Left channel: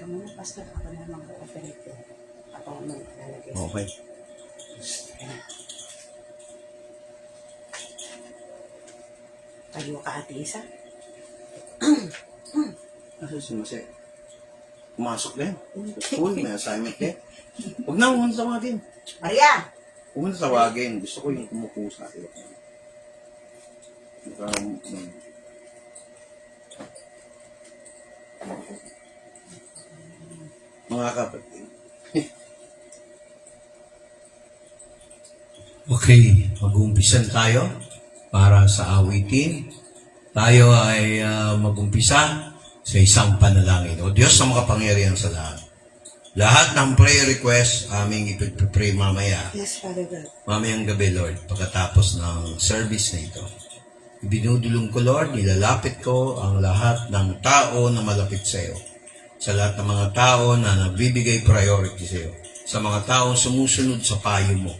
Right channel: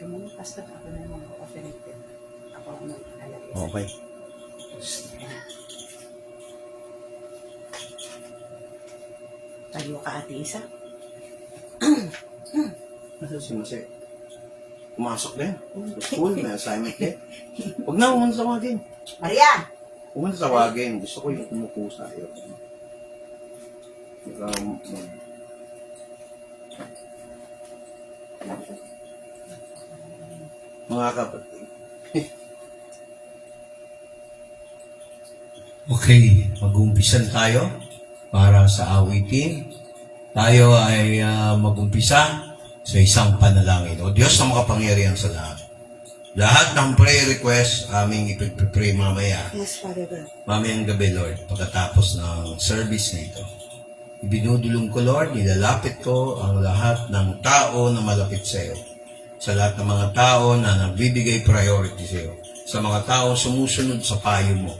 Ikaw muna, Pastor. Ako na naman ako-operate ko. Ako naman lalagay. Okay. Tayo ka, Ate Isa. Nasaan si Mase? Pumasok na yan. School na, assignment niya. Huwag na, huwag mo na tawagin. Maria! Huwag mo na tawagin. Gusto ko yung kumupo sa'yo. Mga kapatid. Okay, mag-umpisan tayo para sa awitin. Tayo ay mag-umpisa sa isang panalangin. O Diyos na makapangyarihan sa lahat. Lahat ng prayer request aming ipag-pray mamaya. Yes, Father God. Mamayang gabi, Lord, pagkatapos ng service na ito. Ibinudulong ko, Lord, nilalapit ko ang lahat ng tao na malapit sa iyo. Sa lahat ng mga tao na nagbibigay priority sa iyo. Sa mga tao sumusunod sa payo mo.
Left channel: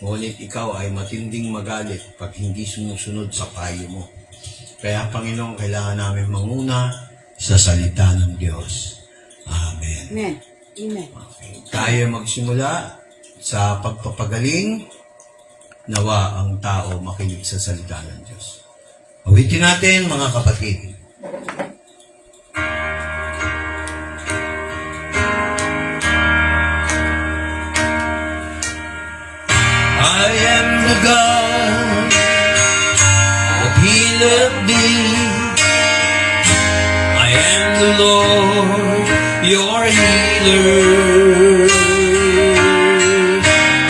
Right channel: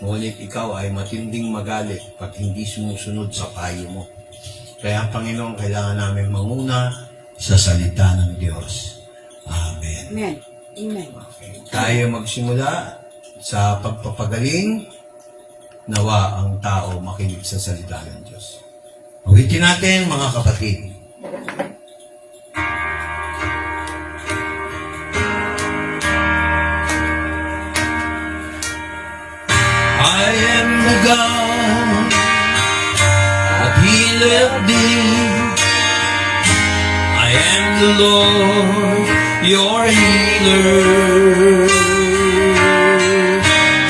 Ngunit ikaw ay matinding magalit pag hindi sumusunod sa payo mo. Kaya, Panginoon, kailangan namin manguna sa salita ng Diyos. Amen. Amen. Amen. Okay. Tayo magsimula sa pagpapagaling. Nawa ang tao makinig sa salita ng Diyos. Awitin natin, mga kapatid. I am the God that healeth thee. I am the Lord, your healer.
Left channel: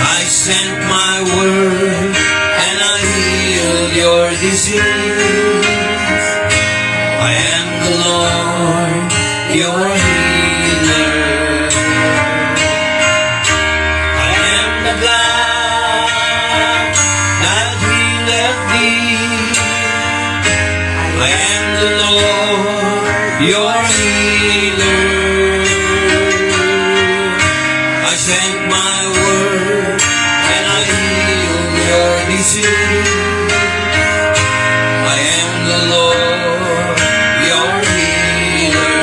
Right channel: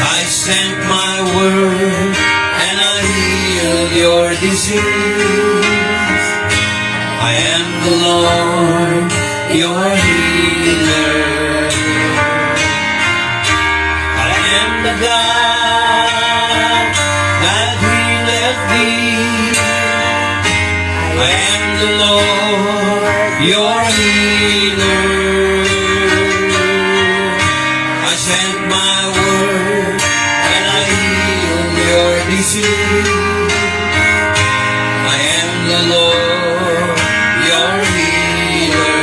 I sent my word and I healed your disease. I am the Lord, your healer. I am the God that healeth thee. I am the Lord, your healer. I sent my word and I healed your disease. I am the Lord, your healer.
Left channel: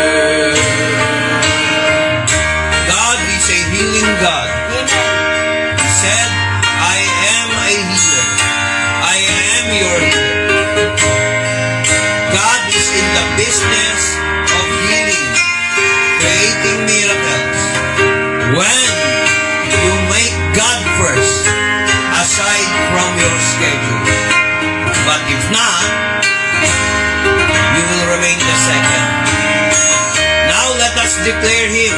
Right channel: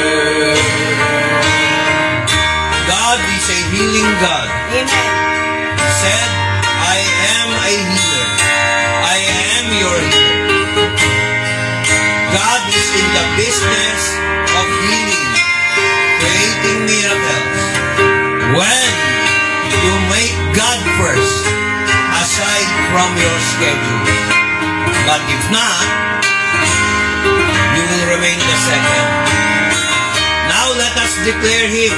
God is a healing God. He said, I am a healer. I am your healer. God is in the business of healing, creating miracles. When you make God first, aside from your schedule. But if not, you will remain the second. Now let us declare Him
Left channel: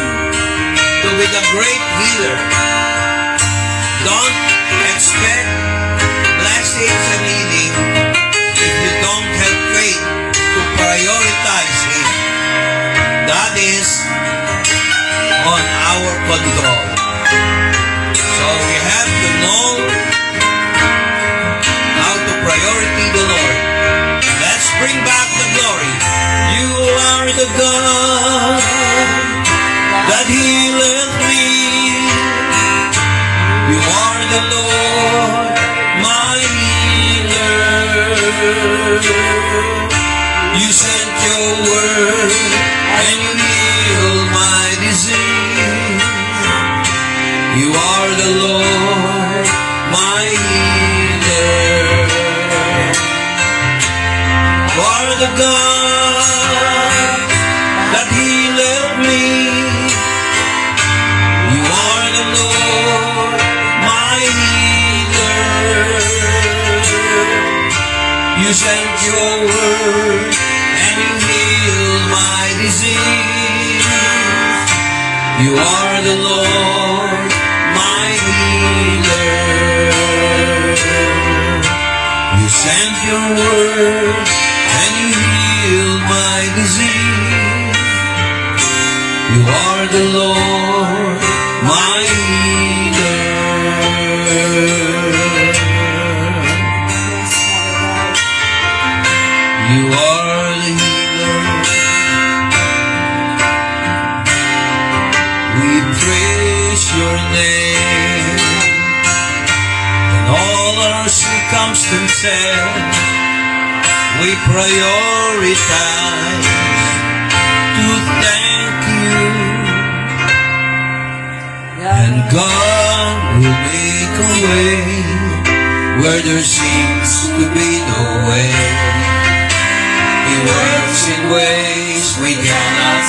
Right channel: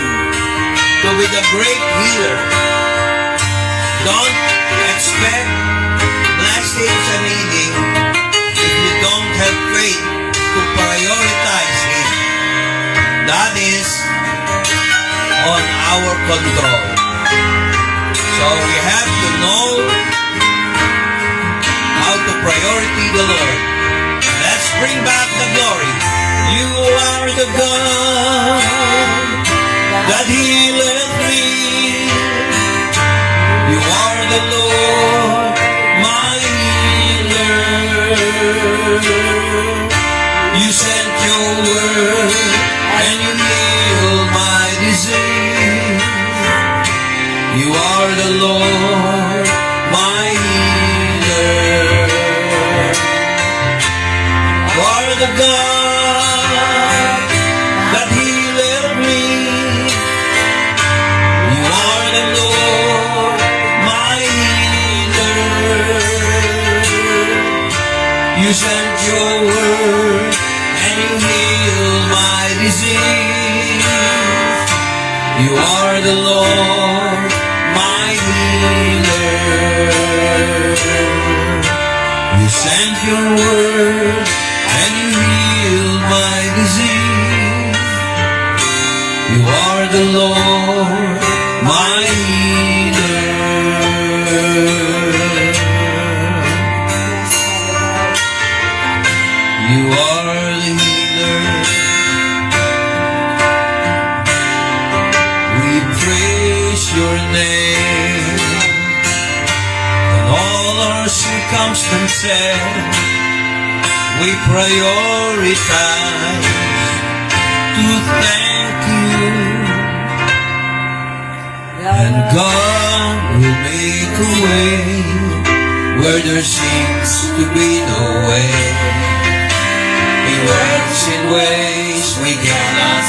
to be the great healer. Don't expect blessings and healing if you don't have faith to prioritize Him. That is on our control. So we have to know how to priority the Lord. Let's bring back the glory. You are the God that healeth me. You are the Lord, my healer. You sent your word and healed my disease. You are the Lord, my healer. You are the God that healeth me. You are the Lord, my healer. You sent your word and you healed my disease. You are the Lord, my healer. You sent your word and you healed my disease. You are the Lord, my healer. You are the healer. We praise your name in all our circumstances. We prioritize to thank you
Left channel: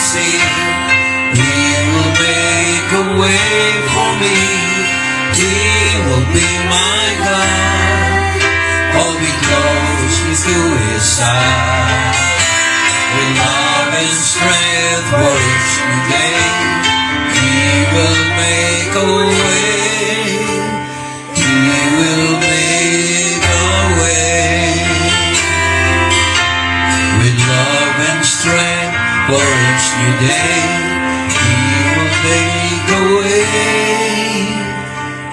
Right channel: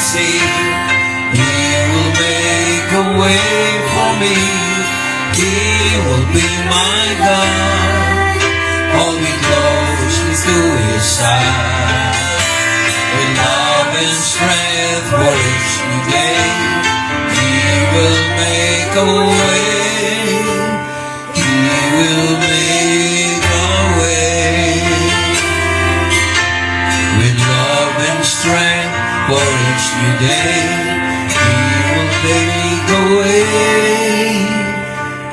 sea. He will make a way for me. He will be my God. Hold me closely to His side. With love and strength for each new day, He will make a way. He will make a way. With love and strength for each new day, He will make a way.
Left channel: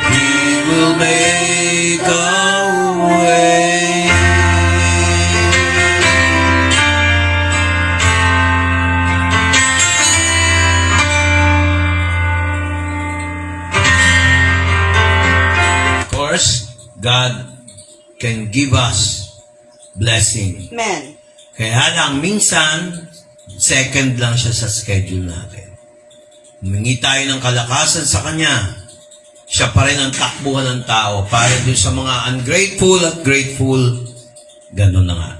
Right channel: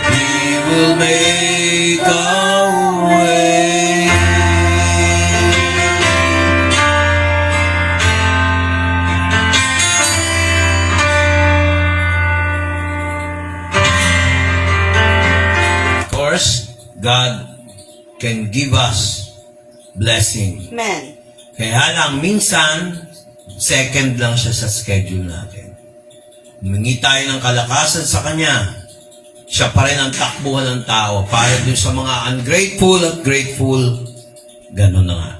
He will make a way. Of course, God can give us blessing. Amen. Kaya lang, minsan, second lang siya sa schedule natin. Humingi tayo ng kalakasan sa Kanya. Siya pa rin ang takbuhan ng tao. Para doon sa mga ungrateful at grateful, ganun na nga.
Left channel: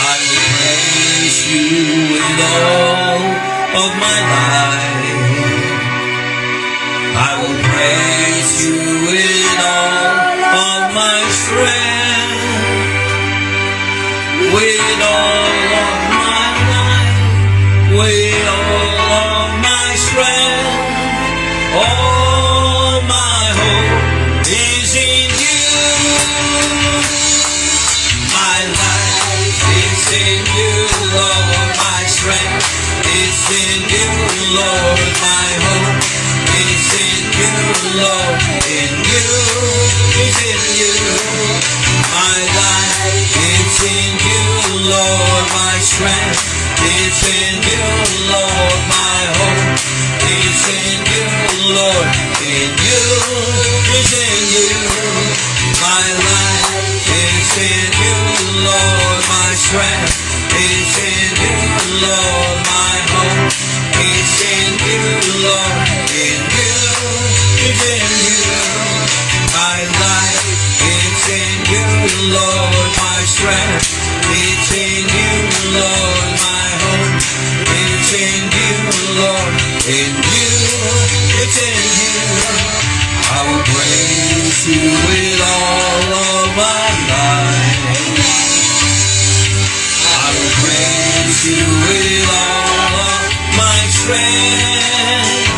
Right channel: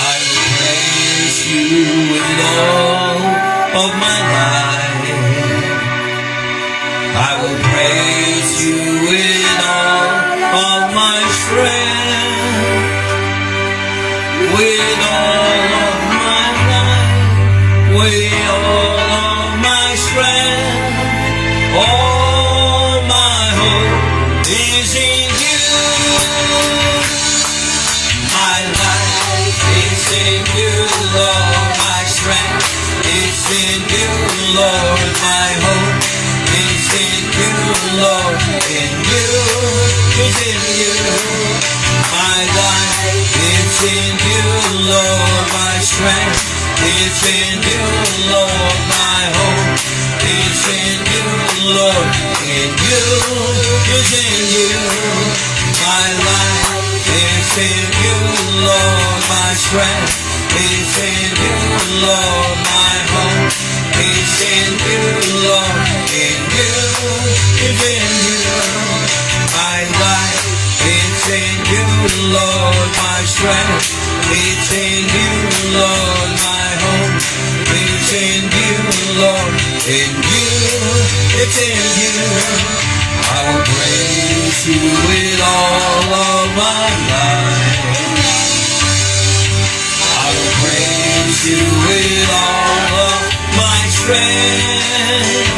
I will praise You in all of my life. I will praise You in all of my strength. With all of my life, with all of my strength, all my hope is in You. My life is in You, Lord. My strength is in You, Lord. My hope is in You, Lord. In You is in You. My life is in You, Lord. My strength is in You, Lord. My hope is in You, Lord. In You is in You. My life is in You, Lord. My strength is in You, Lord. My hope is in You, Lord. In You is in You. My life is in You, Lord. My strength is in You, Lord. My hope is in You, Lord. In You it's in You. I will praise You with all of my life. I will praise You with all of my strength.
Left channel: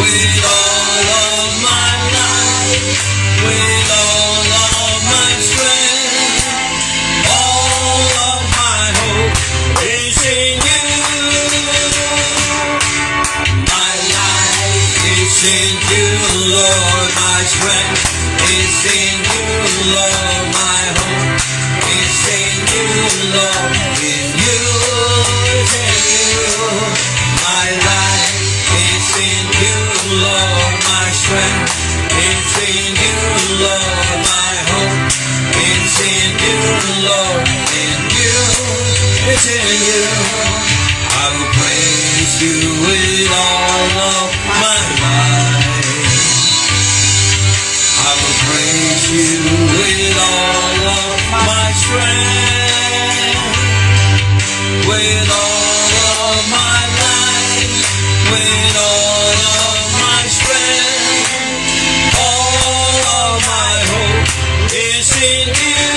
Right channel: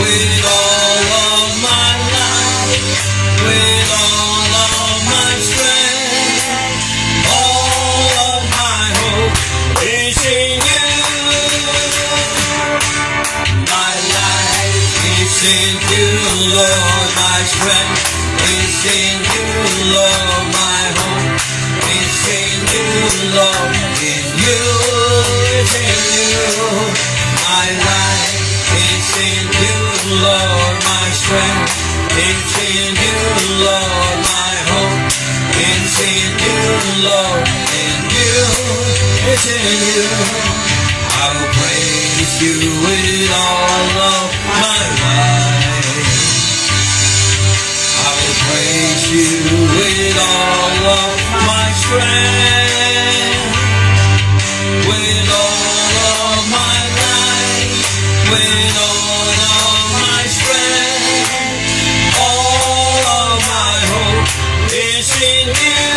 With all of my life. With all of my strength. All of my hope is in You. My life is in You, Lord. My strength is in You, Lord. My hope is in You, Lord. In You is in You. My life is in You, Lord. My strength is in You, Lord. My hope is in You, Lord. In You is in You. I will praise You with all of my life. I will praise You with all of my strength. With all of my life. With all of my strength. All of my hope is in You.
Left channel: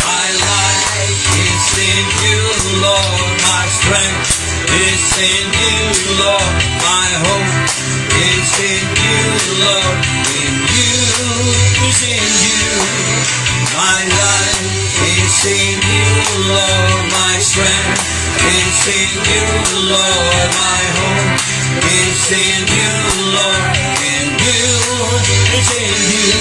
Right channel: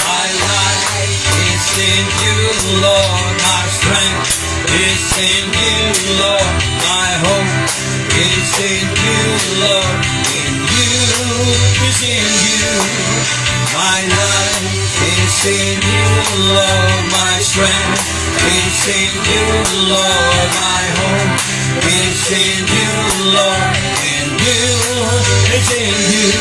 My life is in You, Lord. My strength is in You, Lord. My hope is in You, Lord. In You is in You. My life is in You, Lord. My strength is in You, Lord. My hope is in You, Lord. In You is in You.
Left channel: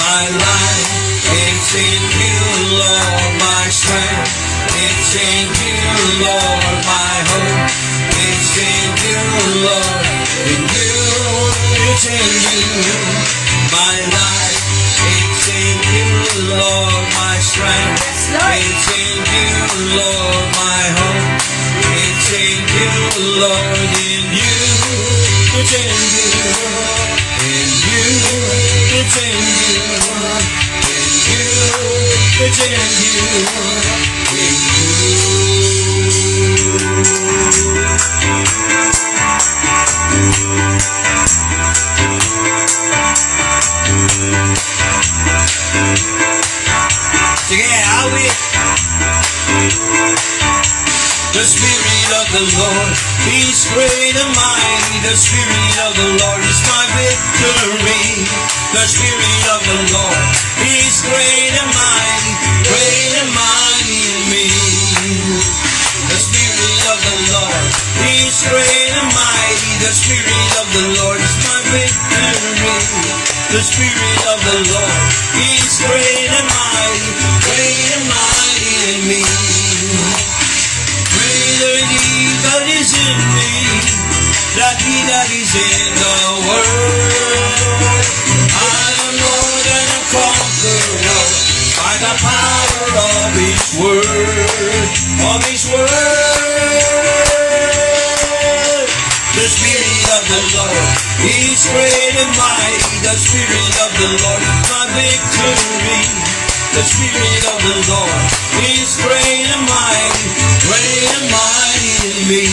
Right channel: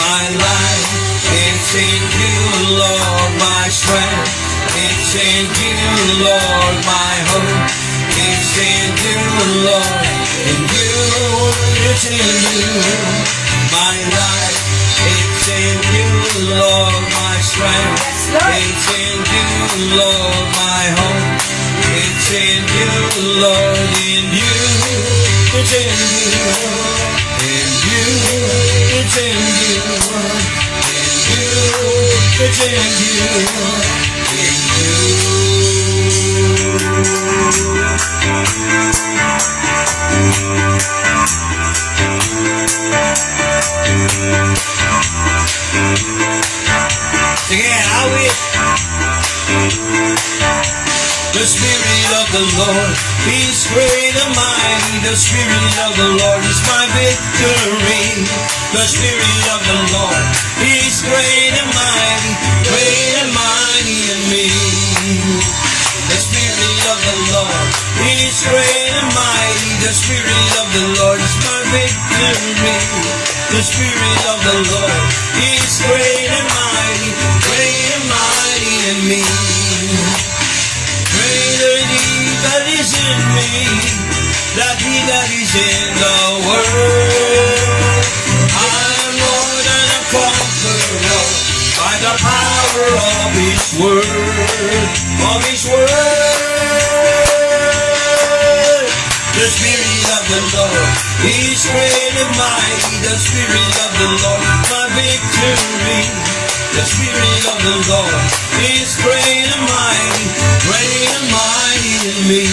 My life is in You, Lord. My strength is in You, Lord. My hope is in You, Lord. In You is in You. My life is in You, Lord. My strength is in You, Lord. My hope is in You, Lord. In You it's in You. In You it's in You. Sige, awit. The Spirit of the Lord is great and mighty. The Spirit of the Lord is my victory. The Spirit of the Lord is great and mighty in me. The Spirit of the Lord is great and mighty. The Spirit of the Lord is my victory. The Spirit of the Lord is great and mighty in me. Greater he that is in me, than he that is in the world. I'm more than a conqueror by the power of His word. Of His word. The Spirit of the Lord is great and mighty. The Spirit of the Lord is my victory. The Spirit of the Lord is great and mighty in me.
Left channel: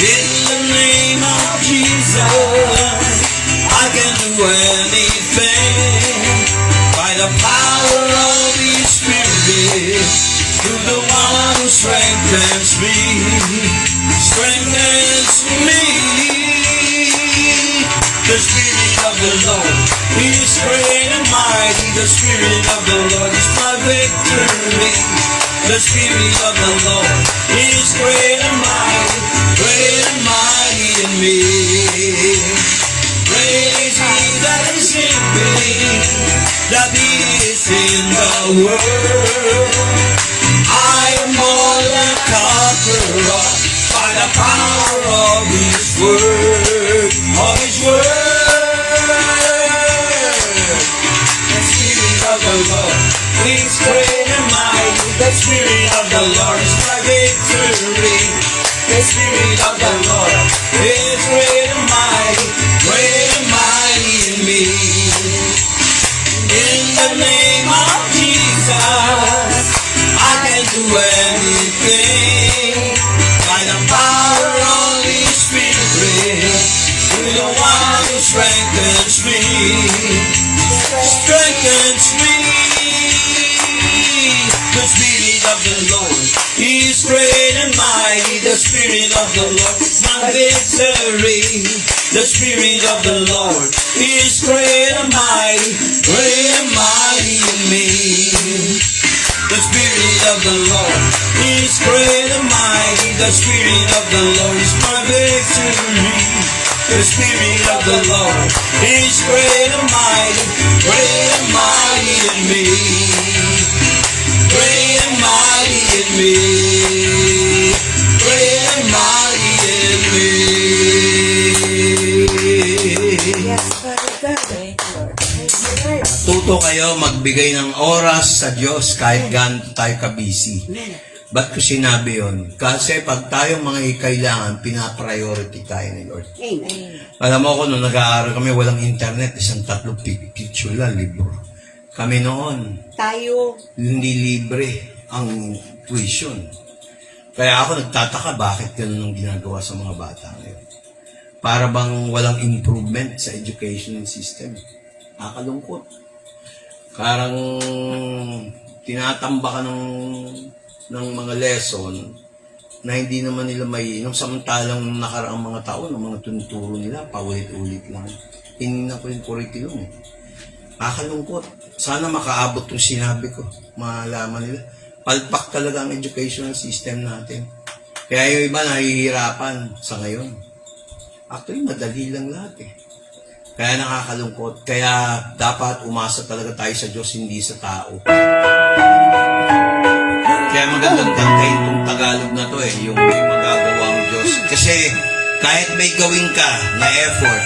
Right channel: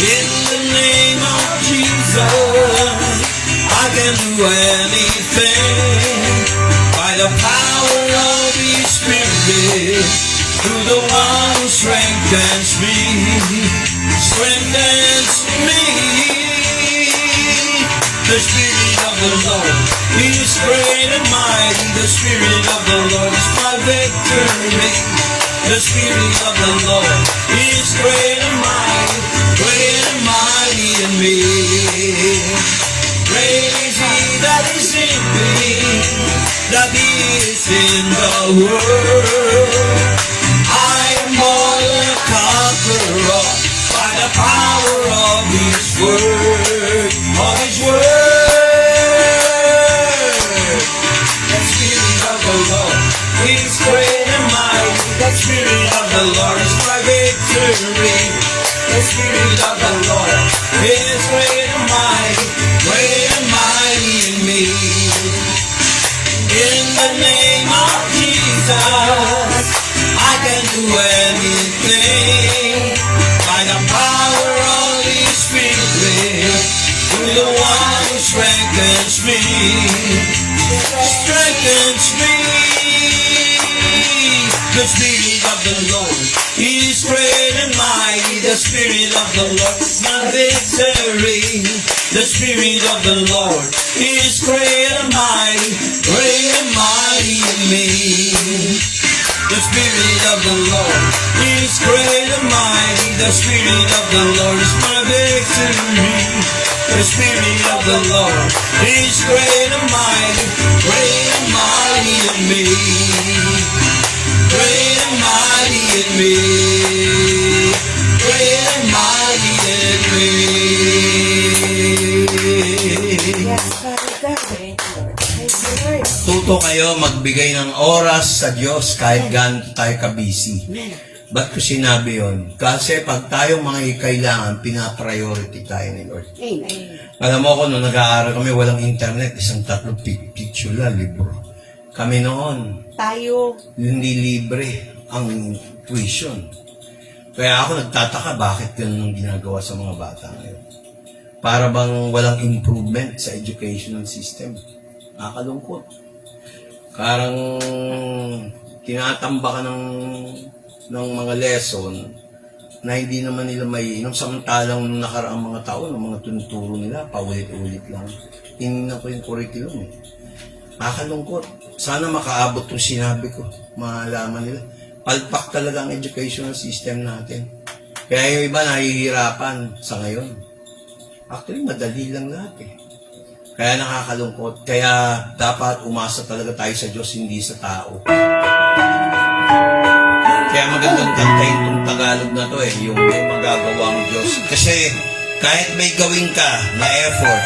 In the name of Jesus, I can do anything by the power of His Spirit, through the one who strengthens me. The Spirit of the Lord is great and mighty. The Spirit of the Lord is my victory. The Spirit of the Lord is great and mighty in me. Great is He that is in me, that He is in the world. I am more than a conqueror by the power of His word. Of His word. The Spirit of the Lord is great and mighty. The Spirit of the Lord is my victory. The Spirit of the Lord is great and mighty in me. In the name of Jesus, I can do anything by the power of His Spirit, through the one who strengthens me. The Spirit of the Lord is great and mighty. The Spirit of the Lord is my victory. The Spirit of the Lord is great and mighty in me. The Spirit of the Lord is great and mighty. The Spirit of the Lord is my victory. The Spirit of the Lord is great and mighty in me. Great and mighty in me. Great and mighty in me. Thank you, Lord. Tuto kayo magbigay ng oras sa Diyos kahit ganito tayo kabisi. Ba't ko sinabi yon? Kasi pag tayo mga kailangan, pinapriority tayo ni Lord. Alam mo ko, nung nag-aaral kami, walang internet, isang 3 picture lang, libro. Kami noon, Tayo. hindi libre ang tuition. Kaya ako nagtataka bakit ganun ang ginagawa sa mga bata ngayon. Para bang walang improvement sa educational system. Nakakalungkot. Parang tinatamba ka ng mga lesson na hindi naman nila maiinom. Samantalang nung nakaraang mga taon, ng mga tunuturo nila, paulit-ulit lang. Hindi na po yung curriculum. Nakakalungkot. Sana makaabot yung sinabi ko. Malaman nila. Palpak talaga ang educational system natin. Kaya yung iba nahihirapan sa ngayon. Actually, madali lang lahat eh. Kaya nakakalungkot. Kaya dapat umasa talaga tayo sa Diyos, hindi sa tao. Kaya magandang kantayin itong Tagalog na to eh, yung may magagawa ang Diyos. Kasi kahit may gawin ka na effort,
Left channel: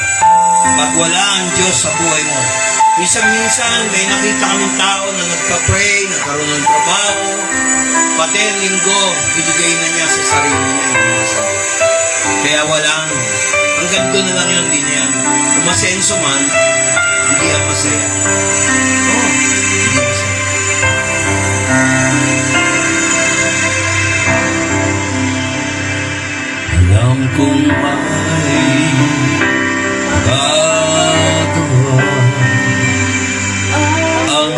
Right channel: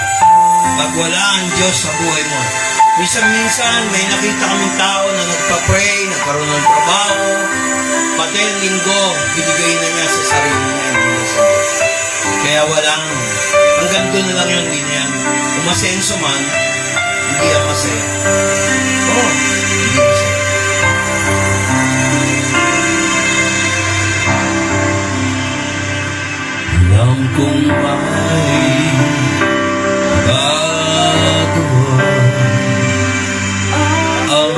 pag wala ang Diyos sa buhay mo, minsan may nakita kaming tao na nagpa-pray, nagkaroon ng trabaho, pati ang linggo, binigay na niya sa sarili niya, hindi na sa Diyos. Kaya walang, hanggang doon na lang yung din yan. Kung masenso man, hindi lang masaya. Oo, hindi masaya. Alam kong may gagawa ang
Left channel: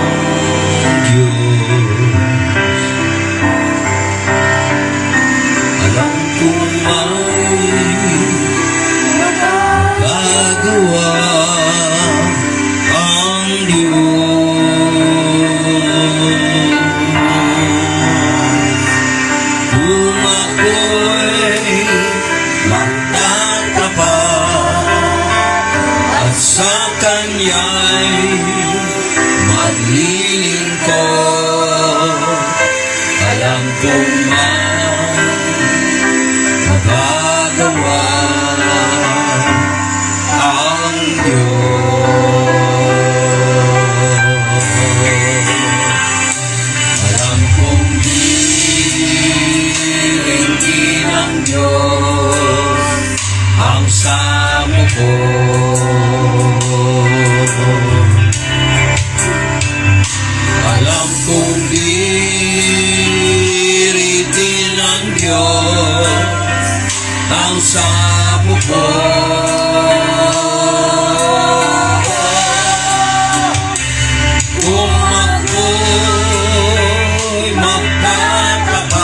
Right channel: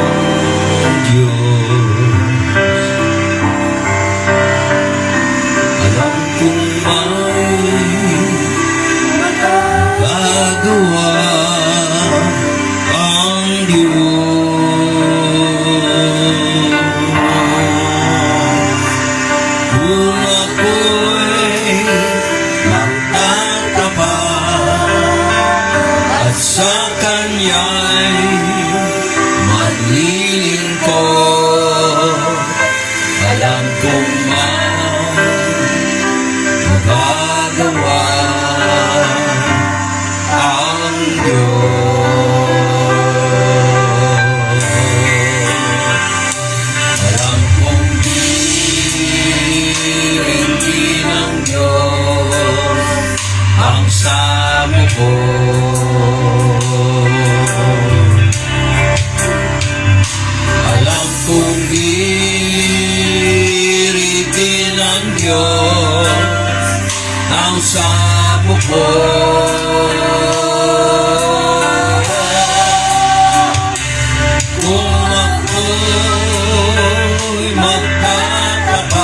ko'y magtatapat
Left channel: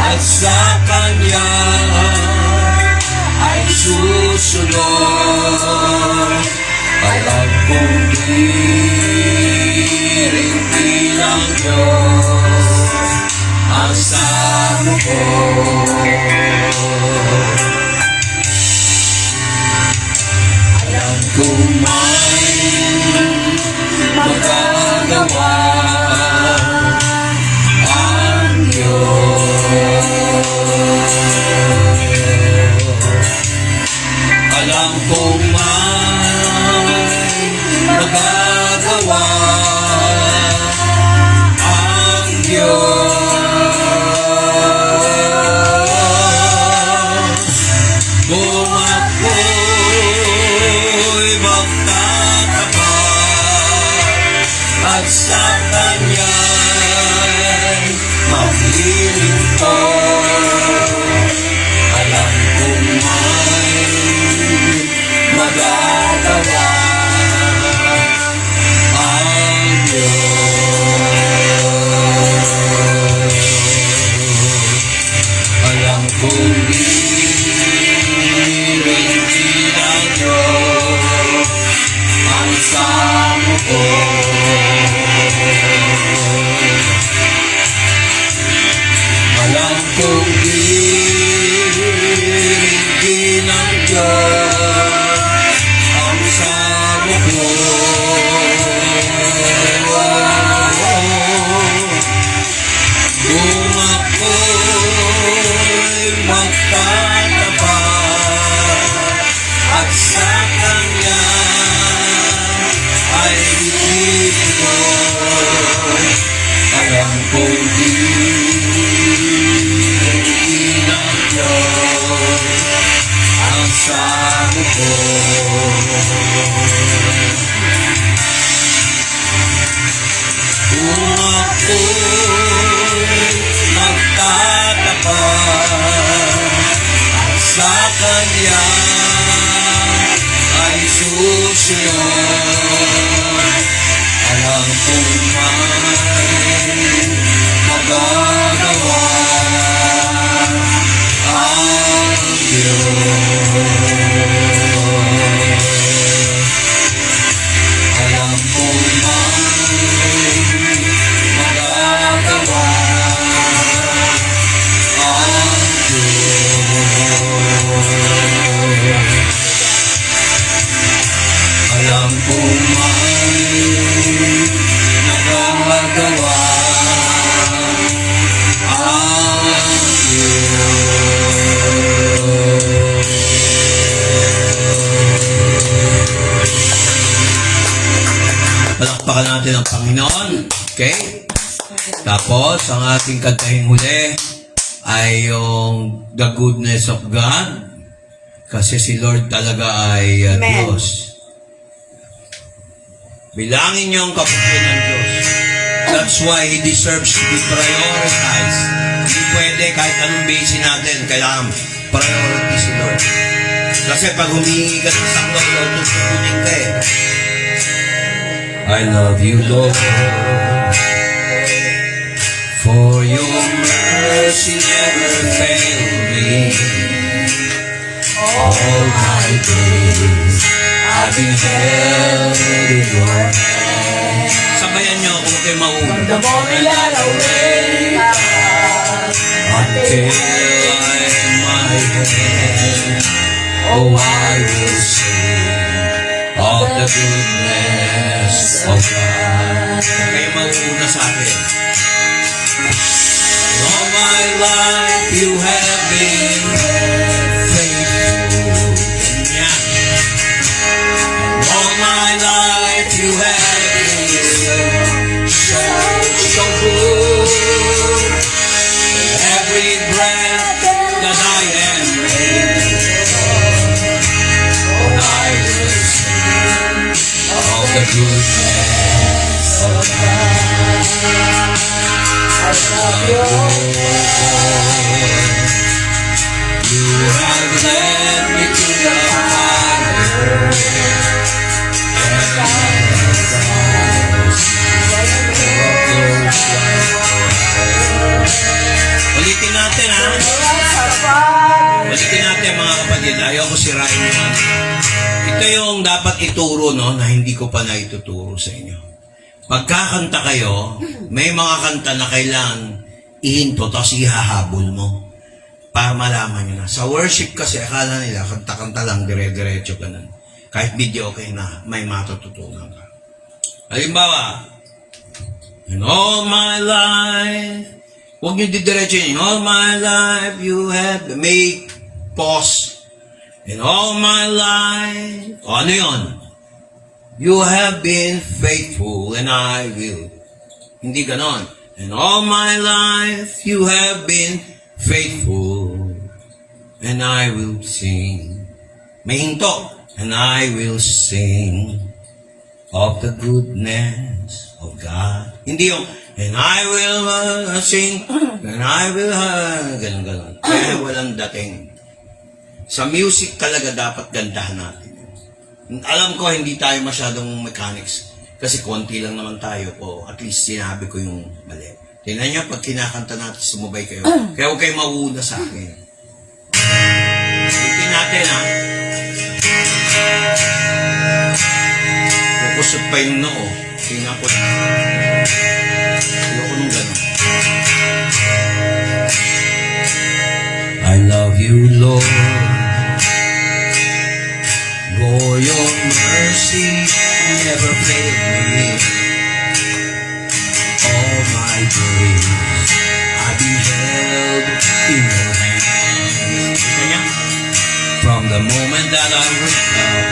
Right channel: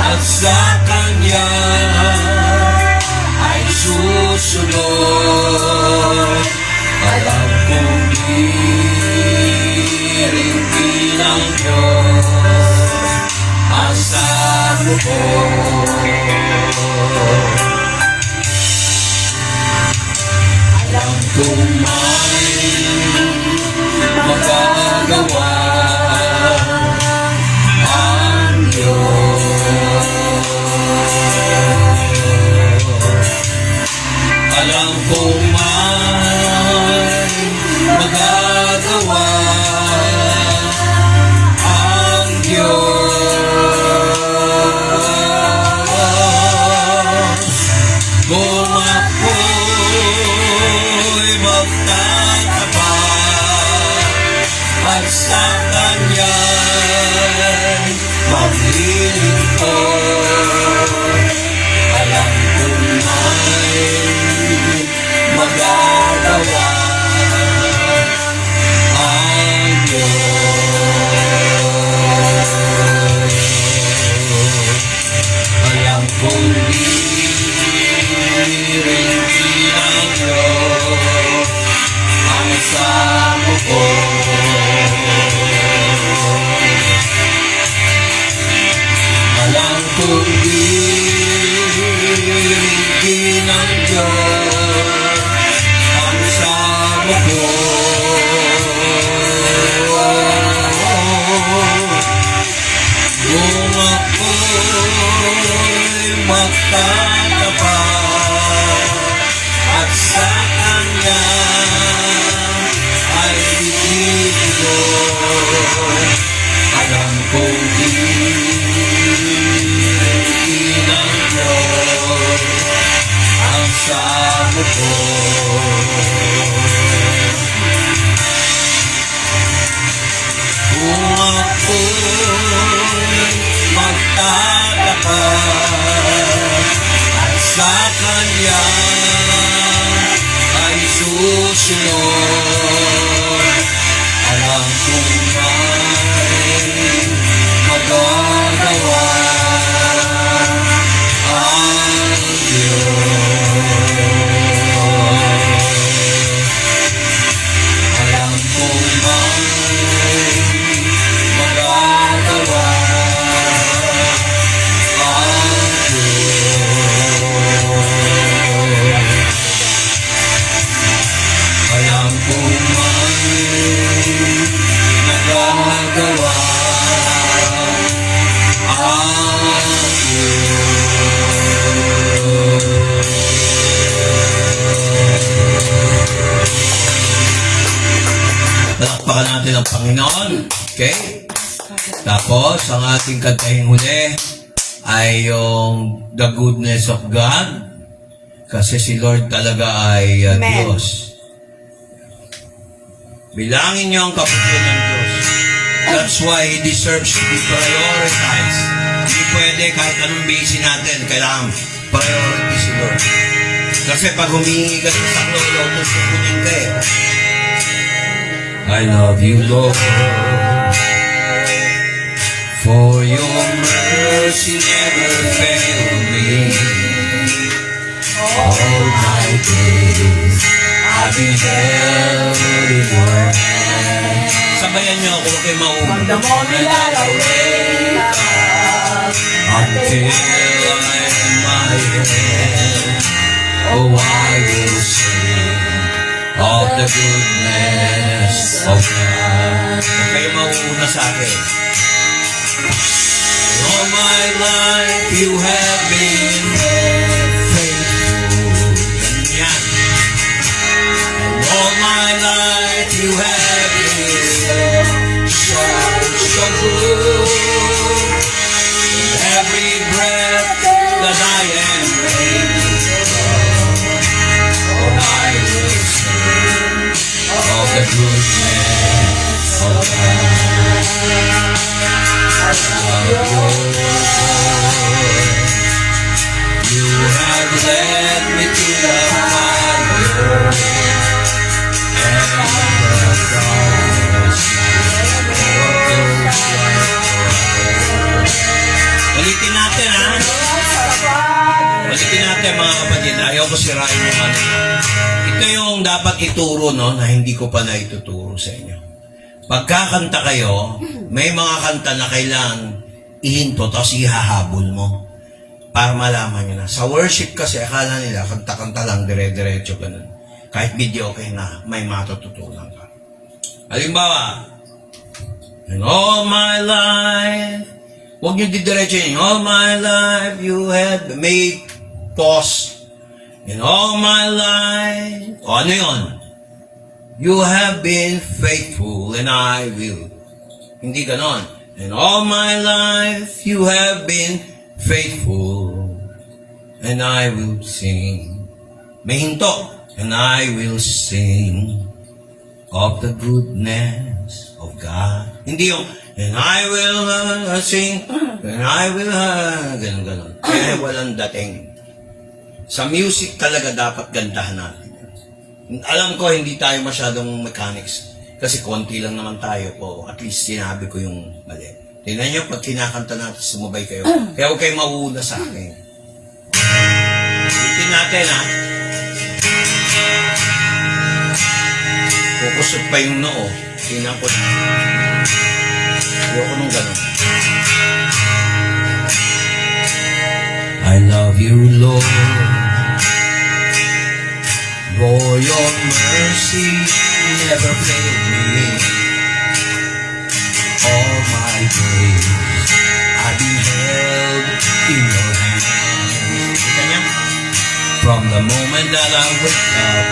at sa Kanya ay susunod. Alam kong diringgin ng Diyos ang salo ko. Alam kong may magagawa ang Diyos. Alam kong may magagawa ang Diyos. Kung ako'y magtatapat at sa Kanya'y maglilingkod, alam kong may magagawa ang Diyos. Alam kong diringgin ang Diyos ang samo ko. Alam kong diringgin ang Diyos ang samo ko. Kung ako'y magtatapat at sa Kanya ay itinulog, alam kong diringgin ang Diyos ang samo ko. Kung ako'y magtatapat at sa Kanya ay susunod, alam kong may magagawa ang Diyos. Alam kong may magagawa ang Diyos. Alam kong may magagawa ang Diyos. Palakpakan natin ang Panginoon. Okay? Tapos, ang ating kantahing huli ay yung The Goodness of God. Kasi si Lord talaga ay Diyos. Bilangin niyo ang kapatid ng Diyos. That's why He deserves to be prioritized. Hindi pwede kahit anong basic natin, kailangan priority si Lord. Kasi pag humingi ka sa isang lolo, tutunin ka eh. I love you, Lord, for your mercy never failed me. All my days I've been held in your hand. Sabayan niyo ako kay mauna. From the moment that I wake up Until I am my hand, oh I will sing of the goodness of God. Kayo mauna sa akin. All my life you have been faithful. Ganyan. All my life you have been so good. Every breath that I am able, I will sing of the goodness of God. Of your voice. You have led me to the fire, and I have promised dapat ituro, no, na hindi ko pa naituturo sa inyo. Pagkakanta kayo, may mga kanta na kailangan ihinto, tapos ihahabol mo para malaman nyo na. Sa worship kasi, akala nila, kanta-kanta lang, dire-diretso ganun. Kahit video okay na, may matututunan ka. Halimbawa, in all my life, huwag nyo didiretso yun. In all my life, you had to make pause. In all my life, o ano yun? You have been faithful and I will. Hindi ganon. In all my life, you have been faithful and I will sing. May hinto. And I will sing of the goodness of God. Hindi yung, and I will sing, and I will, ganun. Kaya walang dating. Sa music talaga dapat gandahan natin. Alam ko, hindi tayo masyadong mechanics. Kasi konti lang naman tayo po. At least sinabi ko yung mali. Tingnan niyo, pag kinakanta natin, sumabay kayo. Kaya huwag kayo mauuna sa akin. Tingnan natin, ha? Kukusot pa yung noo. Tingnan ko. Ayoko nung ganun. I love you, Lord. For your mercy never failed me. All my days I've been held in your hands. Kita niya? From the moment that I wake up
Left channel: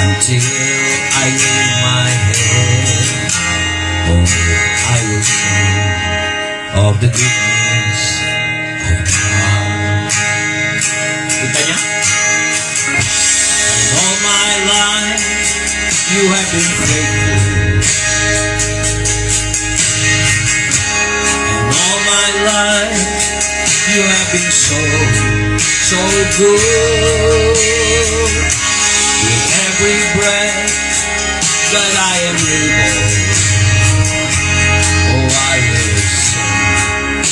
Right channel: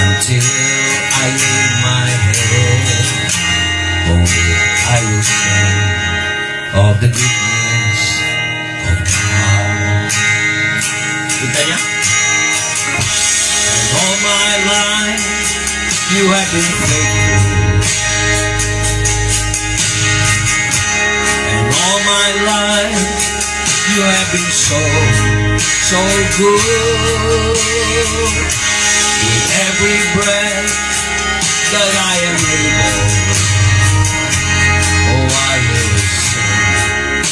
until I lay my head, oh, I will sing of the goodness of God. Kita niya? All my life, you have been faithful. And all my life, you have been so good. With every breath that I am able, oh, I will sing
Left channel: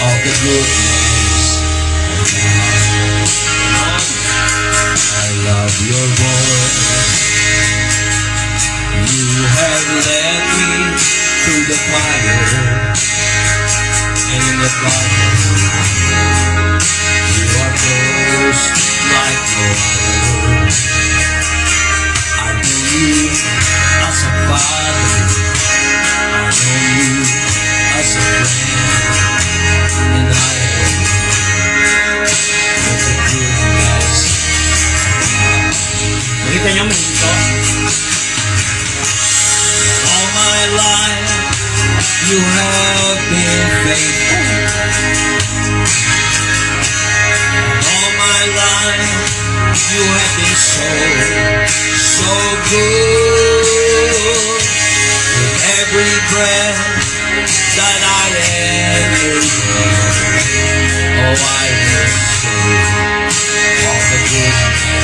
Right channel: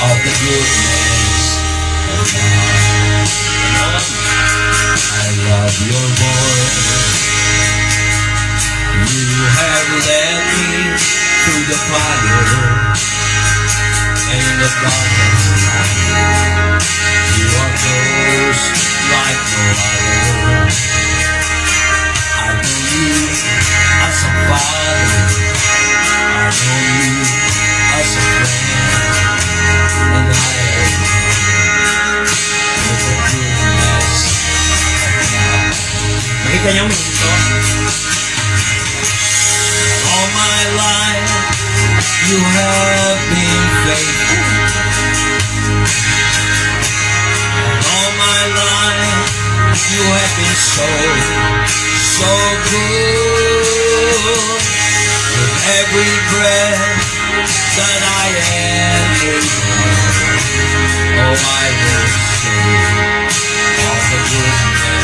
of the goodness of God. I love your voice. You have led me through the fire and the darkness. You are close like no other. I know you as a father. I know you as a friend. And I am with the goodness of God. Nakita niyo mo ito? All my life, you have been faithful. All my life, you have been so good. With every breath that I am able, oh, I will sing of the goodness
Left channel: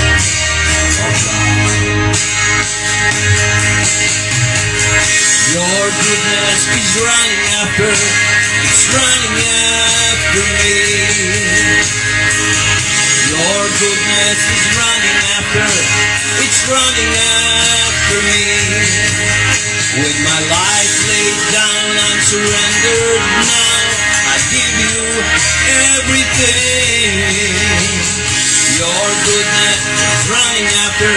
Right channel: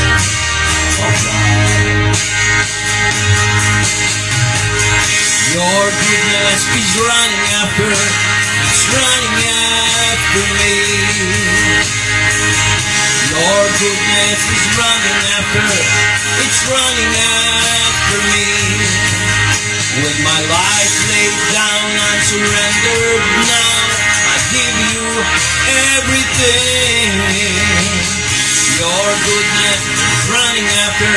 of God. Your goodness is running after, it's running after me. Your goodness is running after, it's running after me. With my life laid down, I'm surrendered now. I give you everything. Your goodness is running after,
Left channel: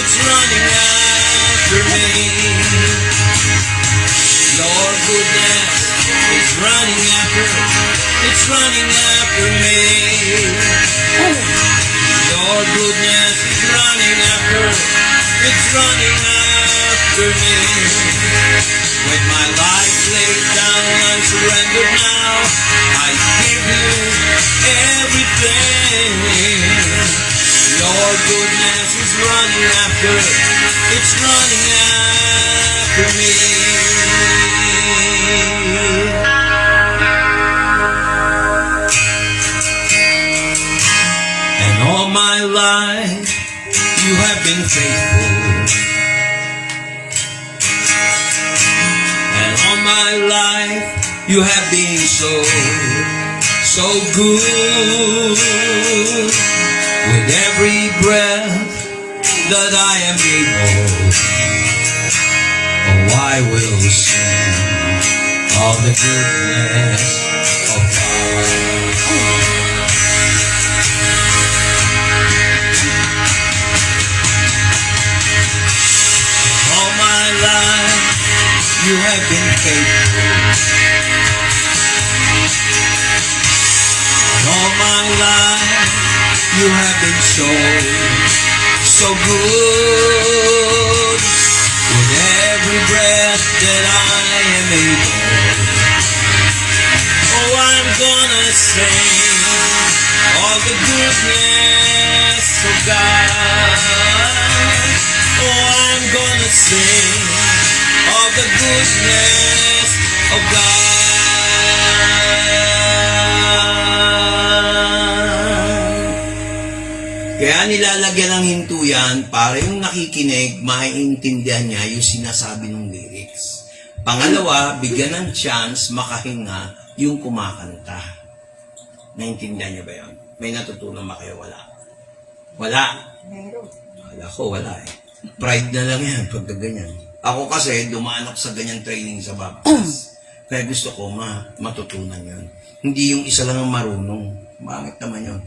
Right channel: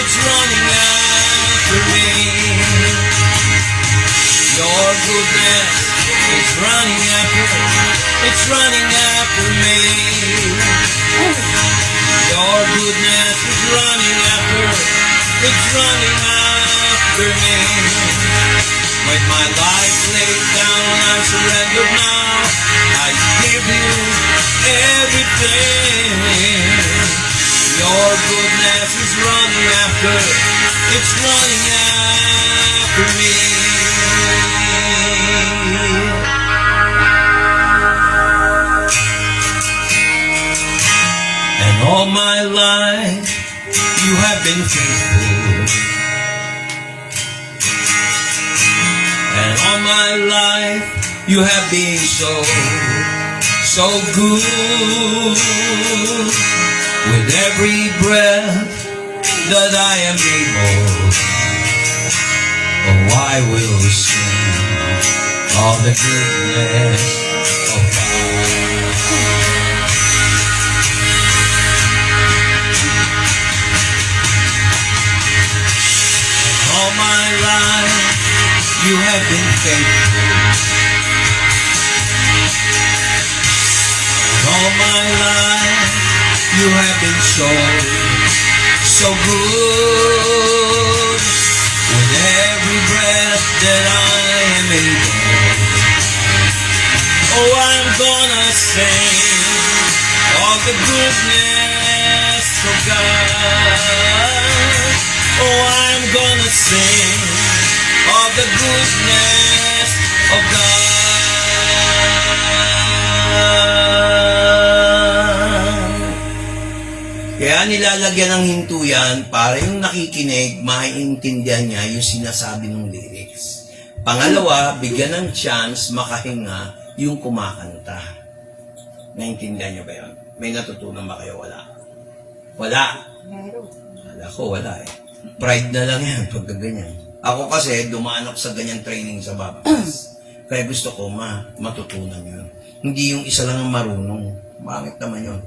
it's running after me. Your goodness is running after, it's running after me. Your goodness is running after, it's running after me. With my life laid down, I surrender now. I give you everything. Your goodness is running after, it's running after me. And all my life, you have been faithful. And all my life, you have been so good. With every breath that I am able, oh, I will sing of the goodness of God. All my life you have been faithful. All my life you have been so good. With every breath that I am able, oh, I'm gonna sing all the goodness of God. Oh, I'm gonna sing all the goodness of God. Kaya nilalagyan ng hinto yan para yung nakikinig, maiintindihan niya yung sinasabi ng lyrics. Pangalawa, bigyan ng chance makahinga yung kumakanta. Naintindihan niyo ba yun? May natutunan ba kayo? Wala. Wala. Meron. Wala ko, wala eh. Pride na lang yan pag ganyan. Ako kasi, dumaan ako sa ganyan training sa Baptist. Kaya gusto ko matutunan yun. Hindi yung isa lang ang marunong. Bakit naman yun?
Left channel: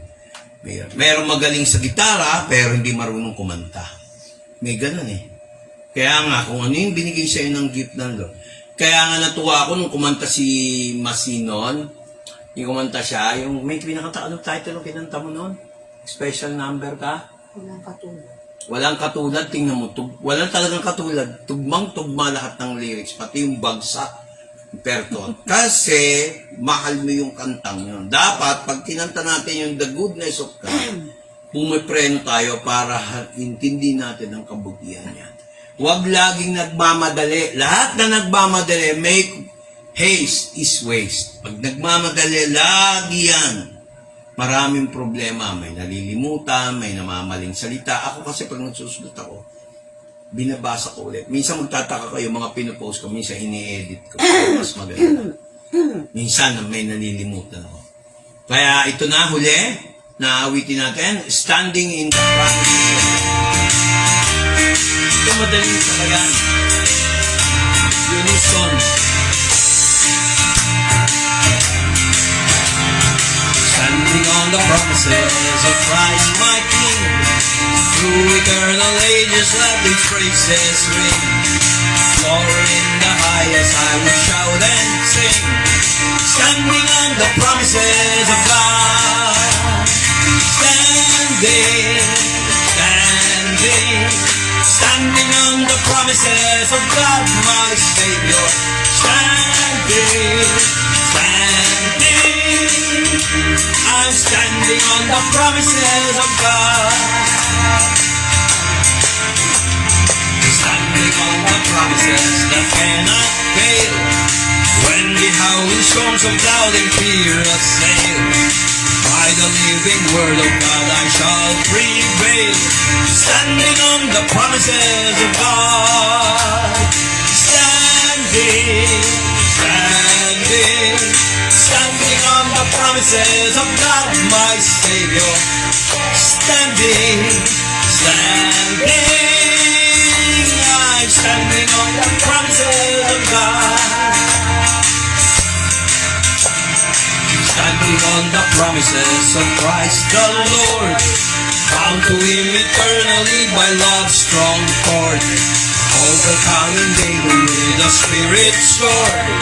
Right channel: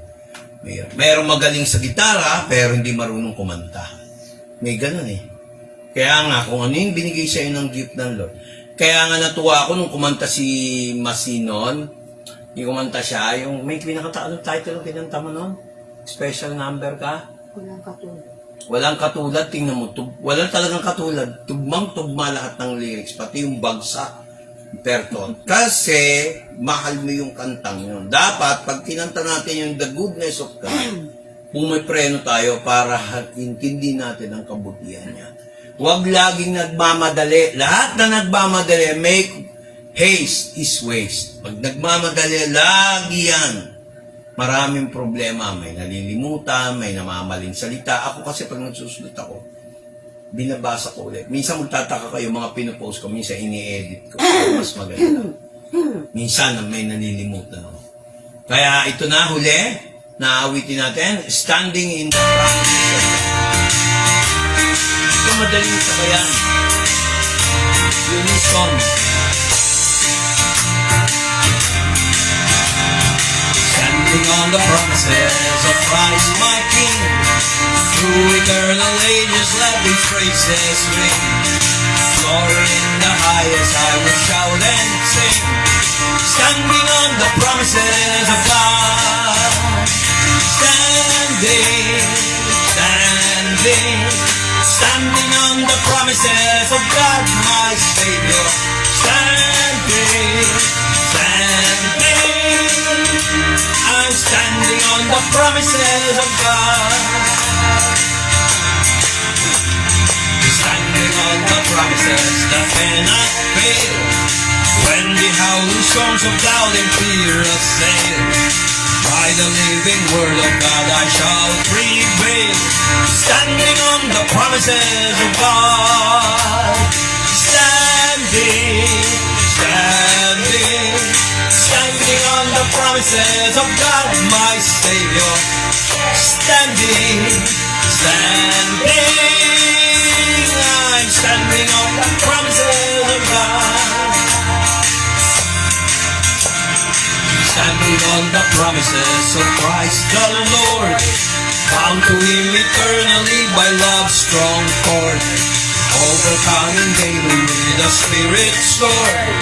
Mayroong magaling sa gitara, pero hindi marunong kumanta. May ganun eh. Kaya nga, kung ano yung binigay sa'yo ng gift ng Lord. Kaya nga natuwa ako nung kumanta si Masinon. Yung kumanta siya, yung may pinakataanong title yung kinanta mo noon? Special number ka? Walang katulad. Walang katulad, tingnan mo. Walang talagang katulad. Tugmang-tugma lahat ng lyrics, pati yung bagsak. Perton. Kasi, mahal mo yung kantang yun. Dapat, pag kinanta natin yung The Goodness of God, pumipreno tayo para intindi natin ang kabutihan niya. Huwag laging nagmamadali. Lahat na nagmamadali, make haste is waste. Pag nagmamadali, lagi yan. Maraming problema. May nalilimutan, may namamaling salita. Ako kasi pag nagsusulat ako, binabasa ko ulit. Minsan magtataka ko yung mga pinopost ko, minsan ini-edit ko. Mas maganda. Minsan may nalilimutan ako. Kaya ito na, huli, naawitin natin, Standing in the Promise of God. Ito madaling sakayan. Yun yung song. Standing on the promises of Christ my King. Through eternal ages let these praises ring. Glory in the highest I will shout and sing. Standing on the promises of God. Standing, standing, standing on the promises of God my Savior. Standing, standing, I'm standing on the promises of God. Standing on the promises that cannot fail. When the howling storms of doubt and fear assail, by the living word of God I shall prevail. Standing on the promises of God. Standing, standing, standing on the promises of God my Savior. Standing, standing, I'm standing on the promises of God. Standing on the promises of Christ the Lord, bound to Him eternally by love's strong cord, overcoming daily with the Spirit's sword.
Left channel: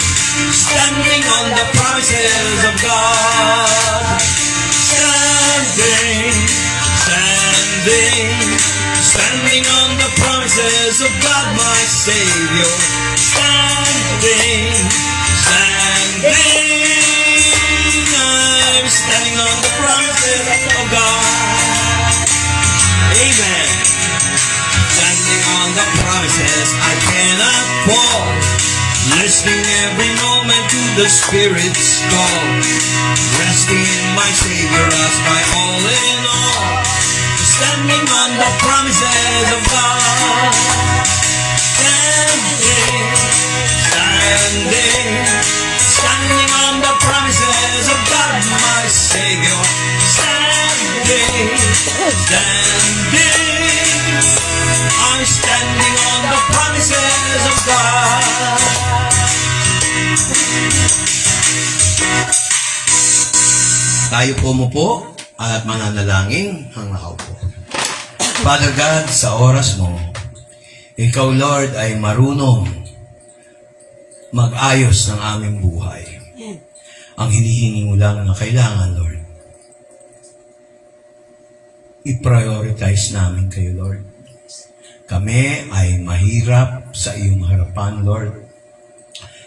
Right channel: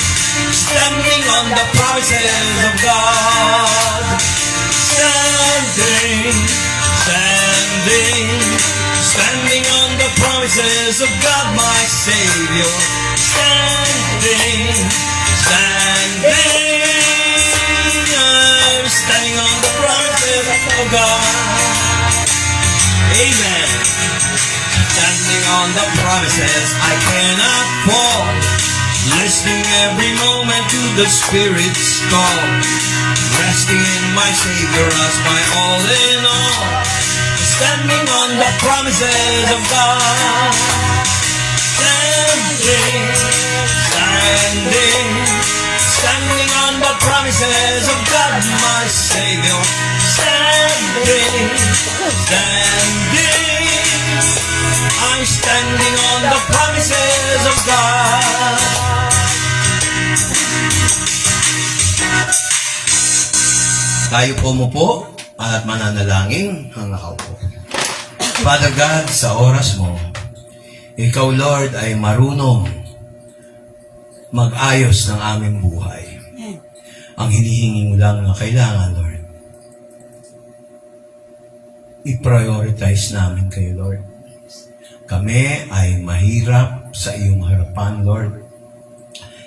Standing on the promises of God. Standing, standing, standing on the promises of God my Savior. Standing, standing, I'm standing on the promises of God. Amen. Standing on the promises I cannot fall, listening every moment to the Spirit's call, resting in my Savior as my all in all. Standing on the promises of God. Standing, standing, standing on the promises of God, my Savior. Standing, standing, promises of God. Tayo po mo po at mananalangin ang nakaupo. Father God, sa oras mo, Ikaw, Lord, ay marunong mag-ayos ng aming buhay. Ang hinihingi mo lang na kailangan, Lord, i-prioritize namin kayo, Lord. Kami ay mahirap sa iyong harapan, Lord.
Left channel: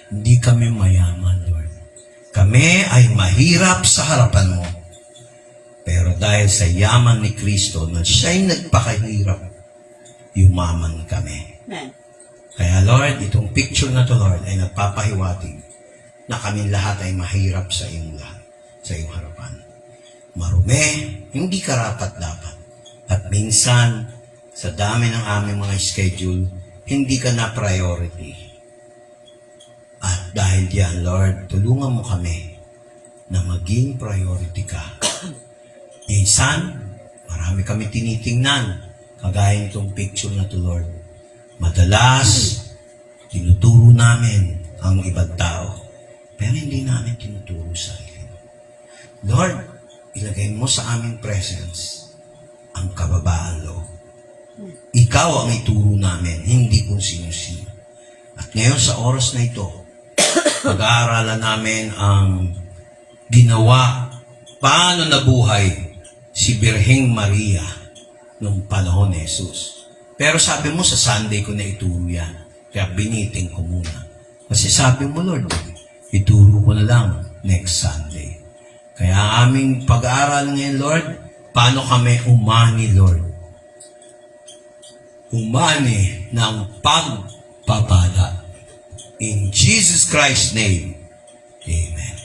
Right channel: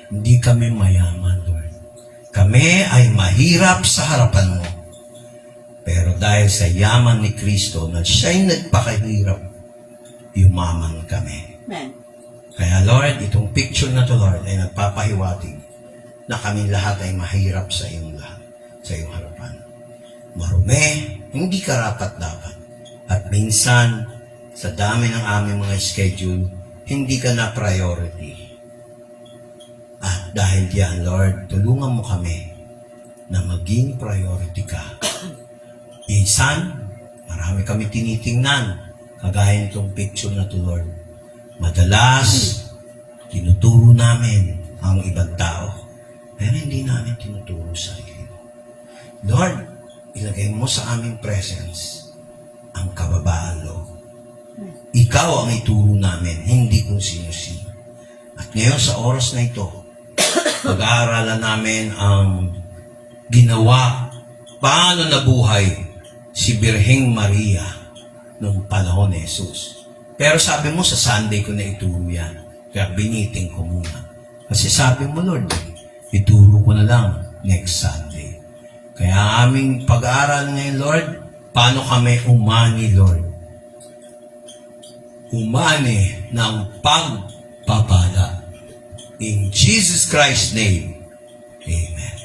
Hindi kami mayaman, Lord. Kami ay mahirap sa harapan mo. Pero dahil sa yaman ni Kristo na siya'y nagpakahirap, yumaman kami. Amen. Kaya Lord, itong picture na to, Lord, ay nagpapahiwatig na kami lahat ay mahirap sa iyong lahat, sa iyong harapan. Marumi, hindi karapat-dapat. At minsan, sa dami ng aming mga schedule, hindi ka na priority. At dahil diyan, Lord, tulungan mo kami na maging priority ka. Minsan, marami kami tinitingnan, kagaya nitong picture na to, Lord. Madalas, tinuturo namin ang ibang tao, pero hindi namin tinuturo sa iyo. Lord, ilagay mo sa aming presence ang kababaan, Lord. Ikaw ang ituro namin, hindi kung sino-sino. At ngayon sa oras na ito, pag-aaralan namin ang ginawa, paano nabuhay si Birheng Maria nung panahon ni Jesus. Pero sabi mo sa Sunday ko na ituro yan, kaya biniting ko muna. Kasi sabi mo, Lord, ituro ko na lang next Sunday. Kaya aming pag-aaral ngayon, Lord, paano kami umani, Lord? Umani ng pagpapala. In Jesus Christ's name, Amen.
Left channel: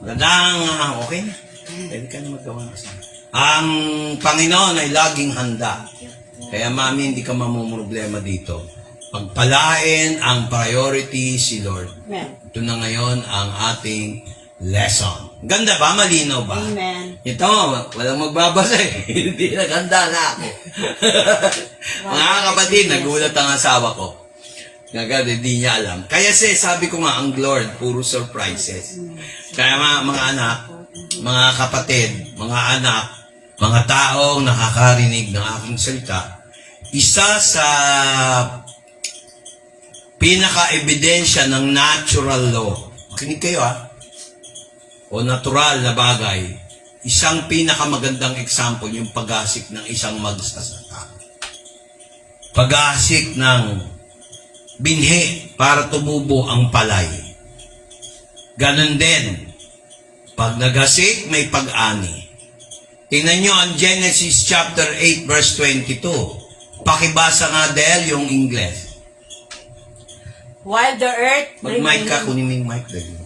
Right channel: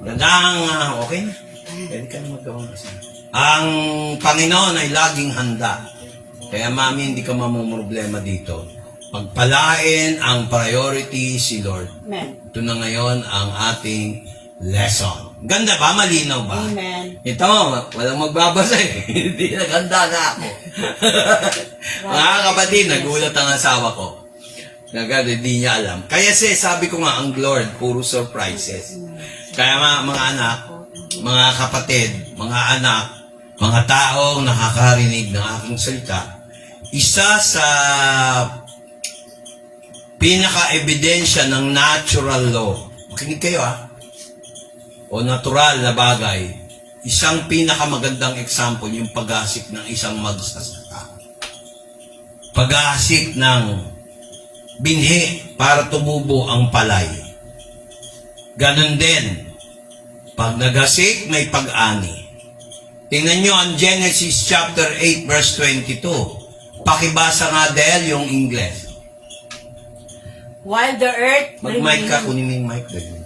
Magandang, okay na? Hindi ka na magawa na sana. Ang Panginoon ay laging handa. Kaya mami, hindi ka mamumroblema dito. Pagpalain ang priority si Lord. Amen. Ito na ngayon ang ating lesson. Ganda ba? Malinaw ba? Amen. Ito, walang magbabasa eh. Hindi naghanda na ako. Mga kapatid, nagulat ang asawa ko. Hindi niya alam. Kaya sabi ko nga, ang Lord, puro surprises. Kaya mga anak, mga kapatid, mga anak, mga taong nakakarinig ng aking salita, isa sa pinaka-ebidensya ng natural law, makinig kayo o natural na bagay, isang pinakamagandang example, yung pag-asik ng isang magsasaka. Pag-asik ng binhi para tumubo ang palay. Ganon din, pag nagasik, may pag-ani. Tingnan nyo ang Genesis chapter 8 verse 22. Pakibasa nga dahil yung English. While the earth Mag-mic ka, kunin mo yung mic dahil.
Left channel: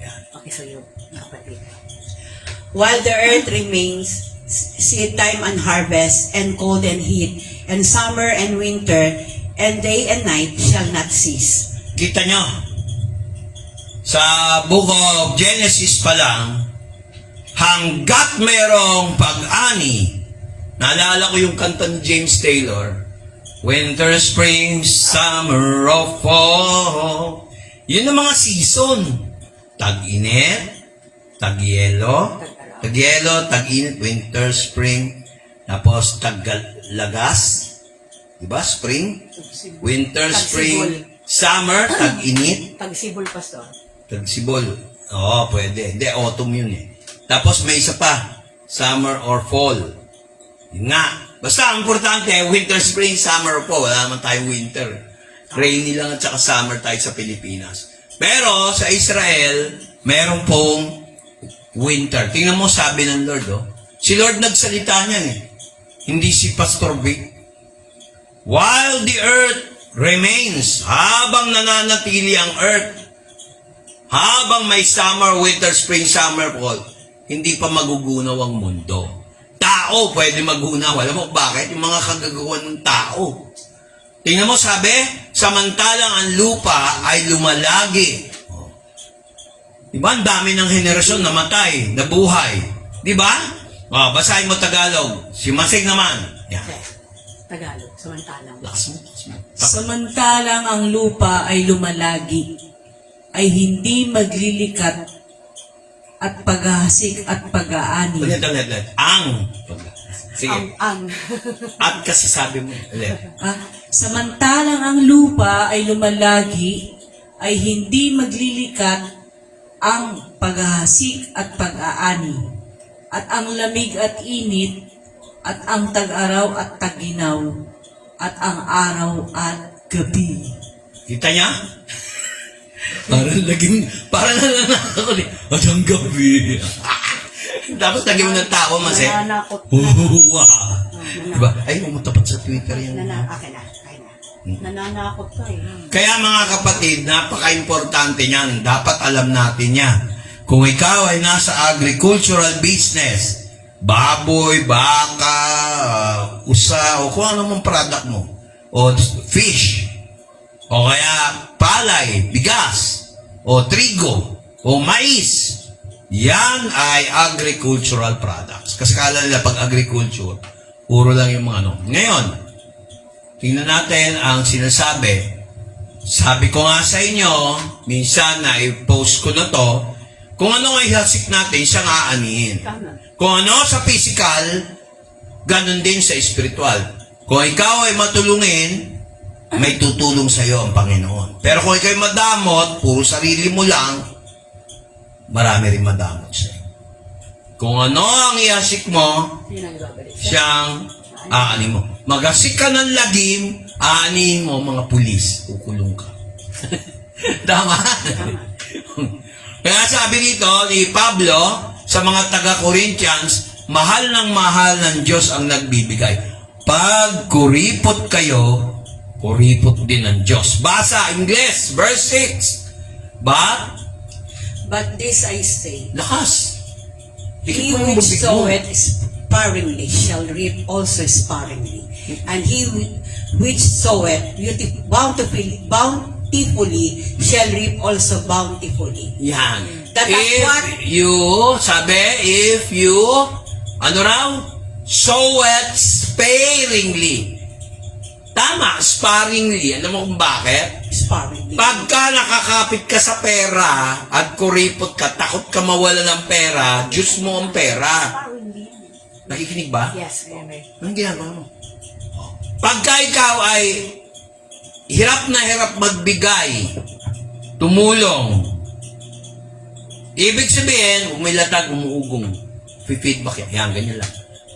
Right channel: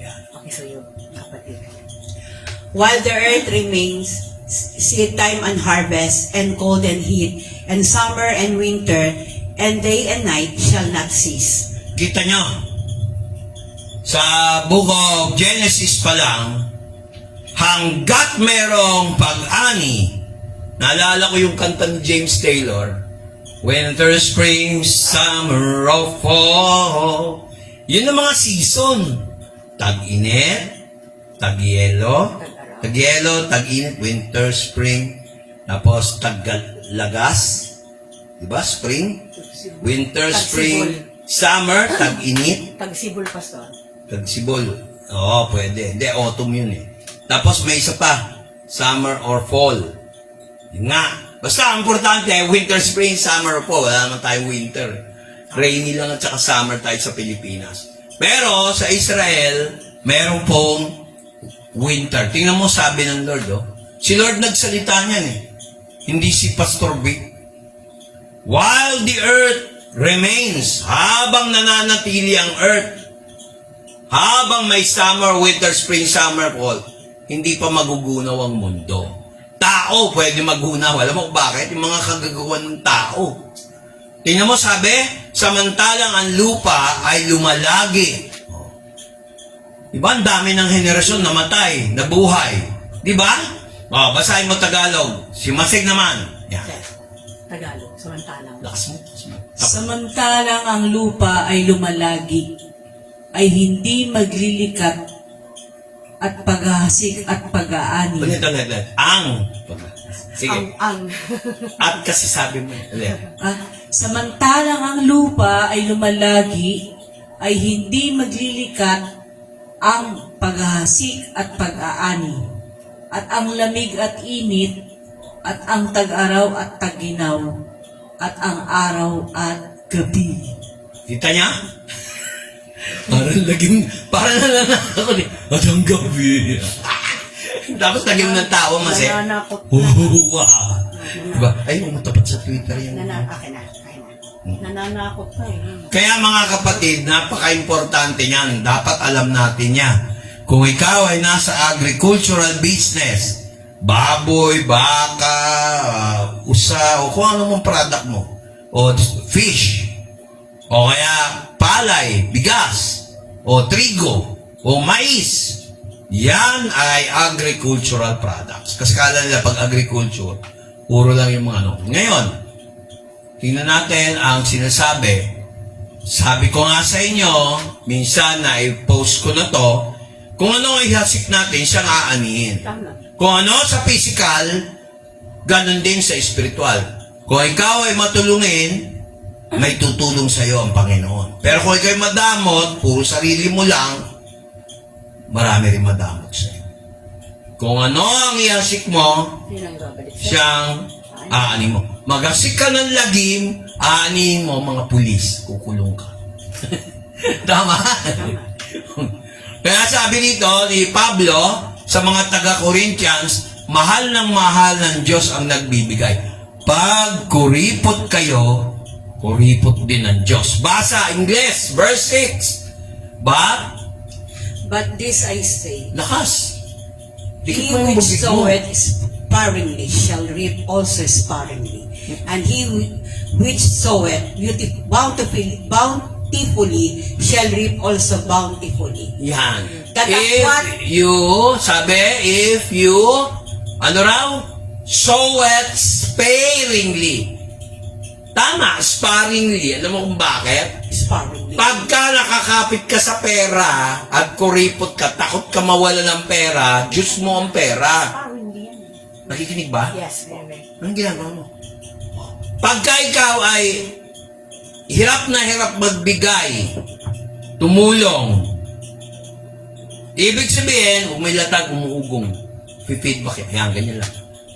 Yan. Okay, so yun, kapatid. While the earth remains, seed time and harvest, and cold and heat, and summer and winter, and day and night shall not cease. Kita nyo, sa book of Genesis pa lang, hanggat merong pag-ani, naalala ko yung kanta ni James Taylor, winter, spring, summer, or fall. Yun ang mga season. Tag-init, tag-yelo, tag-init, winter, spring, tapos tag-lagas, diba? Spring, winter, spring, summer, tag-init, Tagsibol, Pastor. tag-sibol. Oo, pwede. Hindi, autumn yun eh. Tapos may isa pa, summer or fall. Yun nga. Basta ang importante, winter, spring, summer or fall. Wala naman tayong winter. Rainy lang at saka summer tayo sa Pilipinas. Pero sa Israel, meron pong winter. Tingnan mo, sabi ng Lord, si Lord nagsalita niyan eh. Hindi si Pastor Vic. While the earth remains, habang nananatili ang earth, habang may summer, winter, spring, summer, fall, hindi pa magugunaw ang mundo. Tao pwede magunaw. Alam mo bakit? Yung mga kagagawan ng tao. Tingnan mo, sabi, samantalang ang lupa ay lumalagi. Diba? Ang dami ng henerasyon namatay, nabuhay. Diba? Basahin mo Tagalog. Si Masig naman. Yan. Yes. Tagalog. Samantalang. Lakas mo. Samantalang ang lupa ay lumalagi, ay hindi maglilikat at paghahasik at pag-aani. Ulit. Ang. Sige. Ang. At kasi sabi mo. Ulit. Samantalang ang lupa ay lumalagi, ay hindi maglilikat ang paghahasik at pag-aani, at ang lamig at init, at ang tag-araw at tag-ginaw, at ang araw at gabi. Kita niya? Parang nananakot ako ni. At ang gabi. Tapos lagi mo ng tawa mas eh. Nananakot. Wow. Diba? Ay, umatapat sa Twitter yan. Akin na. Nananakot ka eh. Kaya mga kapatid, napaka-importante niyan. Dapat alam natin yan. Kung ikaw ay nasa agricultural business, baboy, baka, usa, o kung ano mong product mo, o fish, o kaya palay, bigas, o trigo, o mais, yan ay agricultural products. Kasi kala nila pag agriculture, puro lang yung mga ano. Ngayon, tingnan natin ang sinasabi. Sabi ko nga sa inyo, minsan na i-post ko na to, kung ano ay hasik natin, siyang aanihin. Tama. Kung ano sa physical, ganun din sa spiritual. Kung ikaw ay matulungin, may tutulong sa iyo ang Panginoon. Pero kung ikaw ay madamot, puro sarili mo lang, marami rin madamot sa iyo. Kung ano ang ihasik mo, siyang aanin mo. Magasik ka ng lagim, aanin mo mga pulis, kukulong ka. Tama? Kaya sabi nito ni Pablo sa mga taga-Corinthians, mahal ng Diyos ang nagbibigay. Pag kuripot kayo, kuripot din ng Diyos. Basa, Ingles, verse 6. But this I say, Lakas. he which soweth sparingly shall reap also sparingly. And he which soweth bountifully shall reap also bountifully. Yan. That's If what- you, ano raw? Soweth sparingly. Tama, sparingly. Alam mo kung bakit? Sparingly. Pagka nakakapit ka sa pera at kuripot ka, takot ka mawala ng pera, Diyos mo ang pera. Nakikinig ba? Yes, amen. Anong ginagawa mo? Pagka ikaw ay hirap na hirap magbigay, tumulong, ibig sabihin, umilatag, umuugong, feedback, yan, ganyan lang.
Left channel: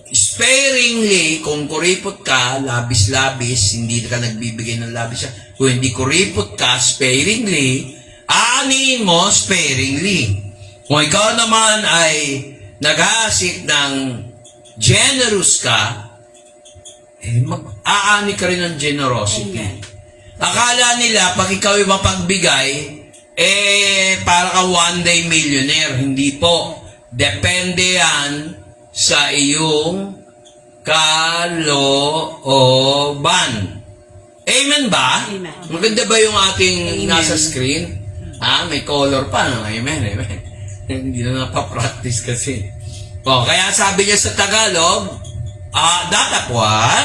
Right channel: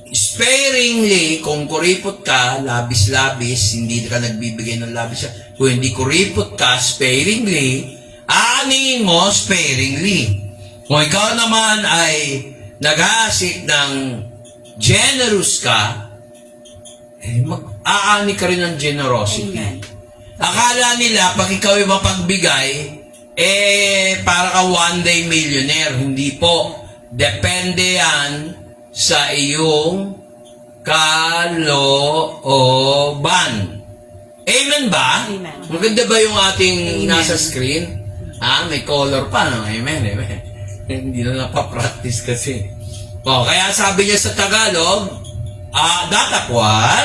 Sparingly, kung kuripot ka, labis-labis, hindi ka nagbibigay ng labis. Kung hindi kuripot ka, sparingly, aanin mo sparingly. Kung ikaw naman ay nag-aasik ng generous ka, mag-aani ka rin ng generosity. Amen. Akala nila, pag ikaw ay mapagbigay, para ka one day millionaire. Hindi po. Depende yan sa iyong kalooban. Amen ba? Amen. Maganda ba yung ating Amen. nasa screen? May color pa. No? Amen, amen. Hindi na napapractice kasi. Kaya sabi niya sa Tagalog,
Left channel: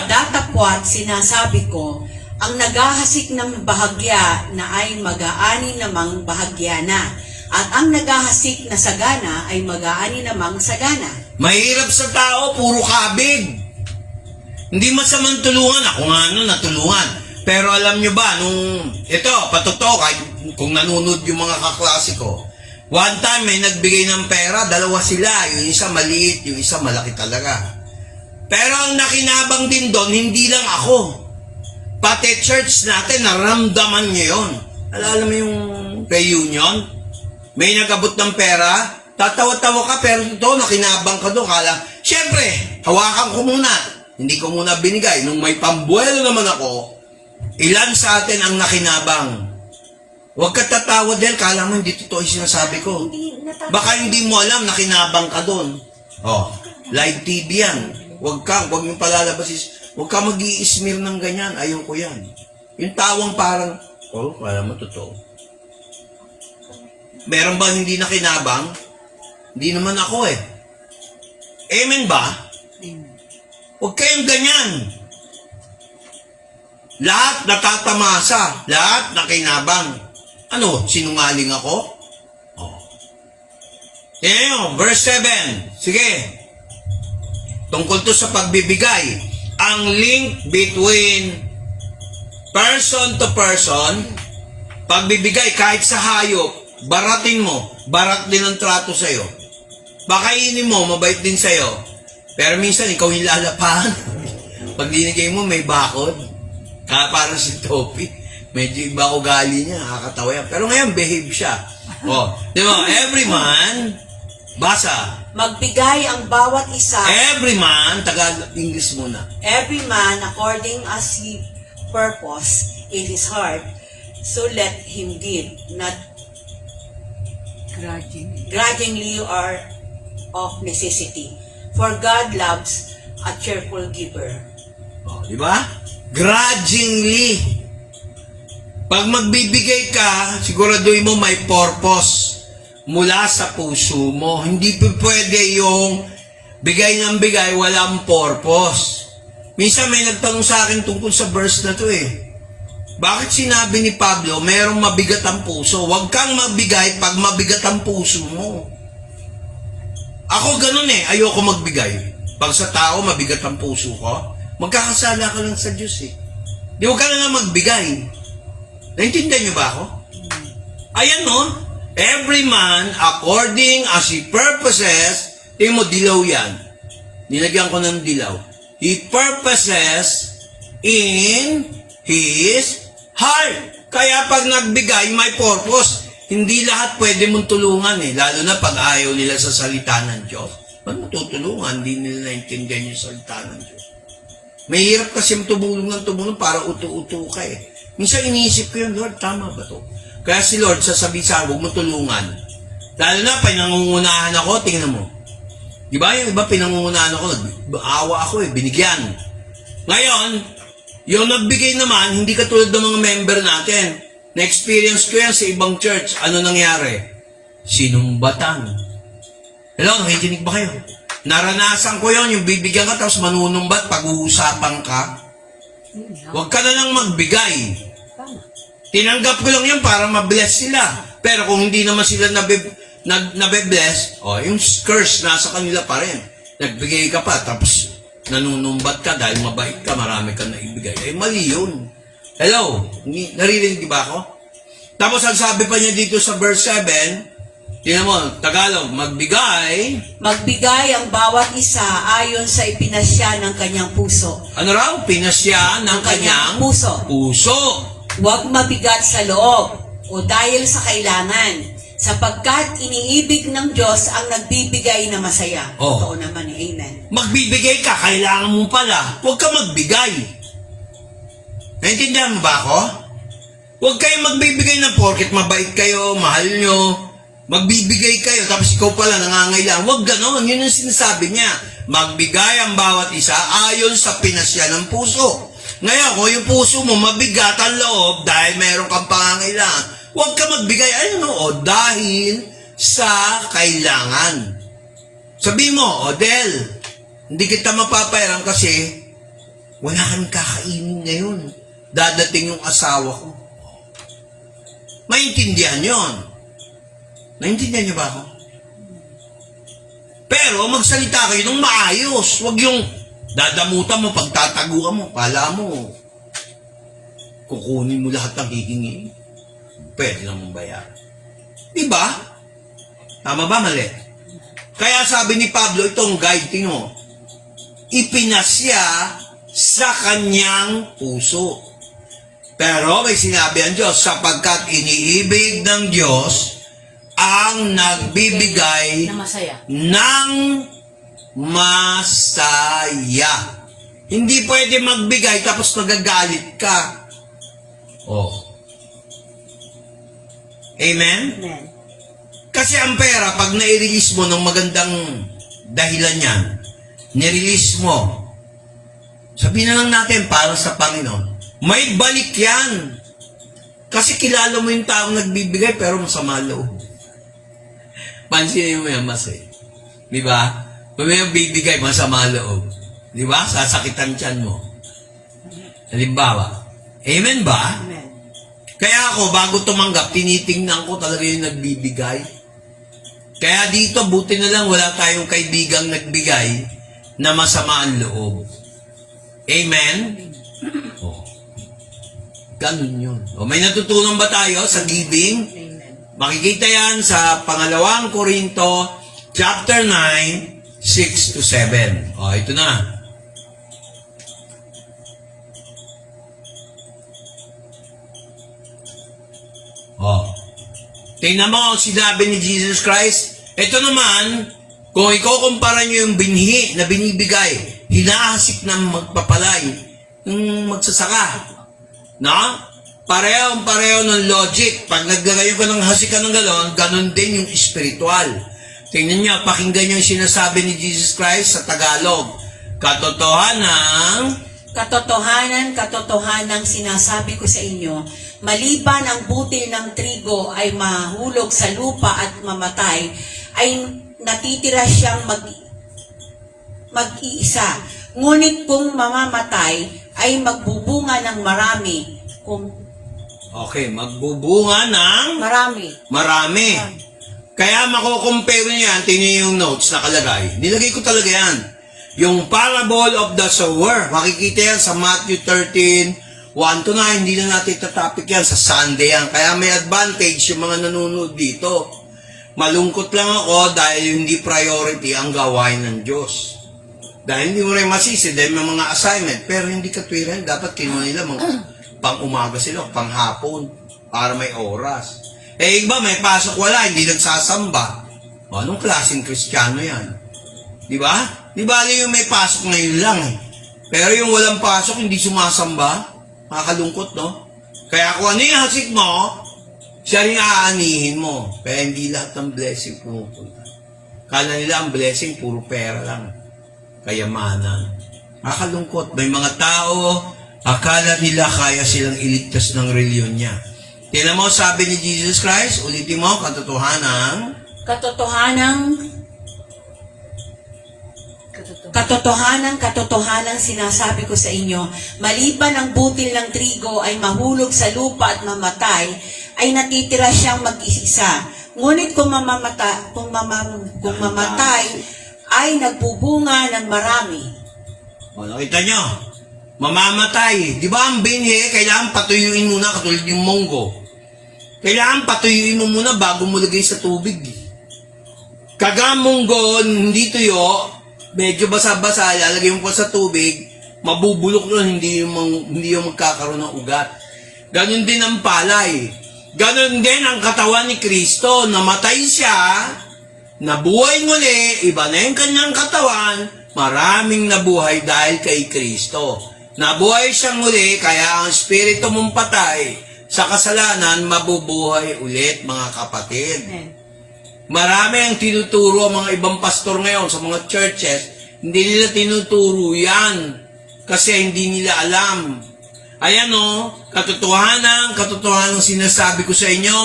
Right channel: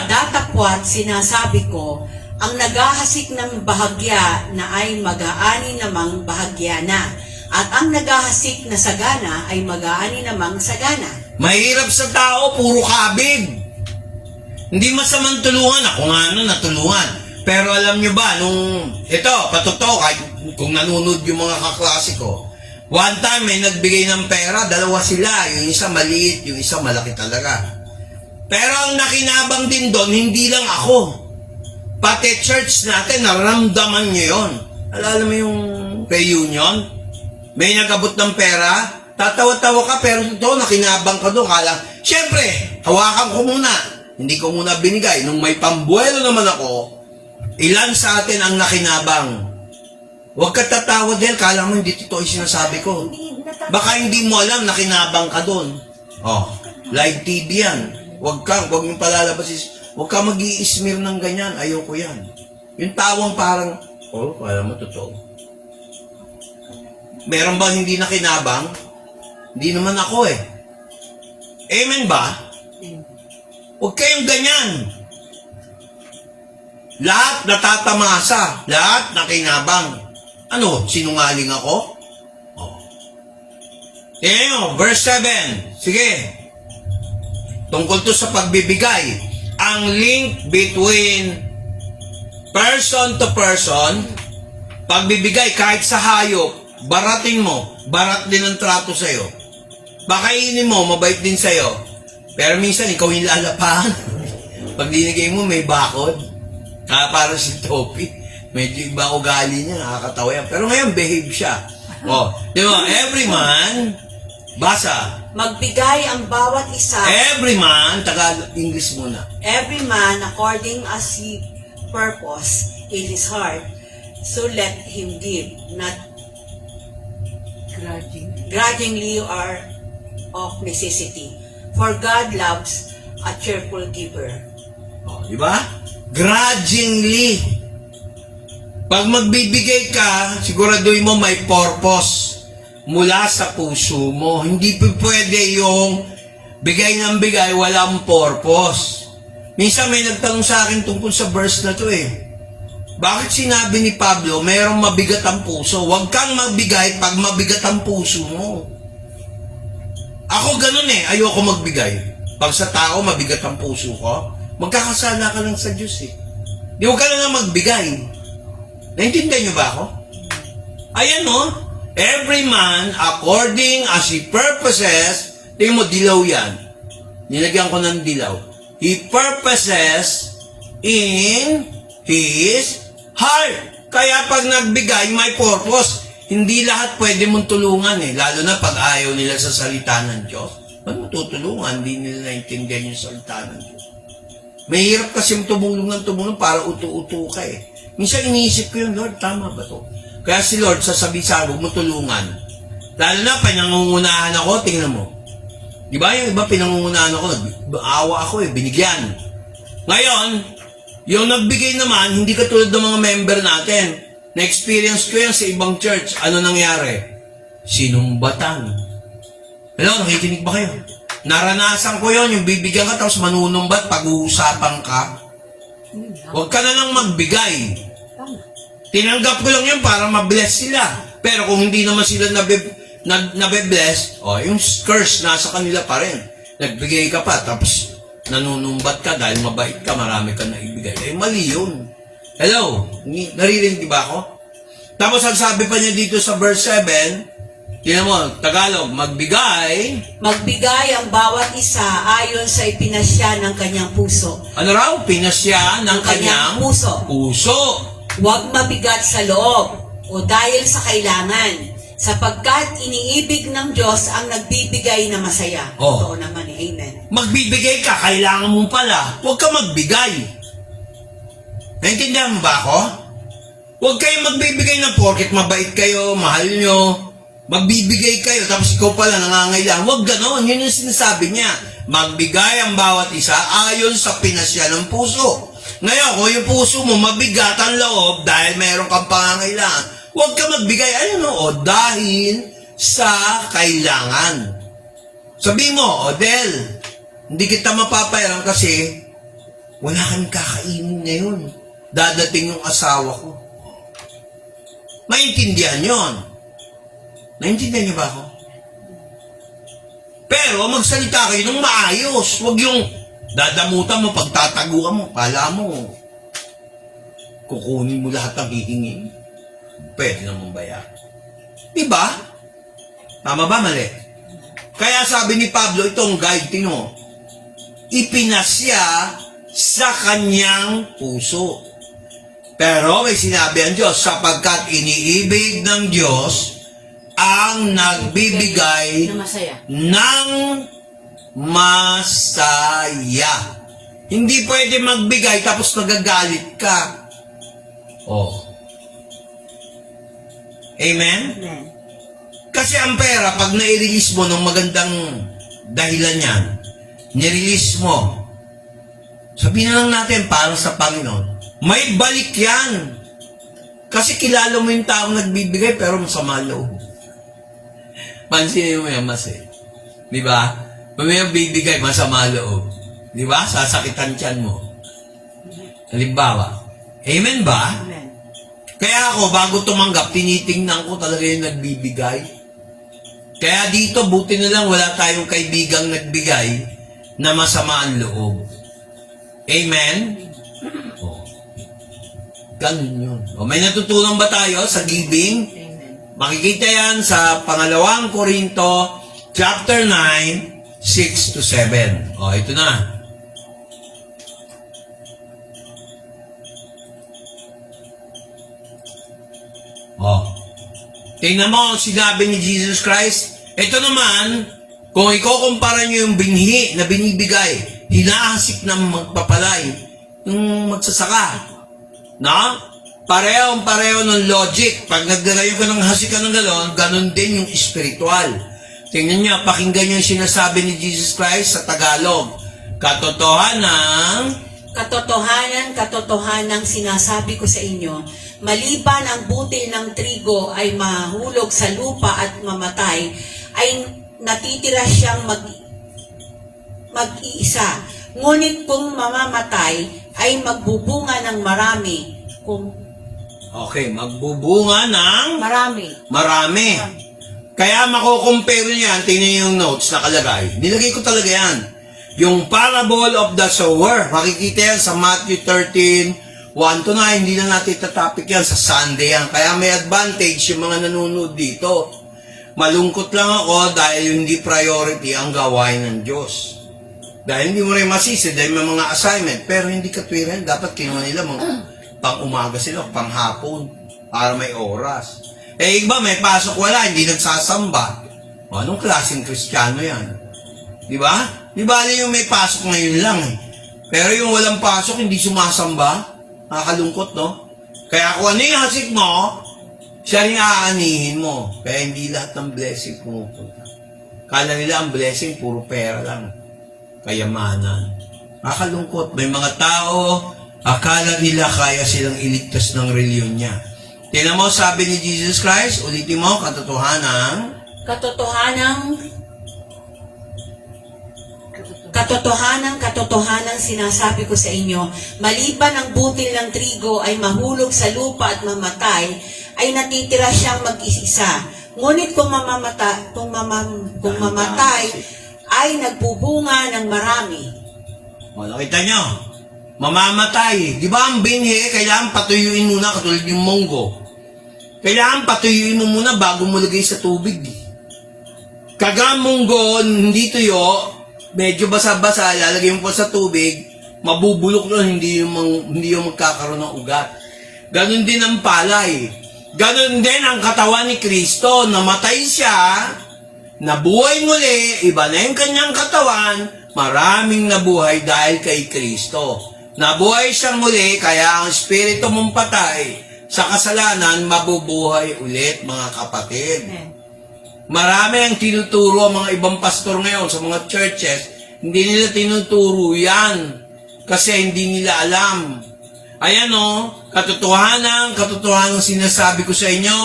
Datapwat, sinasabi ko, ang naghahasik ng bahagya na ay mag-aani namang bahagya na, at ang naghahasik na sagana ay mag-aani namang sagana. mahirap sa tao, puro kabig. Hindi masamang tulungan. Ako nga natulungan. Pero alam nyo ba, ito, patotoo, kahit kung nanonood yung mga kaklase ko, one time may nagbigay ng pera, dalawa sila. Yung isa maliit, yung isa malaki talaga. Pero ang nakinabang din doon, hindi lang ako. Pati church natin, naramdaman nyo yun. Alala mo yung reunion? May nagabot ng pera, tatawa-tawa ka, pero doon, nakinabang ka doon. Siyempre, hawakan ko muna. Hindi ko muna binigay. Nung may pambuelo naman ako, ilan sa atin ang nakinabang? Huwag ka tatawa dahil kala mo hindi totoo yung sinasabi ko. Baka hindi mo alam, nakinabang ka doon. Live TV yan. Huwag yung palalabas. Huwag ka mag-i-smear ng ganyan. Ayaw ko yan. Yung tawang parang, kala mo totoo. Meron bang hindi nakinabang? Hindi naman ako eh. Amen ba? Amen. Huwag kayong ganyan. Lahat natatamasa. Lahat nakinabang. Ano, sinungaling ako? Oh. Verse 7. Sige. Tungkol to sa pagbibigay. Ang link between person to person, pagbibigay kahit sa hayop, baratin mo, barat din ang trato sa'yo. Bakainin mo, mabait din sa'yo. Pero minsan, ikaw yung lalapahan. Pag dinigay mo, may bakod. Para si Topi. Medyo iba ugali niya, nakakatawa yan. Pero ngayon, behave siya. Oh, di ba? Every man, basa. Magbigay ang bawat isa, Every man, Tagalog, English muna. every man according as he purpose in his heart, so let him give, not grudgingly or of necessity. For God loves a cheerful giver. Oh, di ba? Grudgingly. Pag magbibigay ka, siguraduhin mo may purpose mula sa puso mo. Hindi pwede yung bigay ng bigay, walang purpose. Minsan may nagtanong sa akin tungkol sa verse na to eh. Bakit sinabi ni Pablo, mayroong mabigat ang puso? Huwag kang magbigay pag mabigat ang puso mo. Ako ganun eh, ayoko magbigay. Pag sa tao, mabigat ang puso ko, magkakasala ka lang sa Diyos eh. Di huwag ka na nga magbigay. Naintindihan niyo ba ako? Ayan no, every man according as he purposes, tingin mo, dilaw yan. Nilagyan ko ng dilaw. He purposes in his heart. Kaya pag nagbigay, may purpose. Hindi lahat pwede mong tulungan eh. Lalo na pag ayaw nila sa salita ng Diyos. Ba't matutulungan? Hindi nila naintindihan yung salita ng Diyos. Mahirap kasi tumulong ng tumulong para utu-utu ka eh. Minsan iniisip ko yun, Lord, tama ba to? Kaya si Lord sasabihin sa akin, huwag mo tulungan. Lalo na, pinangungunahan ako, tingnan mo. Di ba? Yung iba pinangungunahan ako, awa ako eh, binigyan. Ngayon, yung nagbigay naman, hindi katulad ng mga member natin. Na-experience ko yan sa ibang church. Ano nangyari? Sinumbatan. Hello, nakikinig ba kayo? Naranasan ko yon, yung bibigyan ka tapos manunumbat, pag-uusapan ka. Huwag ka na lang magbigay. Tinanggap ko lang yun para mabless sila. Pero kung hindi naman sila nabe-bless, yung curse nasa kanila pa rin. Nagbigay ka pa, tapos nanunumbat ka dahil mabait ka, marami ka naibigay. Mali yun. Hello? Naririnig ba ako? Tapos ang sabi pa niya dito sa verse 7, tingnan mo, Tagalog, magbigay Magbigay ang bawat isa ayon sa ipinasya ng kanyang puso. ano raw? Pinasya ng kanyang puso. puso. Huwag mabigat sa loob o dahil sa kailangan, sapagkat iniibig ng Diyos ang nagbibigay na masaya. Oh. Oo naman eh, amen. Magbibigay ka, kailangan mo pala. Huwag ka magbigay. Naintindihan mo ba ako? Huwag kayo magbibigay na porket mabait kayo, mahal nyo. Magbibigay kayo, tapos ikaw pala nangangailangan. Huwag ganon, yun yung sinasabi niya. Magbigay ang bawat isa ayon sa pinasya ng puso. Ngayon, kung yung puso mo mabigat ang loob dahil mayroon kang pangangailangan, huwag ka magbigay, dahil sa kailangan. Sabi mo, Del, hindi kita mapapayaran kasi wala kang kakainin ngayon. Dadating yung asawa ko. Maintindihan yon. Naintindihan niyo ba ako? Pero magsalita kayo ng maayos. Huwag yung dadamutan mo, pagtataguan mo, pala mo, kukunin mo lahat ng hihingi. Pwede namang bayaran. Diba? Tama ba, mali? Kaya sabi ni Pablo, itong guide, tino, ipinasya sa kanyang puso. Pero may sinabi ang Diyos, sapagkat iniibig ng Diyos ang nagbibigay Na masaya. ng masaya. Hindi pwede magbigay tapos nagagalit ka. Oh. Amen? Amen. Kasi ang pera, pag nai-release mo ng magandang dahilan yan, nirelease mo, sabihin na lang natin para sa Panginoon, may balik yan. Kasi kilala mo yung taong nagbibigay pero masama loob. Pansinin mo yan, mas eh. Di ba? May bibigay, masama loob. Di ba? Sasakitan tiyan mo. Halimbawa, Amen ba? Amen. Kaya ako, bago tumanggap, tinitingnan ko talaga yung nagbibigay. Kaya dito, buti na lang wala tayong kaibigang nagbigay na masama ang loob. Amen? Oh. Ganun yun. O, may natutunan ba tayo sa giving? Amen. Makikita yan sa 2 Korinto chapter 9, 6 to 7. O, ito na. Oh. Tingnan mo ang sinabi ni Jesus Christ. Ito naman, kung ikukumpara nyo yung binhi na binibigay, hinaasik ng magpapalay, yung magsasaka. Na? Pareho ng logic. Pag naglalayo ka ng hasikan ng galon, ganon din yung spiritual. Tingnan nyo, pakinggan nyo yung sinasabi ni Jesus Christ sa Tagalog. Katotohanan sinasabi ko sa inyo, maliban ang butil ng trigo ay mahulog sa lupa at mamatay, ay natitira siyang mag-iisa. Ngunit kung mamamatay, ay magbubunga ng marami. Okay, magbubunga ng marami. Kaya makukumpare nyo yan, tingnan nyo yung notes nakalagay. Nilagay ko talaga yan. Yung parable of the sower, makikita yan sa Matthew 13, 1 to 9, hindi na natin topic yan, sa Sunday yan. Kaya may advantage yung mga nanonood dito. Malungkot lang ako dahil hindi priority ang gawain ng Diyos. Dahil hindi mo rin masisi, dahil may mga assignment, pero hindi katwiran, dapat kinuha nila pang umaga sila, pang hapon, para may oras. Eh, iba, may pasok wala, hindi nagsasamba. Anong klaseng Kristiyano yan? Di ba? Di ba yung may pasok ngayon lang eh. Pero yung walang pasok, hindi sumasamba. Nakakalungkot, no? Kaya kung ano yung hasik mo, siya rin aanihin mo. Kaya hindi lahat ng blessing pumupunta. Kala nila ang blessing, puro pera lang. Kayamanan. Nakakalungkot. May mga tao, akala nila kaya silang iligtas ng reliyon niya. Tingnan mo, sabi ni Jesus Christ, ulitin mo, Katotohanan sinasabi ko sa inyo, maliban ang butil ng trigo ay mahulog sa lupa at mamatay, ay natitira siyang mag-isa. Ngunit kung mamatay, ay nagbubunga ng marami. Nakita nyo, mamamatay. Di ba ang binhi, kailangan patuyuin muna katulad yung munggo. Kailangan patuyuin mo muna bago mo lagay sa tubig. Kaga munggo, hindi tuyo, medyo basa-basa, lalagay mo pa sa tubig, mabubulok nun, hindi yung magkakaroon ng ugat. Ganon din ang palay. Ganon din ang katawan ni Kristo. Namatay siya, nabuhay muli, iba na yung kanyang katawan, maraming nabuhay dahil kay Kristo. Nabuhay siyang muli, kaya ang spirito mong patay sa kasalanan, mabubuhay ulit, mga kapatid. Marami ang tinuturo ang mga ibang pastor ngayon sa mga churches, hindi nila tinuturo yan kasi hindi nila alam. Ayan o, katotohanan sinasabi ko sa inyo,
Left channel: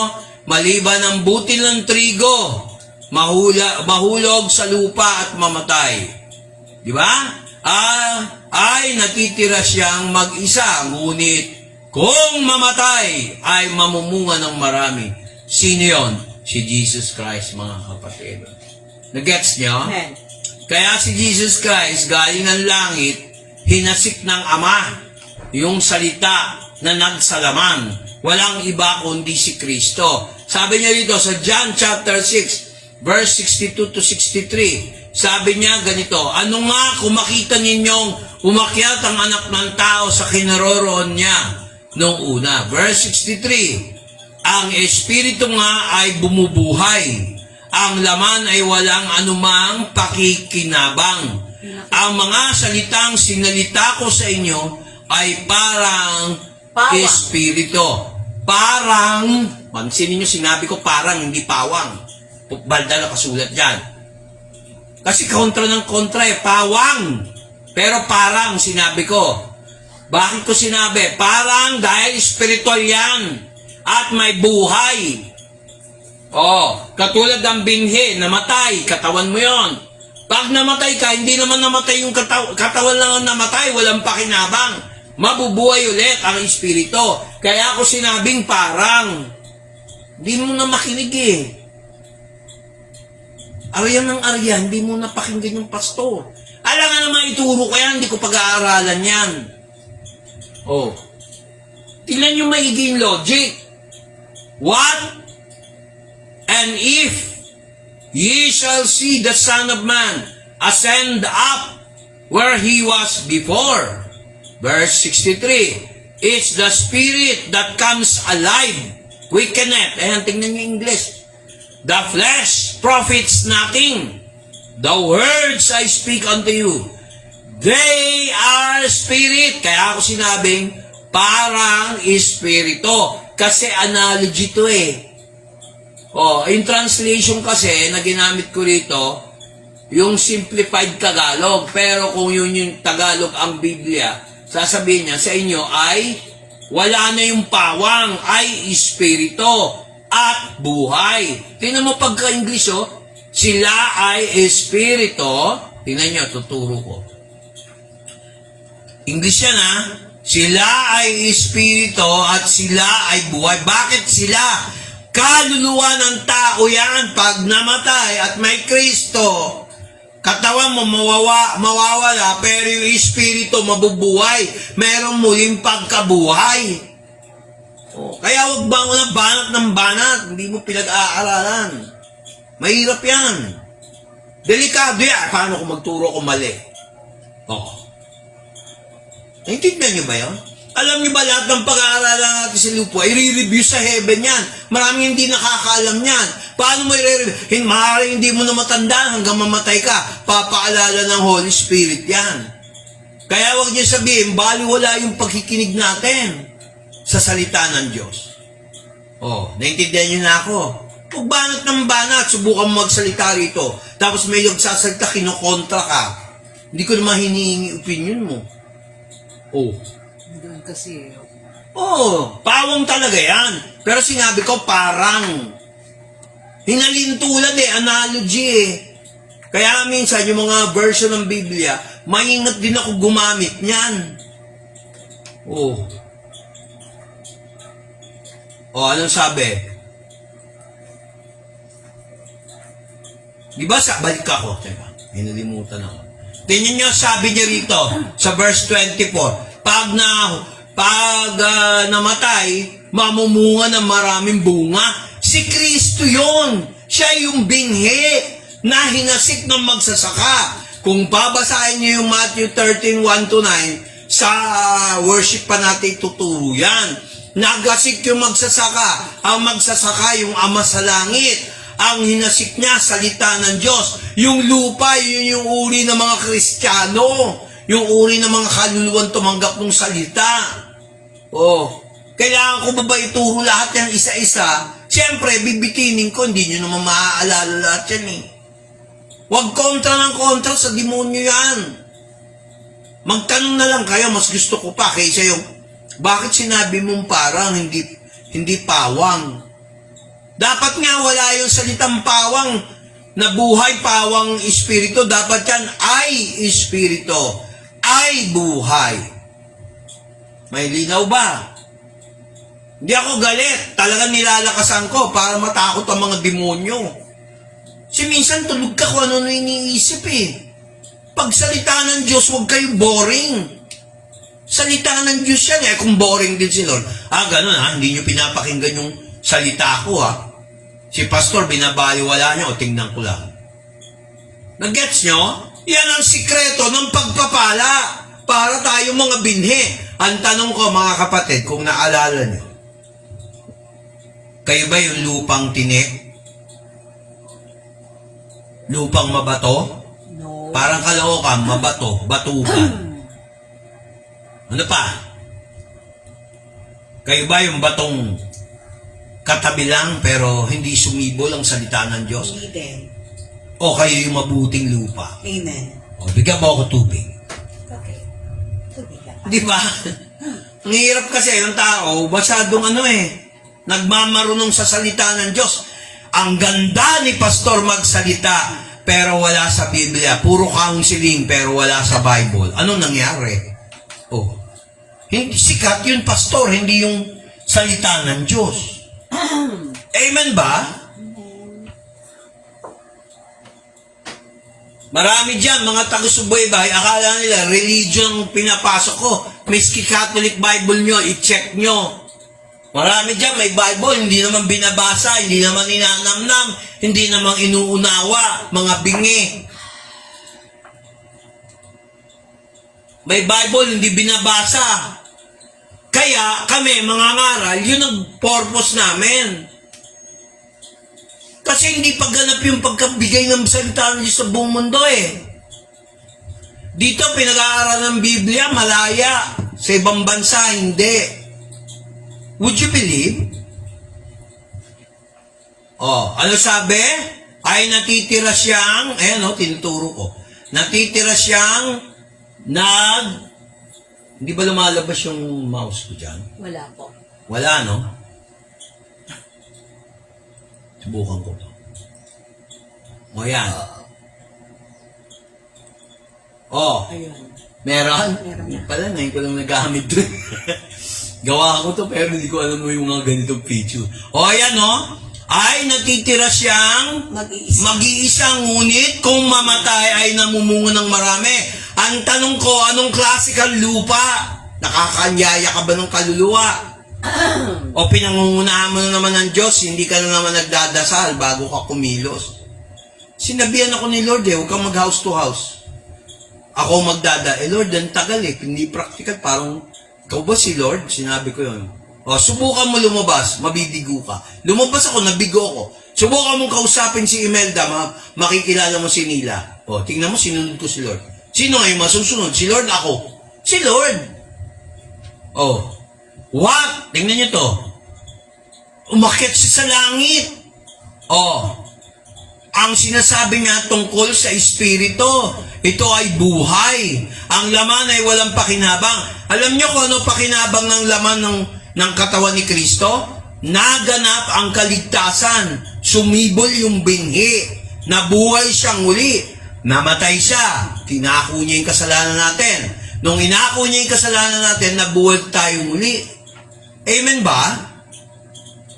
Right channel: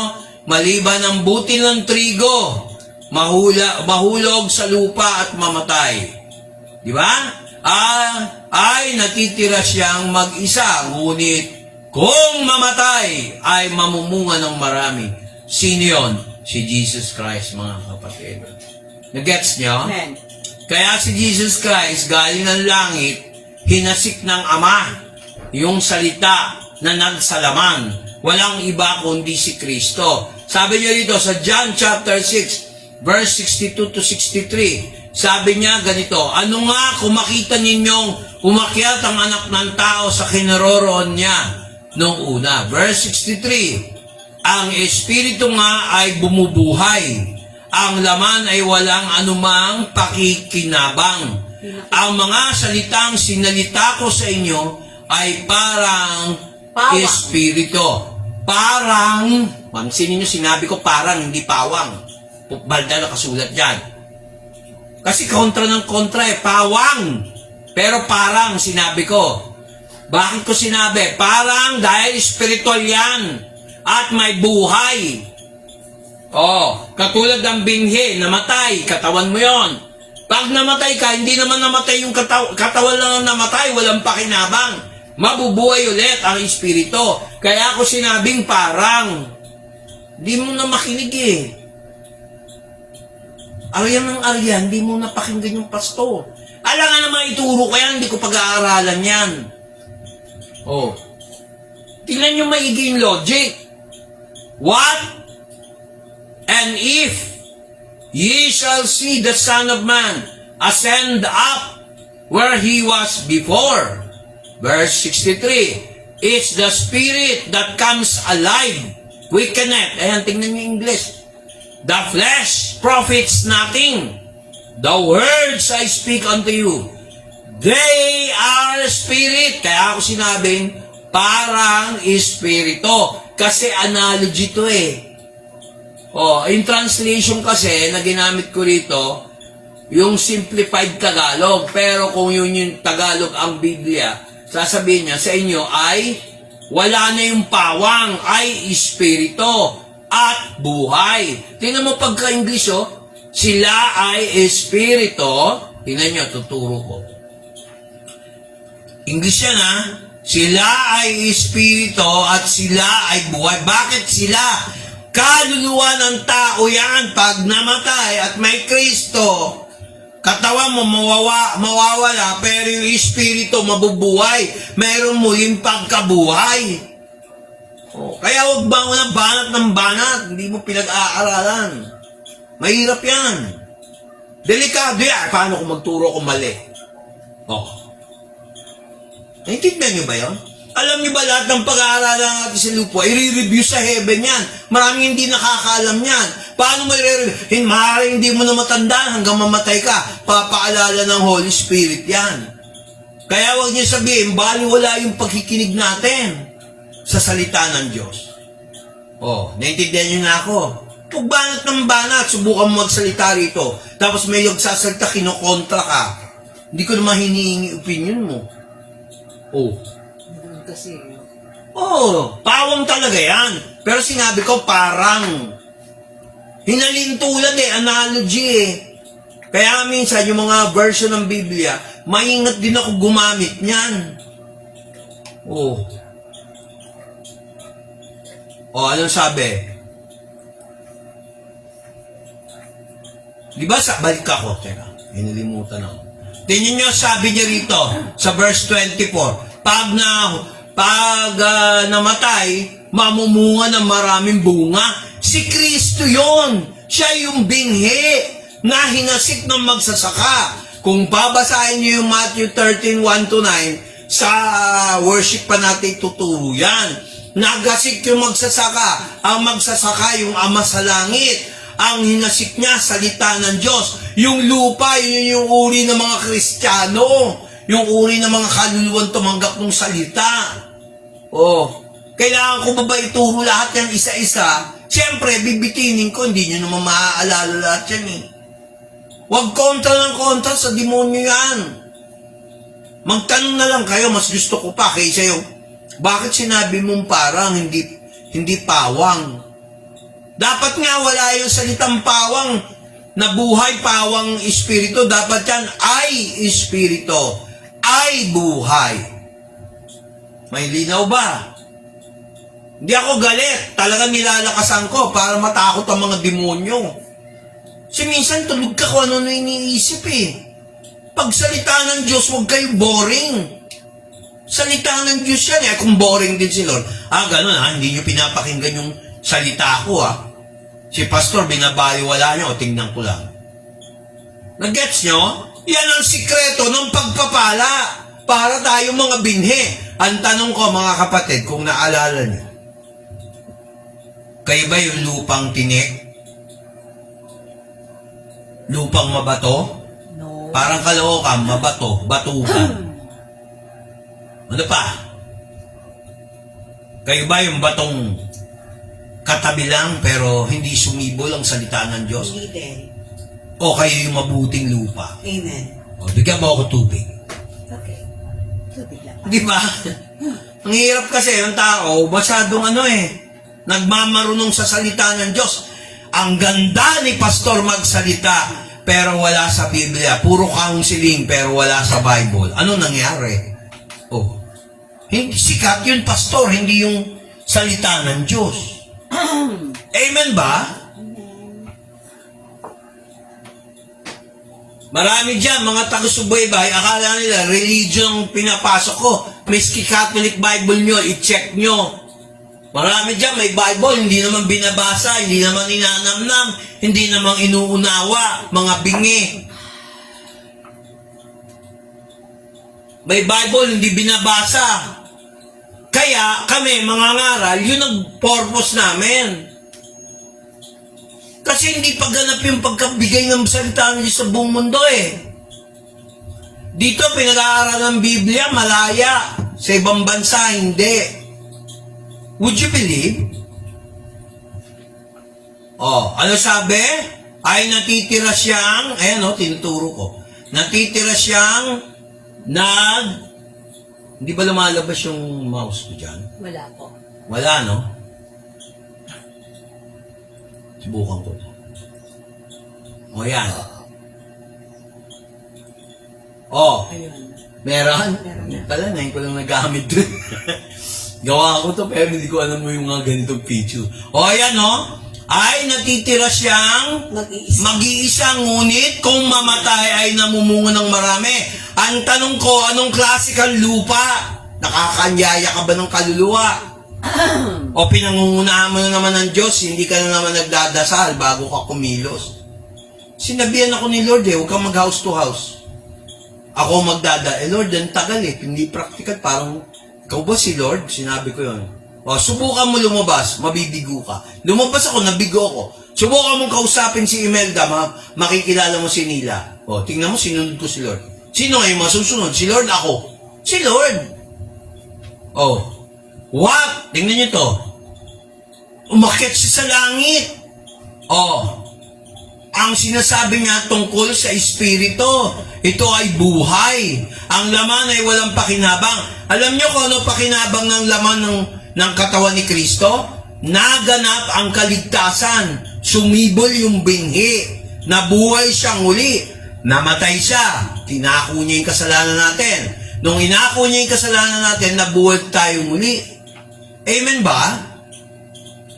maliban ang butil ng trigo, mahulog sa lupa at mamatay. Di ba? Ay natitira siyang mag-isa, ngunit kung mamatay ay mamumunga ng marami. Sino yun? Si Jesus Christ, mga kapatid. Nagets niyo? Amen. Kaya si Jesus Christ, galing ng langit, hinasik ng Ama, yung salita na nagsalaman. Walang iba kundi si Kristo. Sabi niya dito sa John chapter 6, verse 62 to 63, sabi niya ganito, ano nga kung makita ninyong umakyat ang anak ng tao sa kinaroroon niya noong una. Verse 63, ang Espiritu nga ay bumubuhay. Ang laman ay walang anumang pakikinabang. Ang mga salitang sinalita ko sa inyo ay parang Espiritu. Parang, pansinin nyo, sinabi ko parang, hindi pawang. Balda na kasulat dyan. Kasi kontra ng kontra pawang. Pero parang, sinabi ko. Bakit ko sinabi? Parang dahil spiritual yan. At may buhay. Katulad ng binhi, namatay, katawan mo yon. Pag namatay ka, hindi naman namatay yung katawan lang ang namatay, walang pakinabang. mabubuhay ulit ang espiritu. Kaya ako sinabing parang, di mo na makinig eh. Aryan ng aryan, di mo na pakinggan yung pastor. Alam nga naman ituro ko yan, hindi ko pag-aaralan yan. Oh. Tingnan nyo maigi yung logic. What? And if ye shall see the Son of Man ascend up where he was before. Verse 63. It's the Spirit that comes alive. Quickeneth. Ayan, tingnan nyo yung English. The flesh profits nothing. The words I speak unto you, they are spirit. Kaya ako sinabing, parang espirito. Kasi analogy to eh. Oh, in translation kasi, na ginamit ko rito, yung simplified Tagalog. Pero kung yun yung Tagalog ang Biblia, sasabihin niya sa inyo ay, wala na yung pawang, ay espirito at buhay. Tingnan mo pagka-English, oh. Sila ay espirito. Tingnan nyo, tuturo ko. English yan, ha? Sila ay espirito at sila ay buhay. Bakit sila? Kaluluwa ng tao yan pag namatay at may Kristo. Katawan mo mawawala, pero yung espiritu mabubuhay. Merong muling pagkabuhay. Kaya huwag ba mo ng banat, hindi mo pinag-aaralan. Mahirap yan. Delikado yan. Paano kung magturo ko mali? Naintindihan niyo ba yun? Alam niyo ba lahat ng pag-aaralan natin sa lupa, i-review sa heaven yan. Maraming hindi nakakaalam yan. Paano mo i-review? Hindi mo na matanda hanggang mamatay ka. Papaalala ng Holy Spirit yan. Kaya huwag niyo sabihin, baliwala yung pagkikinig natin sa salita ng Diyos. Naintindihan niyo na ako. Pag banat ng banat, subukan mo magsalita rito. Tapos may nagsasalita, kinokontra ka. Hindi ko naman hinihingi opinion mo. Doon kasi, Pawang talaga yan. Pero sinabi ko, parang. Hinalintulan analogy eh. Kaya minsan, yung mga version ng Biblia, maingat din ako gumamit niyan. Anong sabi? Di ba balik ako? Teka, hinalimutan ako. Tingnan nyo, sabi niya rito, sa verse 24, pag namatay, mamumunga ng maraming bunga. Si Kristo yon. Siya yung binghi na hinasik ng magsasaka. Kung babasahin nyo yung Matthew 13, 1-9, sa worship pa natin tuturo yan. Naghasik yung magsasaka. Ang magsasaka yung Ama sa langit. Ang hinasik niya, salita ng Diyos. Yung lupa, yun yung uri ng mga Kristiyano. Yung uri ng mga kaluluwang tumanggap ng salita. Kailangan ko ba ituro lahat yan isa-isa? Siyempre, bibitinin ko, hindi nyo naman maaalala lahat yan eh. Huwag kontra ng kontra sa demonyo yan. Magtanong na lang kayo, mas gusto ko pa kaysa yung, bakit sinabi mong parang hindi pawang? Dapat nga wala yung salitang pawang na buhay, pawang espiritu. Dapat yan ay espiritu, ay buhay. May linaw ba? Hindi ako galit. Talagang nilalakasan ko para matakot ang mga demonyo. Kasi minsan tulog ka kung ano na iniisip eh. Pagsalita ng Diyos, huwag kayo boring. Salita ng Diyos yan eh. Kung boring din si Lord. Ganun hindi nyo pinapakinggan yung salita ko Si pastor, binabaliwala niya, tingnan ko lang. Nag-gets nyo? Yan ang sikreto ng pagpapala para tayo mga binhi. Ang tanong ko mga kapatid, kung naalala nyo, kayo ba yung lupang tinik? Lupang mabato? no. Parang kalookan, mabato, batukan. Ano pa? Kayo ba yung batong katabi lang pero hindi sumibol ang salita ng Diyos? Hindi din. O kayo yung mabuting lupa? Amen. Bigyan mo ako tubig. Okay. Tubig lang. Di ba? Ang hirap kasi ang tao, masyadong nagmamarunong sa salita ng Diyos. Ang ganda ni pastor magsalita, pero wala sa Biblia. Puro counseling, pero wala sa Bible. Anong nangyari? Hindi sikat yun, pastor, hindi yung salita ng Diyos. Amen ba? Marami dyan, mga taga-subaybay, akala nila, religion pinapasok ko. Miski Catholic Bible nyo, i-check nyo. Marami dyan, may Bible, hindi naman binabasa, hindi naman ninanamnam, hindi naman inuunawa, mga bingi. May Bible, hindi binabasa. Kaya kami, mga ngaral, yun ang purpose namin. Kasi hindi pagganap yung pagkabigay ng salita ng Diyos sa buong mundo eh. Dito, pinag-aaral ng Biblia, malaya. Sa ibang bansa, hindi. Would you believe? Oh, ano sabi? Ay natitira siyang, ayan o, tinuturo ko. Natitira siyang hindi ba lumalabas yung mouse ko dyan? Wala po. Wala, no? Subukan ko to. O, yan. O, Ayun. meron? Pala, ngayon ko lang nagamit dun. Gawa ko to, pero hindi ko alam mo yung mga ganitong picture. O, yan, no? Ay, natitira siyang mag-iisa, ngunit kung mamatay ay namumungo ng marami. Ang tanong ko, anong klase kang lupa? Nakakanyaya ka ba ng kaluluwa? O pinangungunahan mo na naman ng Diyos, hindi ka na naman nagdadasal bago ka kumilos? Sinabihan ako ni Lord huwag kang mag-house to house. Ako Lord, ang tagal hindi practical, parang, ikaw ba si Lord? Sinabi ko yun. O, subukan mo lumabas, mabibigo ka. Lumabas ako, nabigo ako. Subukan mong kausapin si Imelda, makikilala mo si Nila. O, tingnan mo, sinunod ko si Lord. Sino ngayon masusunod? Si Lord ako. Si Lord. O, what? Tingnan niyo to. Umakyat siya sa langit. O, ang sinasabi nga tungkol sa Espiritu, ito ay buhay. Ang laman ay walang pakinabang. Alam niyo kung ano pakinabang ng laman ng katawan ni Kristo? Naganap ang kaligtasan. Sumibol yung binhi. Nabuhay siyang muli. Namatay siya. Tinako niya yung kasalanan natin. Nung inako niya yung kasalanan natin, nabuhay tayo muli. Amen ba?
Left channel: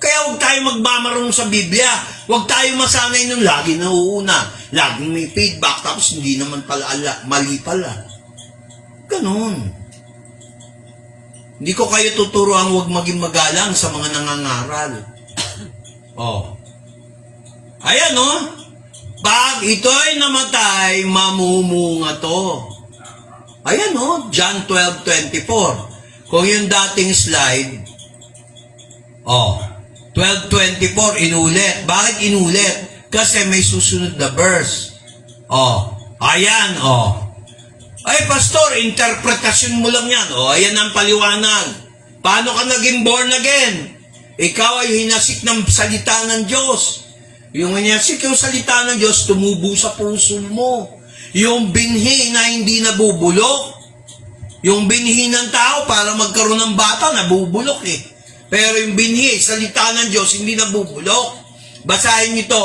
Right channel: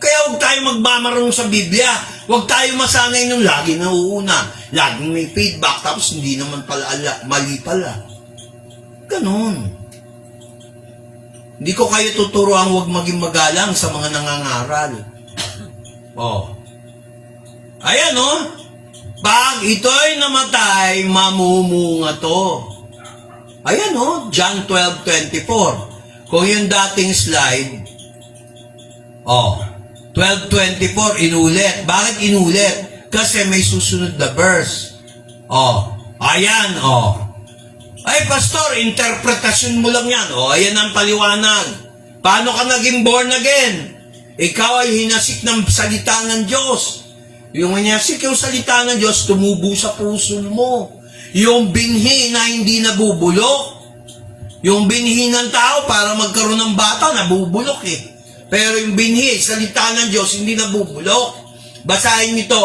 Kaya huwag tayo magmamarunong sa Biblia. Huwag tayo masanay yung lagi nauuna. Laging may feedback, tapos hindi naman pala, mali pala. Ganon. Hindi ko kayo tuturuan huwag maging magalang sa mga nangangaral. Oh. Ayan, oh. Pag ito'y namatay, mamumunga to. Ayan, oh. John 12:24. Kung yung dating slide, oh, 12:24, inulit. Bakit inulit? Kasi may susunod na verse. Oh, ayan, oh. Ay, pastor, interpretasyon mo lang yan. O, ayan ang paliwanag. Paano ka naging born again? Ikaw ay hinasik ng salita ng Diyos. Yung hinasik yung salita ng Diyos, tumubo sa puso mo. Yung binhi na hindi nabubulok. Yung binhi ng tao para magkaroon ng bata, nabubulok eh. Pero yung binhi, salita ng Diyos, hindi nabubulok. Basahin nito.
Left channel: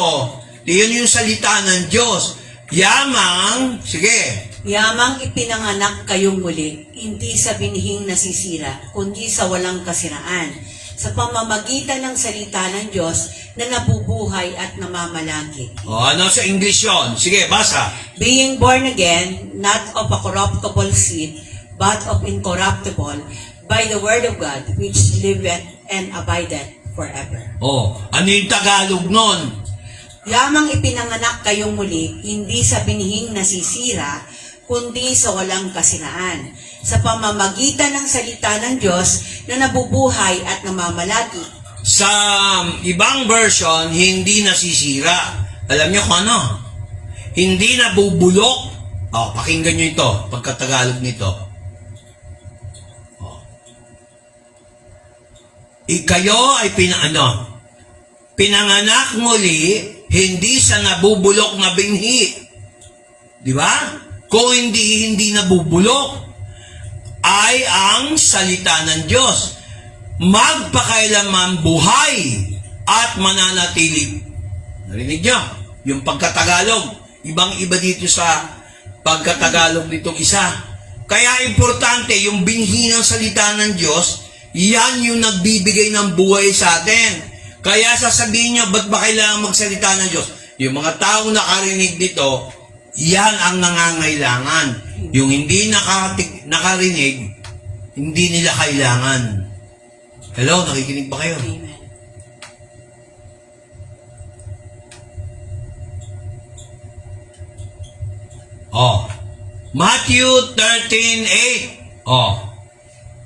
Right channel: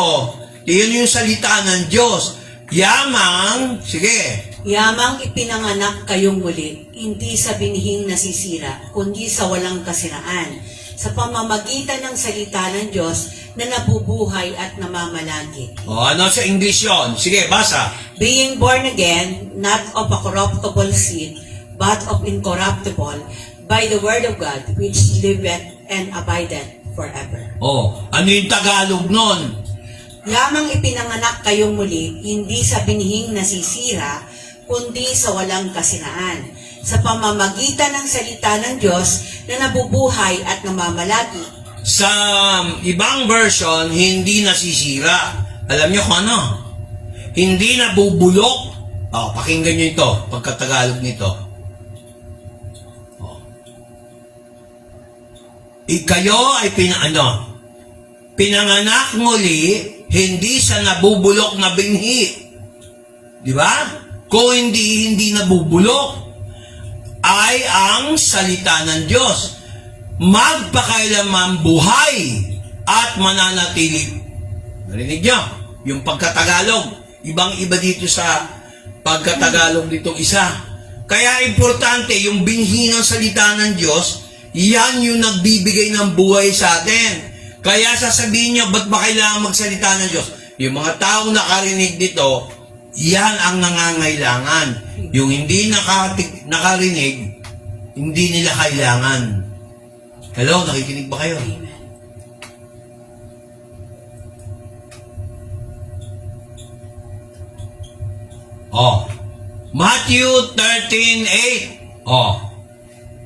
Iyan yung salita ng Diyos. Yamang, sige. Yamang ipinanganak kayong muli, hindi sa binhing nasisira, kundi sa walang kasiraan, sa pamamagitan ng salita ng Diyos na nabubuhay at namamalagi. O, ano sa English yun? Sige, basa. Being born again, not of a corruptible seed, but of incorruptible, by the word of God, which liveth and abideth forever. O, ano yung Tagalog nun? Yamang ipinanganak kayong muli, hindi sa binhing nasisira, kundi sa walang kasiraan, sa pamamagitan ng salita ng Diyos na nabubuhay at namamalagi. Sa ibang version, hindi nasisira. Alam niyo kung ano? Hindi nabubulok. O, pakinggan niyo ito, pagkatagalog nito. O. Kayo ay pinanganak muli, hindi sa nabubulok na binhi. Di ba? Kung hindi nabubulok, ay ang salita ng Diyos. Magpakailanman buhay at mananatili. Narinig niyo? Yung pagkatagalog. Ibang-iba dito sa pagkatagalog nito isa. Kaya importante, yung binhi ng salita ng Diyos, yan yung nagbibigay ng buhay sa atin. Kaya sasabihin nyo, ba't ba kailangan magsalita ng Diyos? Yung mga taong nakarinig dito, yan ang nangangailangan. Yung hindi nakarinig, hindi nila kailangan. Hello, nakikinig ba kayo? Amen. Oh, Matthew 13:8. Oh,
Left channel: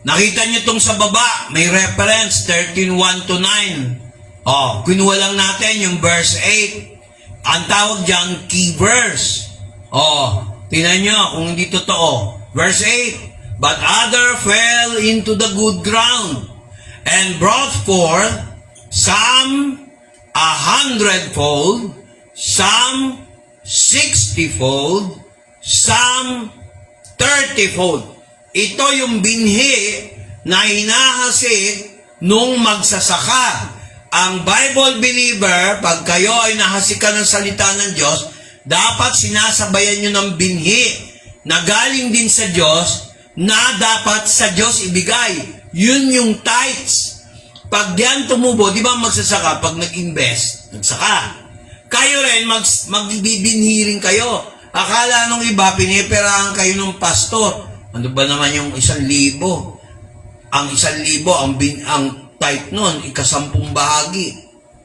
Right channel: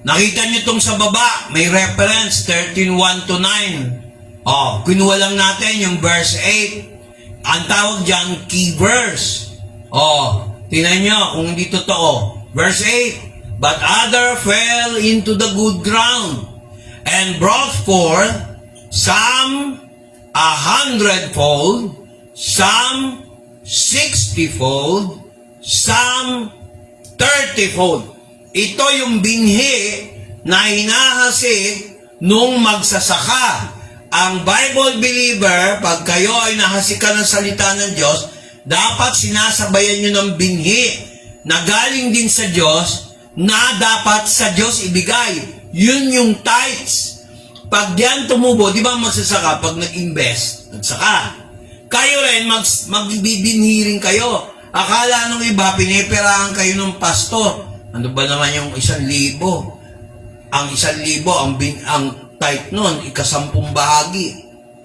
nakita nyo itong sa baba, may reference, 13:1 to 9. Oh, kinuha lang natin yung verse 8. Ang tawag dyan, key verse. Oh, tingnan nyo kung hindi totoo. Verse 8, but other fell into the good ground and brought forth some 100-fold, some 60-fold, some 30-fold. Ito yung binhi na hinahasik nung magsasaka. Ang Bible believer, pag kayo ay nahasikan ng salita ng Diyos, dapat sinasabayan nyo ng binhi na galing din sa Diyos, na dapat sa Diyos ibigay. Yun yung tithes. Pag diyan tumubo, di ba magsasaka pag nag-invest? Nagsaka. Kayo rin, magbibinhi rin kayo. Akala nung iba, piniperahan kayo ng pastor. Ano ba naman yung 1,000? Ang 1,000, ang type nun, ika-10 bahagi.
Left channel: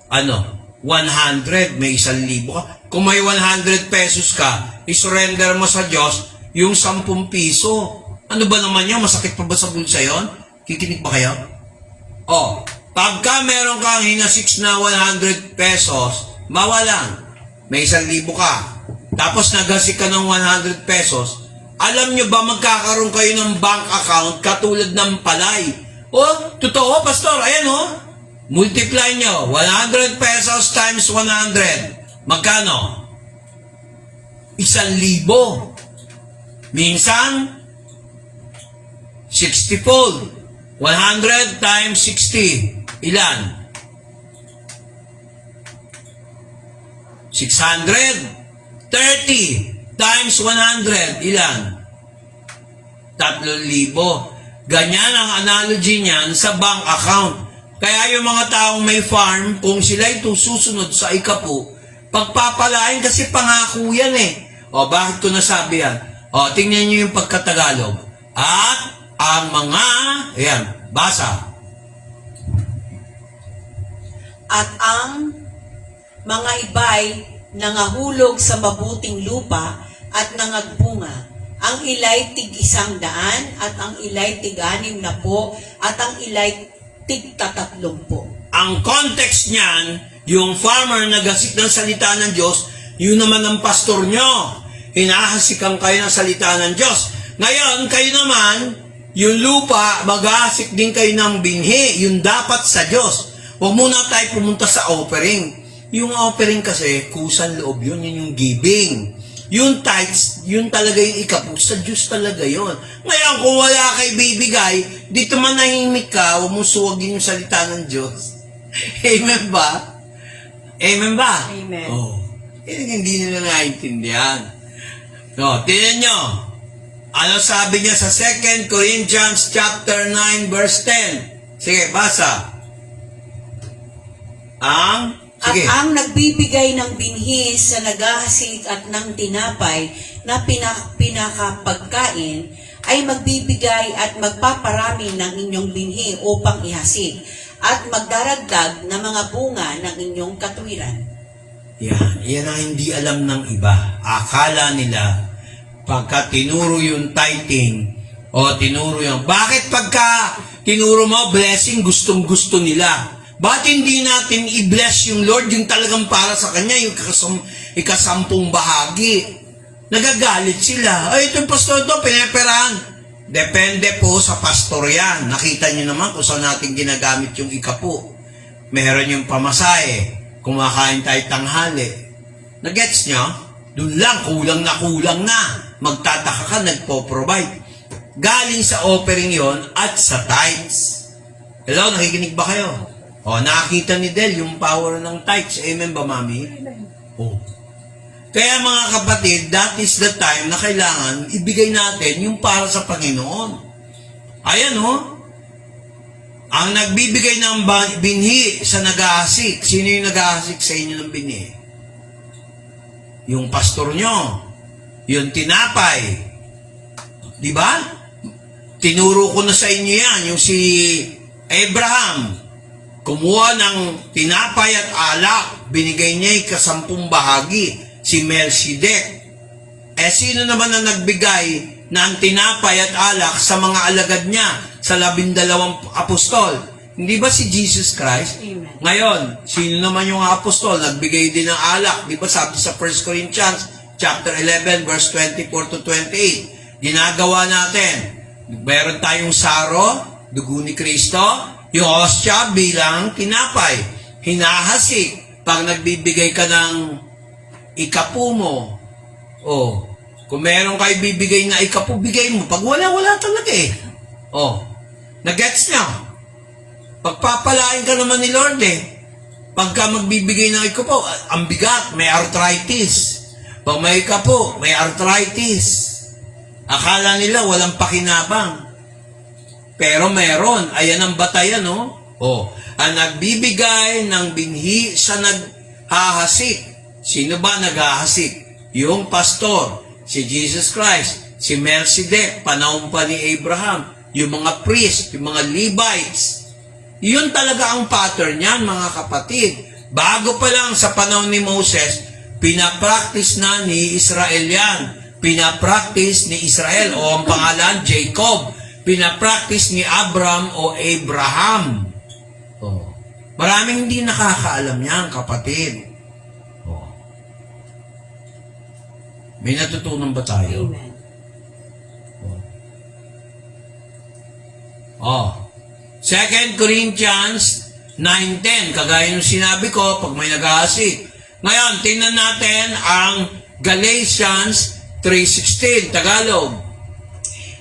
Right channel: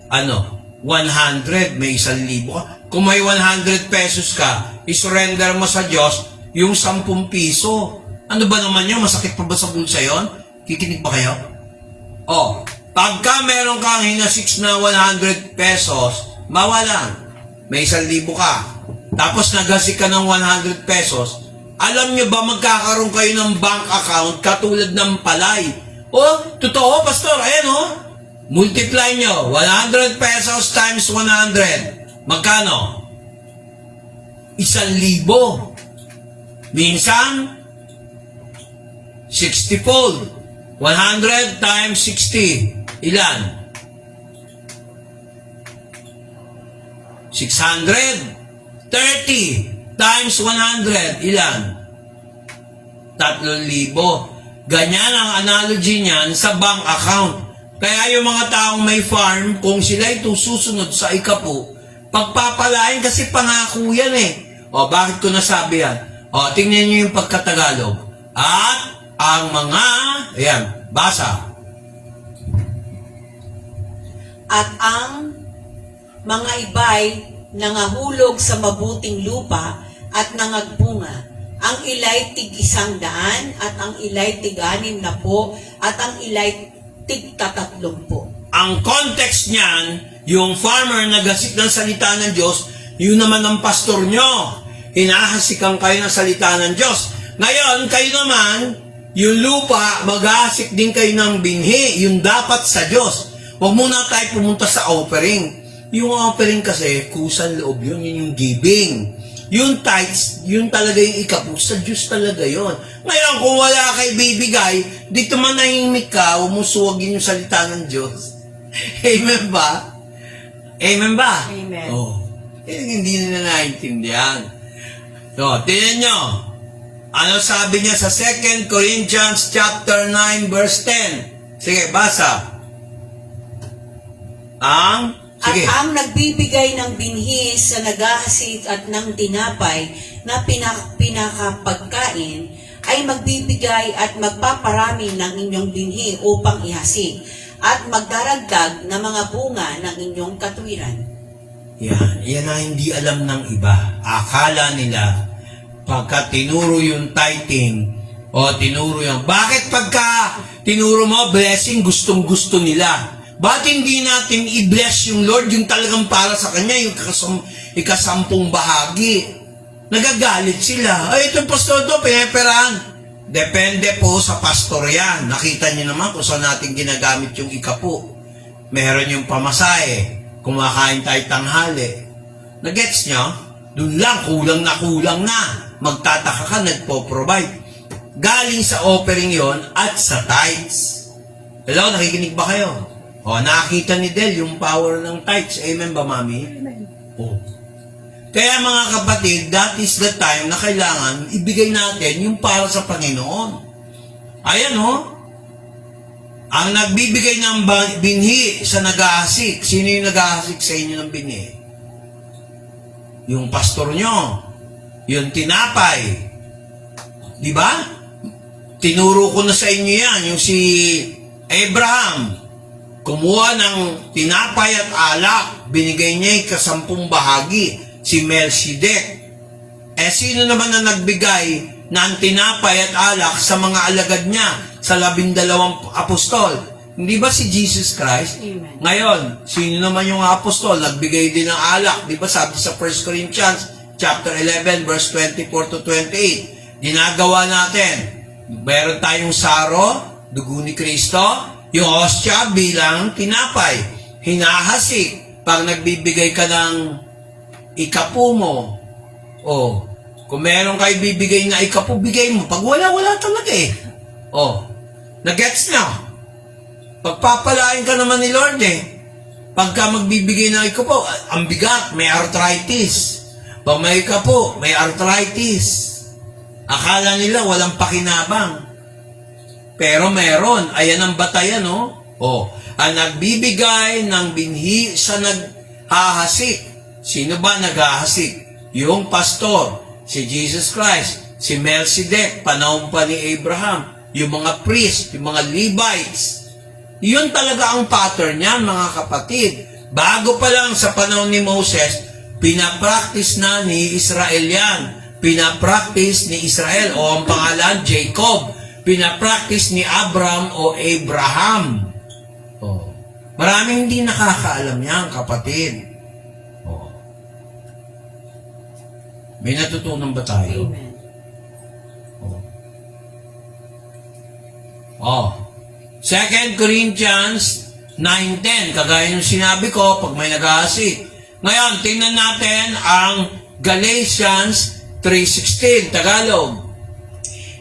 Ano? 100, may 1,000 ka. Kung may 100 pesos ka, isurrender mo sa Diyos yung 10 piso. Ano ba naman yun? Masakit pa ba sa bulsa yun? Kikinig ba kayo? Oh, pagka meron kang hinasiks na 100 pesos, mawalan. May 1,000 ka. Tapos nagasik ka ng 100 pesos, alam nyo ba magkakaroon kayo ng bank account katulad ng palay? Oh, totoo, pastor. Ayan oh. Multiply nyo. 100 pesos times 100. Magkano? 1,000. Minsan, 60-fold. 100 times 60. Ilan? 600. 30 times 100, ilan? 3,000. Ganyan ang analogy niyan sa bank account. Kaya yung mga taong may farm, kung sila ito susunod sa ikapu, pagpapalain kasi pangako yan eh. O, bakit ko nasabi yan? O, tingnan niyo yung pagkatagalog. At ang mga, ayan, basa. At ang mga iba'y nangahulog sa mabuting lupa at nangagbunga. Ang ila'y tig-100 at ang ila'y tig-60 at ang ila'y tig-30. Ang context niyan, yung farmer nagasik ng salita ng Diyos, yun naman ang pastor nyo. Hinahasikan kayo ng salita ng Diyos. Ngayon, kayo naman, yung lupa, mag-ahasik din kayo ng binhi, yung dapat sa Diyos. Huwag muna tayo pumunta sa offering. Yung offering kasi, kusang loob yun yung giving. Yung tithes, yun talaga yung ikapu. Sa Diyos talaga yun. Ngayon, kung wala kayo bibigay, dito manahimik ka, huwag mong suwagin yung salita ng Diyos. Amen ba? Amen ba? Amen. Oh. Hindi nila naintindihan. So, tingnan nyo. Ano sabi niya sa 2 Corinthians chapter 9 verse 10? Sige, basa. Sige. At ang nagbibigay ng binhi sa naghahasik at ng tinapay na pinakapagkain ay magbibigay at magpaparami ng inyong binhi upang ihasik at magdaragdag na mga bunga ng inyong katwiran. Yan ang hindi alam ng iba. Akala nila, pagka tinuro yung tithing, o tinuro yung, bakit pagka tinuro mo blessing, gustong-gusto nila? Ba't hindi natin i-bless yung Lord, yung talagang para sa Kanya, yung ika-10 bahagi? Nagagalit sila. Ay, itong pastor to, pineperahan. Depende po sa pastor yan. Nakita niyo naman kung saan natin ginagamit yung ikapu. Meron yung pamasahe. Kumakain tayo tanghali. Nagets nyo? Doon lang, kulang na. Magtataka ka, nagpo-provide. Galing sa offering yon at sa tithes. Hello, nakikinig ba kayo? O, nakita ni Del yung power ng tithes. Amen ba, Mami? Amen. O. Kaya mga kapatid, that is the time na kailangan ibigay natin yung para sa Panginoon. Ayan ang nagbibigay ng binhi sa nag-aasik. Sino yung nag-aasik sa inyo ng binhi? Yung pastor nyo. Yung tinapay. Di ba? Tinuro ko na sa inyo yan. Yung si Abraham. Kumuha ng tinapay at alak. Binigay niya yung 10 bahagi. Si Melchizedek. Sino naman na nagbigay ng tinapay at alak sa mga alagad niya? Sa 12 apostol. Hindi ba si Jesus Christ? Amen. Ngayon, sino naman yung apostol? Nagbigay din ng alak. Di ba sabi sa 1 Corinthians chapter 11 verse 24 to 28. Ginagawa natin. Meron tayong saro, dugo ni Kristo, yung hostya bilang tinapay. Hinahasik pag nagbibigay ka ng ikapu mo. Kung meron kayo bibigay na ikapu, bigay mo. Pag wala talaga nagets na. Pagpapalain ka naman ni Lord Pagka magbibigay ng ikapu, ang bigat, may arthritis. Pag may ikapu, may arthritis. Akala nila walang pakinabang. Pero meron. Ayan ang batayan, ang nagbibigay ng binhi sa naghahasik. Sino ba naghahasik? Yung pastor, si Jesus Christ, si Melchizedek, panahon pa ni Abraham, yung mga priest, yung mga Levites. Yun talaga ang pattern niyan, mga kapatid. Bago pa lang sa panahon ni Moses, pinapractice na ni Israel yan. Pinapractice ni Israel, o ang pangalan, Jacob. Pinapractice ni Abraham o Abraham. Maraming hindi nakakaalam yan, kapatid. May natutunan ba tayo? Amen. 2 Corinthians 9:10, kagaya ng sinabi ko, pag may nag-aasik. Ngayon, tingnan natin ang Galatians 3:16, Tagalog.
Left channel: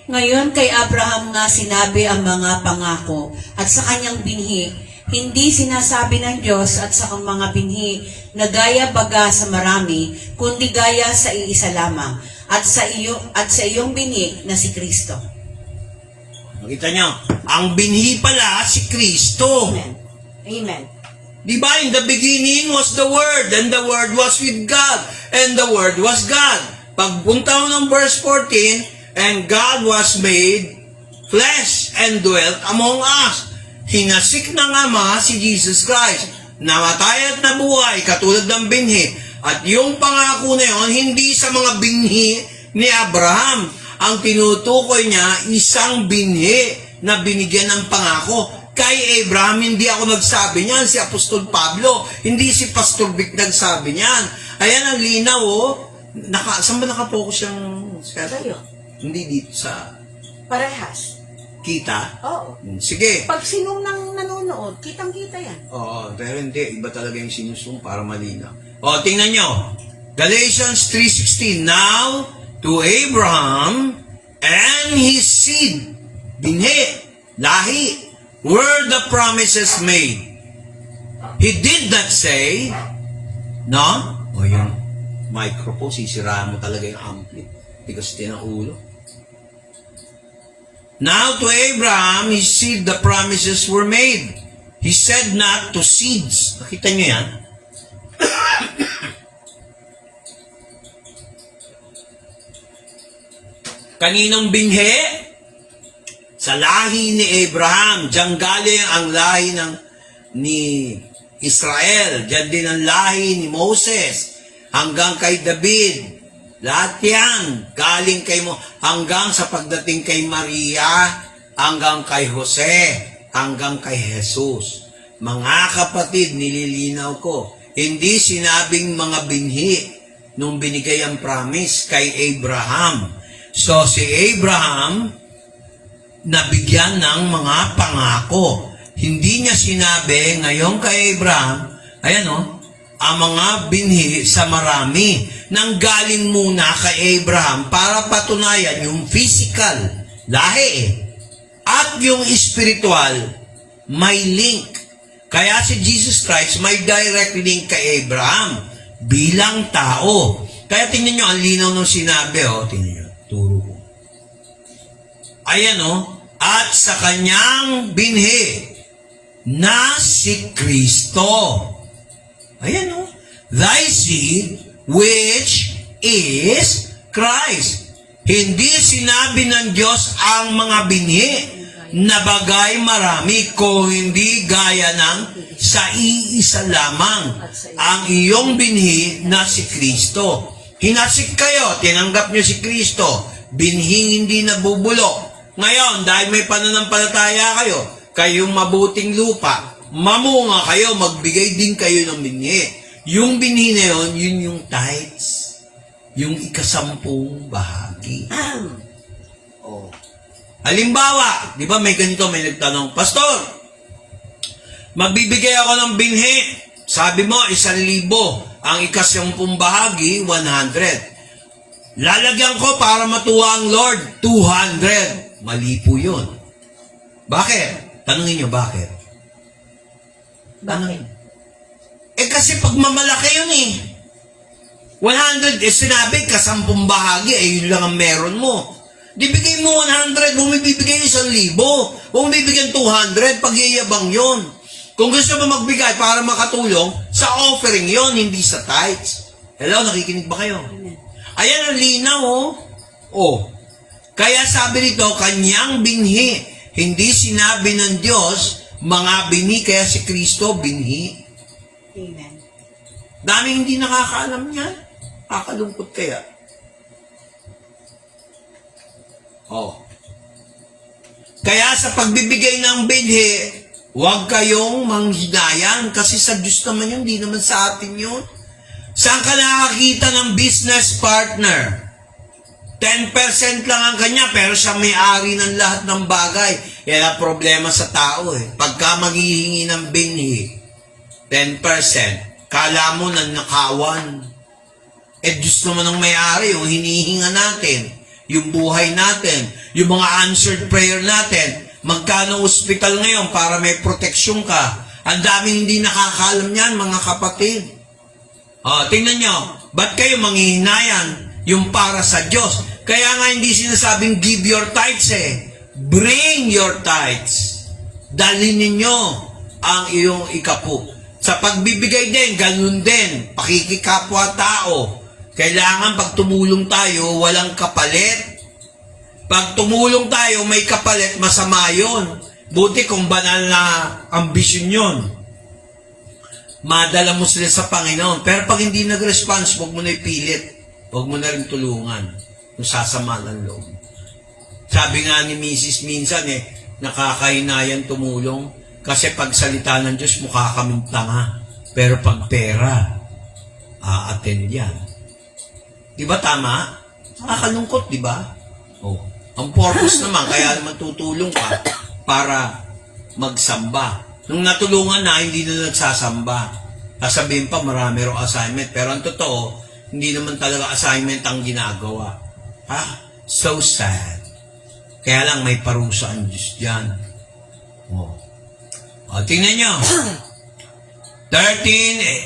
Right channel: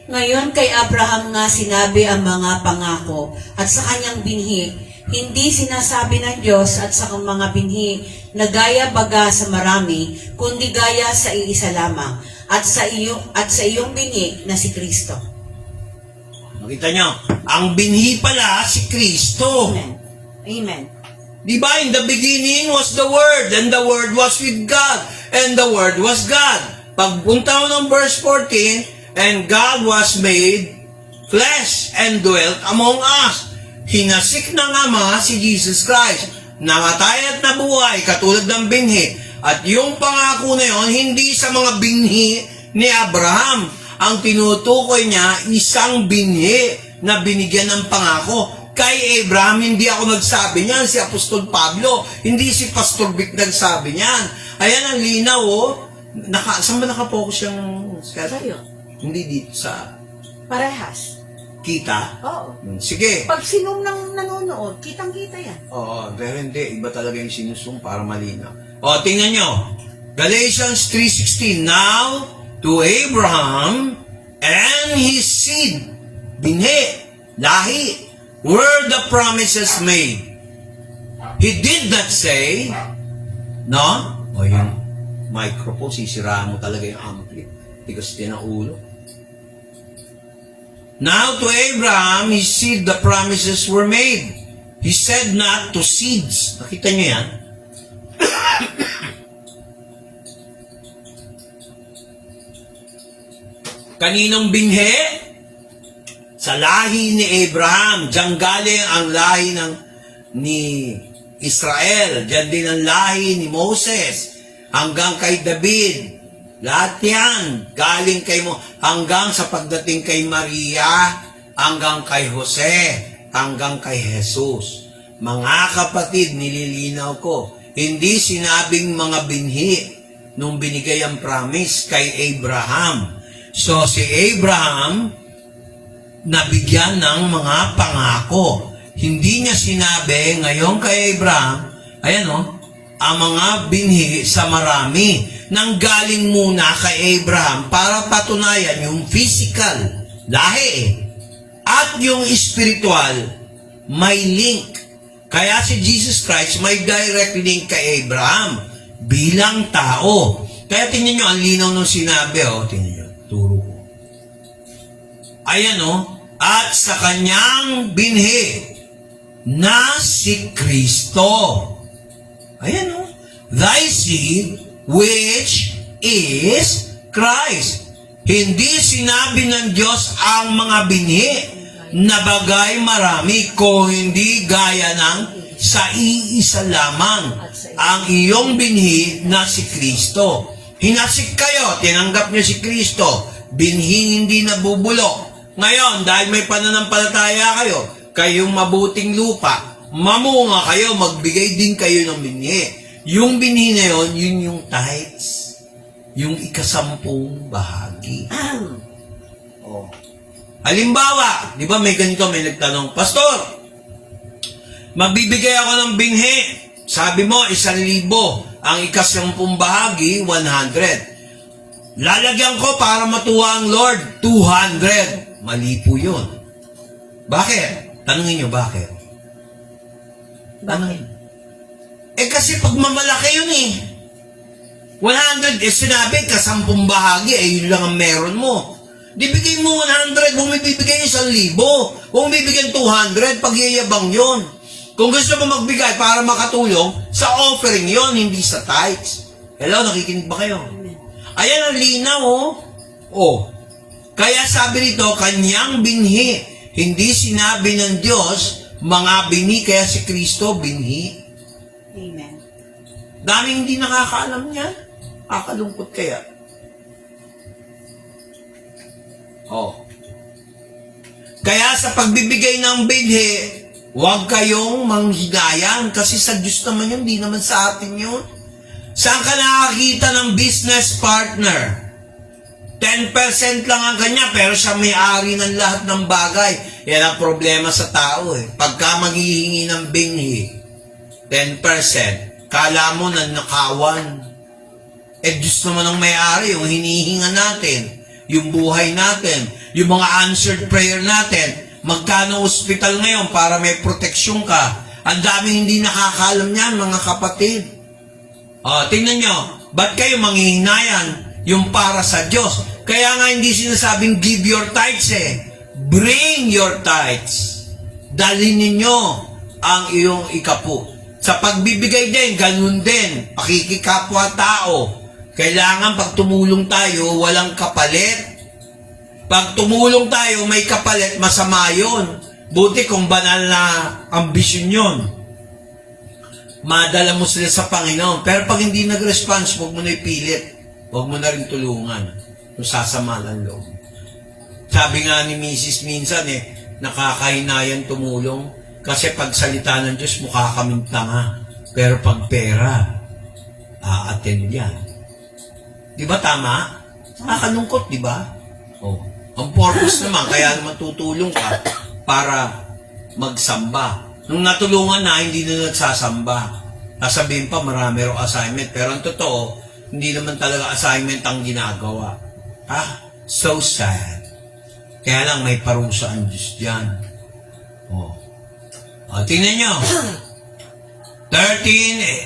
Ngayon kay Abraham nga sinabi ang mga pangako at sa kanyang binhi, hindi sinasabi ng Diyos at sa mga binhi na gaya baga sa marami, kundi gaya sa iisa lamang at sa iyong binhi na si Kristo. Nakita nyo, ang binhi pala si Kristo. Amen. Amen. Diba, in the beginning was the Word, and the Word was with God, and the Word was God. Pagpunta ng verse 14, and God was made flesh and dwelt among us. Hinasik na nga mga si Jesus Christ. Namatay at nabuhay, katulad ng binhi. At yung pangako na yun, hindi sa mga binhi ni Abraham. Ang tinutukoy niya, isang binhi na binigyan ng pangako. Kay Abraham, hindi ako nagsabi niyan. Si Apostol Pablo, hindi si Pastor Vic nagsabi niyan. Ayan ang linaw, saan ba nakapokus yung schedule? Hindi dito sa Parehas. kita. Oo. Sige. Pag sinong nang nanonood, kitang-kita yan. Oo, pero hindi. Iba talaga yung sinusung para malinaw. Tingnan nyo. Galatians 3:16. Now, to Abraham and his seed, binhi, lahi, were the promises made. He did not say, no? Yung microphone, sisiraan mo talaga yung ampli. Tigas din ang ulo. Now to Abraham, his seed, the promises were made. He said not to seeds. Nakita nyo yan? Kaninong binhi? Sa lahi ni Abraham. Diyan galing ang lahi ni Israel. Diyan din ang lahi ni Moses. Hanggang kay David. Lahat yan. Galing kay mo. Hanggang sa pagdating kay Maria. Hanggang kay Jose. Hanggang kay Jesus. Mga kapatid, nililinaw ko. Hindi sinabing mga binhi nung binigay ang promise kay Abraham. So, si Abraham, nabigyan ng mga pangako. Hindi niya sinabi, ngayon kay Abraham, ang mga binhi sa marami, nang galing muna kay Abraham para patunayan yung physical, lahi, at yung spiritual, may link. Kaya si Jesus Christ may direct link kay Abraham bilang tao. Kaya tingnan nyo, ang linaw nung sinabi, tingnan nyo, turo ko. Ayan at sa kanyang binhi na si Kristo. Ayan thy seed which is Christ. Hindi sinabi ng Diyos ang mga binhi na bagay marami, kung hindi gaya ng sa iisa lamang ang iyong binhi na si Kristo. Hinasik kayo, tinanggap niyo si Kristo, binhi hindi nabubulok. Ngayon, dahil may pananampalataya kayo, kayong mabuting lupa, mamunga kayo, magbigay din kayo ng binhi. Yung binhi na yun, yun yung tithes. Yung ikasampung bahagi. Halimbawa, di ba may ganito, may nagtanong, Pastor, magbibigay ako ng binhi. Sabi mo, 1,000. Ang ikasampung bahagi, 100. Lalagyan ko para matuwa ang Lord, 200. Mali po yun. Bakit? Tanungin nyo, bakit? Bakit? Kasi pag mamalaki yun 100, sinabi, kasampung bahagi, yun lang ang meron mo. Di bigay mo 100, huwag may bibigay 1,000. Huwag may bibigyan 200, pagyayabang yun. Kung gusto mo magbigay para makatulong, sa offering yun, hindi sa tithes. Hello, nakikinig ba kayo? Ayan ang linaw, Kaya sabi nito, kanyang binhi. Hindi sinabi ng Diyos, mga binhi, kaya si Kristo, binhi. Amen. Daming hindi nakakaalam niya. Kakalungkot kaya. Kaya sa pagbibigay ng binhi, huwag kayong manghinayan kasi sa Diyos naman yun, di naman sa atin yun. Saan ka nakakita ng business partner? 10% lang ang kanya pero siya may-ari ng lahat ng bagay. Yan ang problema sa tao Pagka maghihingi ng binhi, 10%, kala mo na nakawan. Diyos naman ang may-ari, yung hinihinga natin, yung buhay natin, yung mga answered prayer natin. Magkano hospital ngayon para may proteksyon ka? Ang daming hindi nakakaalam niyan, mga kapatid. Tingnan nyo, ba't kayo manghihinayan yung para sa Diyos? Kaya nga hindi sinasabing give your tithes Bring your tithes. Dalhin ninyo ang iyong ikapu. Sa pagbibigay din, ganun din. Pakikikapwa tao. Kailangan pag tumulong tayo, walang kapalit. Pag tumulong tayo, may kapalit, masama yun. Buti kung banal na ambisyon yun. Madala mo sila sa Panginoon. Pero pag hindi nag-response, huwag mo na ipilit. Huwag mo na rin tulungan. Kung sasama ng loob. Sabi nga ni Mrs. minsan nakakainayan tumulong. Kasi pag salita ng Diyos, mukha kaming tanga. Pero pag pera, a-attend yan. Di ba tama? Nakakalungkot, di ba? Ang purpose naman, kaya matutulong ka para magsamba. Nung natulungan na, hindi na nagsasamba. Sasabihin pa, marami raw assignment. Pero ang totoo, hindi naman talaga assignment ang ginagawa. So sad. Kaya lang may parusa ang Diyos dyan. Tingnan nyo. 1337.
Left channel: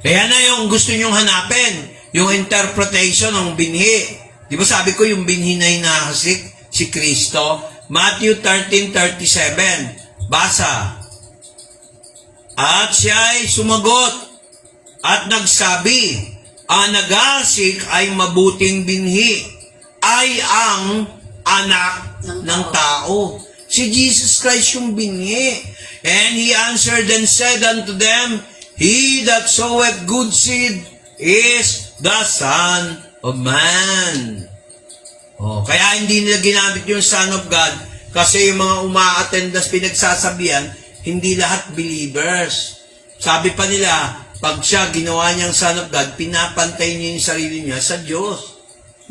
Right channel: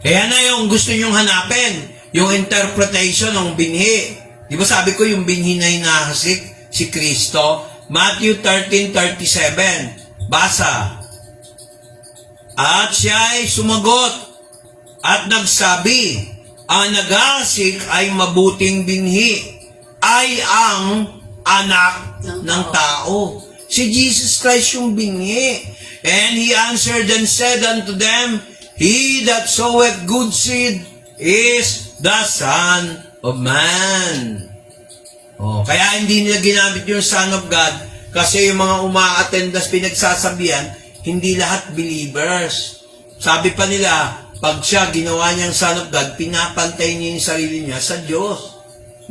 Kaya na yung gusto nyong hanapin. Yung interpretation ng binhi. Di ba sabi ko yung binhi na hinahasik si Kristo? Matthew 13:37. Basa. At siya ay sumagot at nagsabi, ang naghahasik ay mabuting binhi, ay ang anak ng tao. Si Jesus Christ yung binhi. And he answered and said unto them, he that soweth good seed is the Son of Man. Kaya hindi nila ginamit yung Son of God kasi yung mga uma-attendas pinagsasabihan, hindi lahat believers. Sabi pa nila, pag siya ginawa niyang Son of God, pinapantay niya yung sarili niya sa Diyos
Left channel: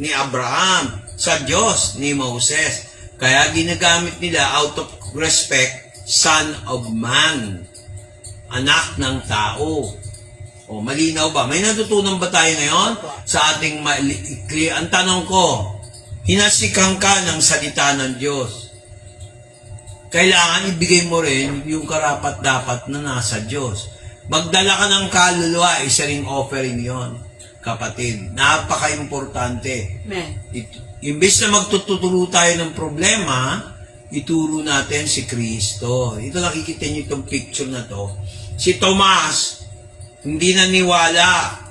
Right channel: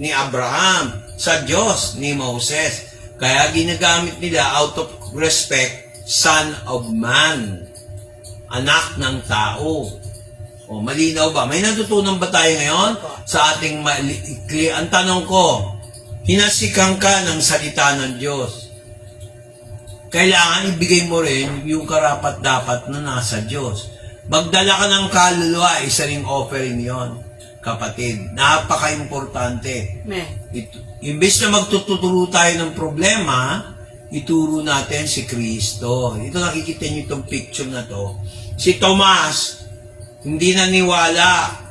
ni Abraham, sa Diyos ni Moses. Kaya ginagamit nila out of respect, Son of Man, anak ng tao. Malinaw ba? May natutunan ba tayo ngayon sa ating ang tanong ko, hinasikan ka ng salita ng Diyos. Kailangan ibigay mo rin yung karapat-dapat na nasa Diyos. Magdala ka ng kaluluwa, isa ring offering yon, kapatid. Napaka-importante. Amen. Imbes na magtuturo tayo ng problema, ituro natin si Kristo. Ito, nakikita niyo itong picture na to. Si Tomas, hindi naniwala,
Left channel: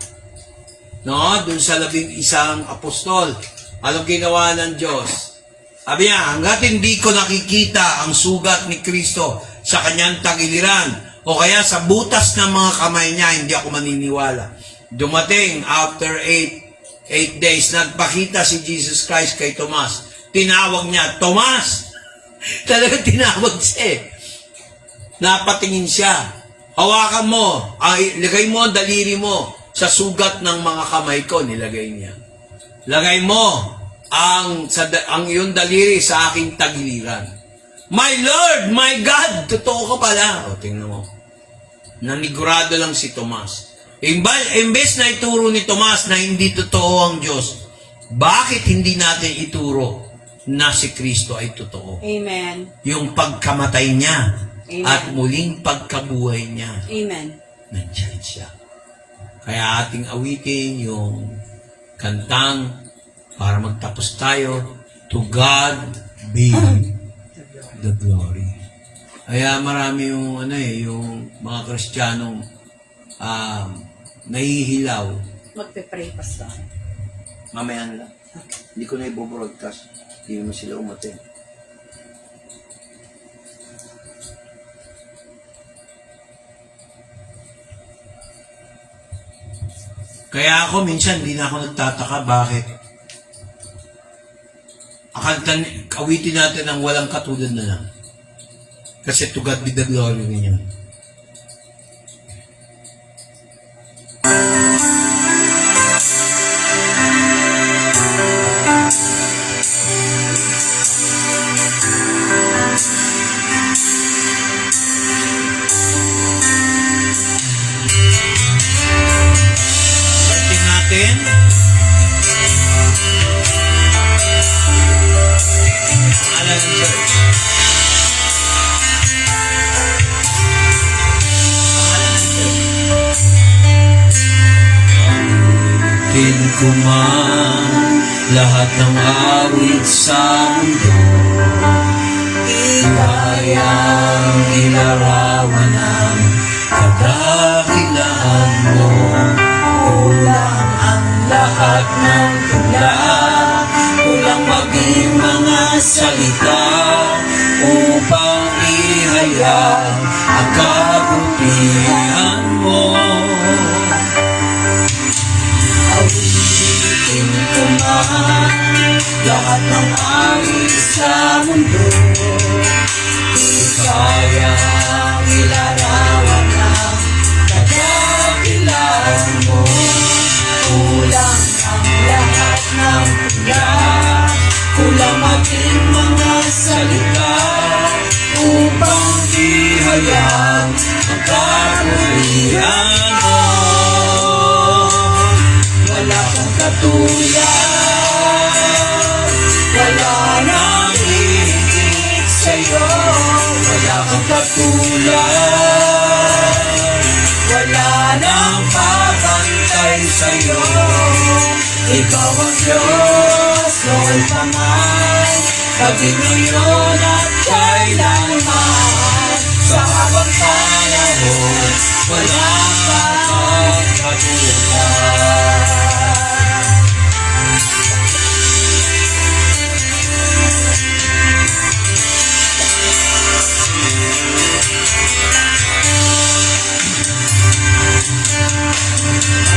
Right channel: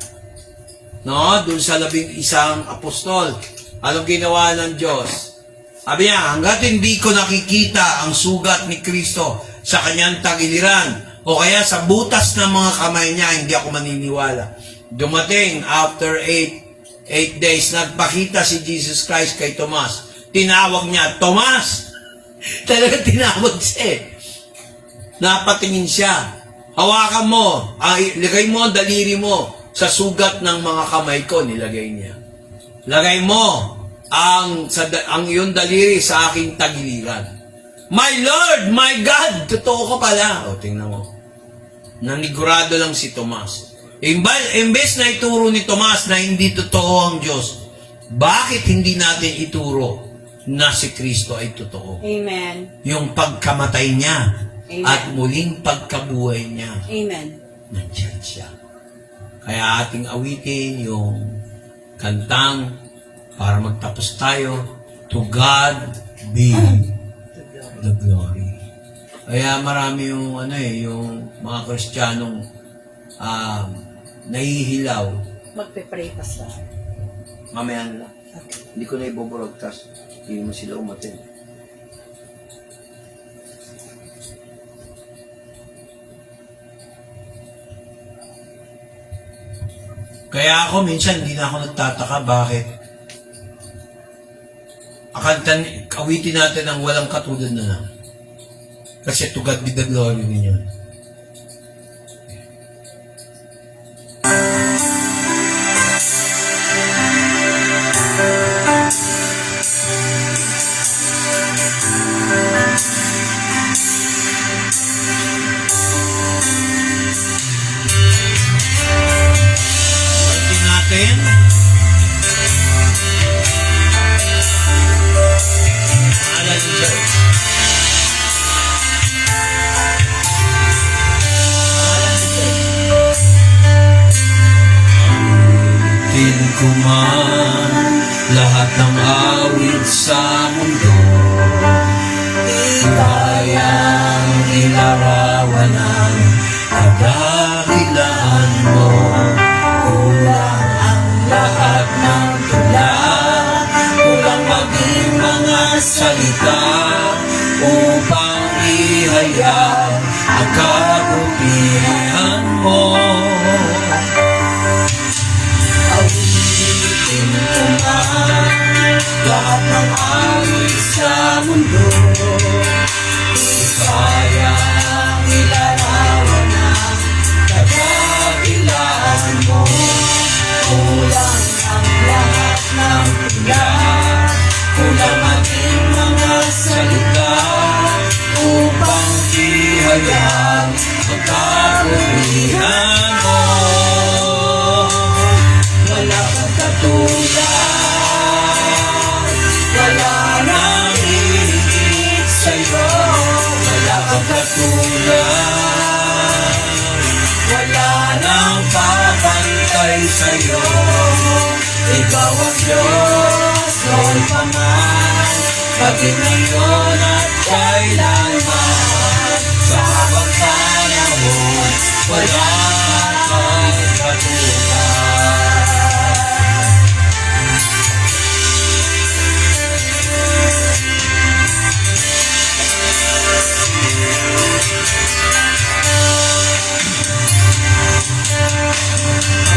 no? Dun sa 11 apostol. Anong ginawa ng Diyos? Sabi niya, hanggat hindi ko nakikita ang sugat ni Kristo sa kanyang tagiliran, o kaya sa butas ng mga kamay niya, hindi ako maniniwala. Dumating, after 8 days, nagpakita si Jesus Christ kay Tomas. Tinawag niya, Tomas! Talagang tinawag siya. Napatingin siya. Hawakan mo, lagay mo ang daliri mo sa sugat ng mga kamay ko, nilagay niya. Lagay mo ang iyong daliri sa aking tagiliran. My Lord, my God, totoo ka pala. O, tingnan mo. Nanigurado lang si Tomas. Imbes na ituro ni Tomas na hindi totoo ang Diyos, bakit hindi natin ituro na si Kristo ay totoo? Amen. Yung pagkamatay niya Amen. at muling pagkabuhay niya, Amen. nandiyan siya. Kaya ating awitin yung kantang para magtapos tayo, To God be the glory. Kaya marami yung yung mga Kristiyanong nahihilaw. Magpe-pray pa sa Mamaya na lang. Hindi ko na i-broadcast. Hindi mo sila umatin. Kaya ako minsan hindi na ako nagtataka bakit awitin natin ang walang katulad na lang. Kasi to God be the glory ninyo. Awitin natin. Alan Church. Awitin ko man lahat ng awit sa mundo, kayang ilarawan ang kadakilaan mo. Kulang ang lahat ng tula, kulang maging mga salita upang ihayag ang kabutihan mo. Awitin ko man lahat ng awit sa mundo, di kayang ilarawan ang kadakilaan mo. Kulang ang lahat ng tula, kulang maging mga salita upang ihayag ang kabutihan mo. Wala kang katulad, wala nang hihigit sa'yo. Wala kang katulad, wala nang papantay sa'yo. Ikaw ang Diyos, noon pa man, maging ngayon at kailanman. Sa habang panahon, wala kang katulad.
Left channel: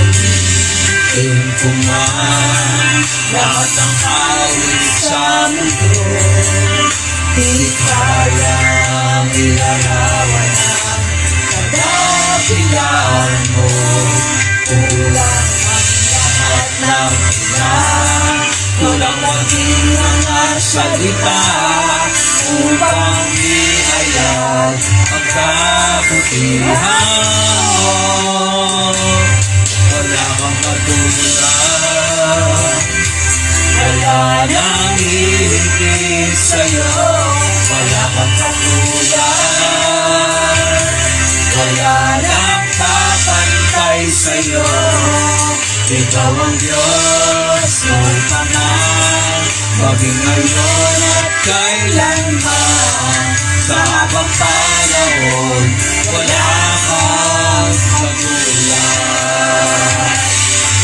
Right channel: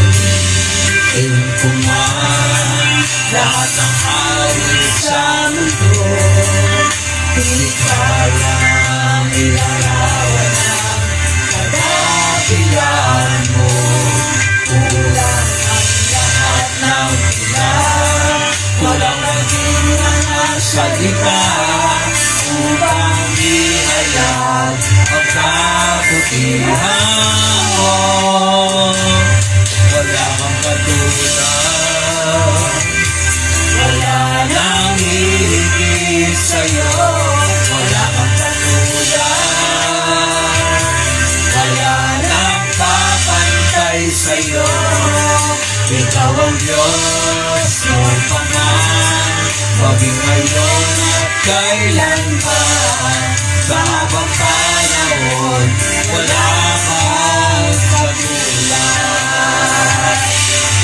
Awitin ko man lahat ng awit sa mundo, di kayang ilarawan ang kadakilaan mo. Kulang ang lahat ng tula, kulang maging mga salita upang ihayag ang kabutihan mo. Wala kang katulad, wala nang hihigit sa'yo. Wala kang katulad, wala nang Ikaw ang Diyos noong pa man, maging ngayon at kailanman. Sa habang panahon, wala kang katulad.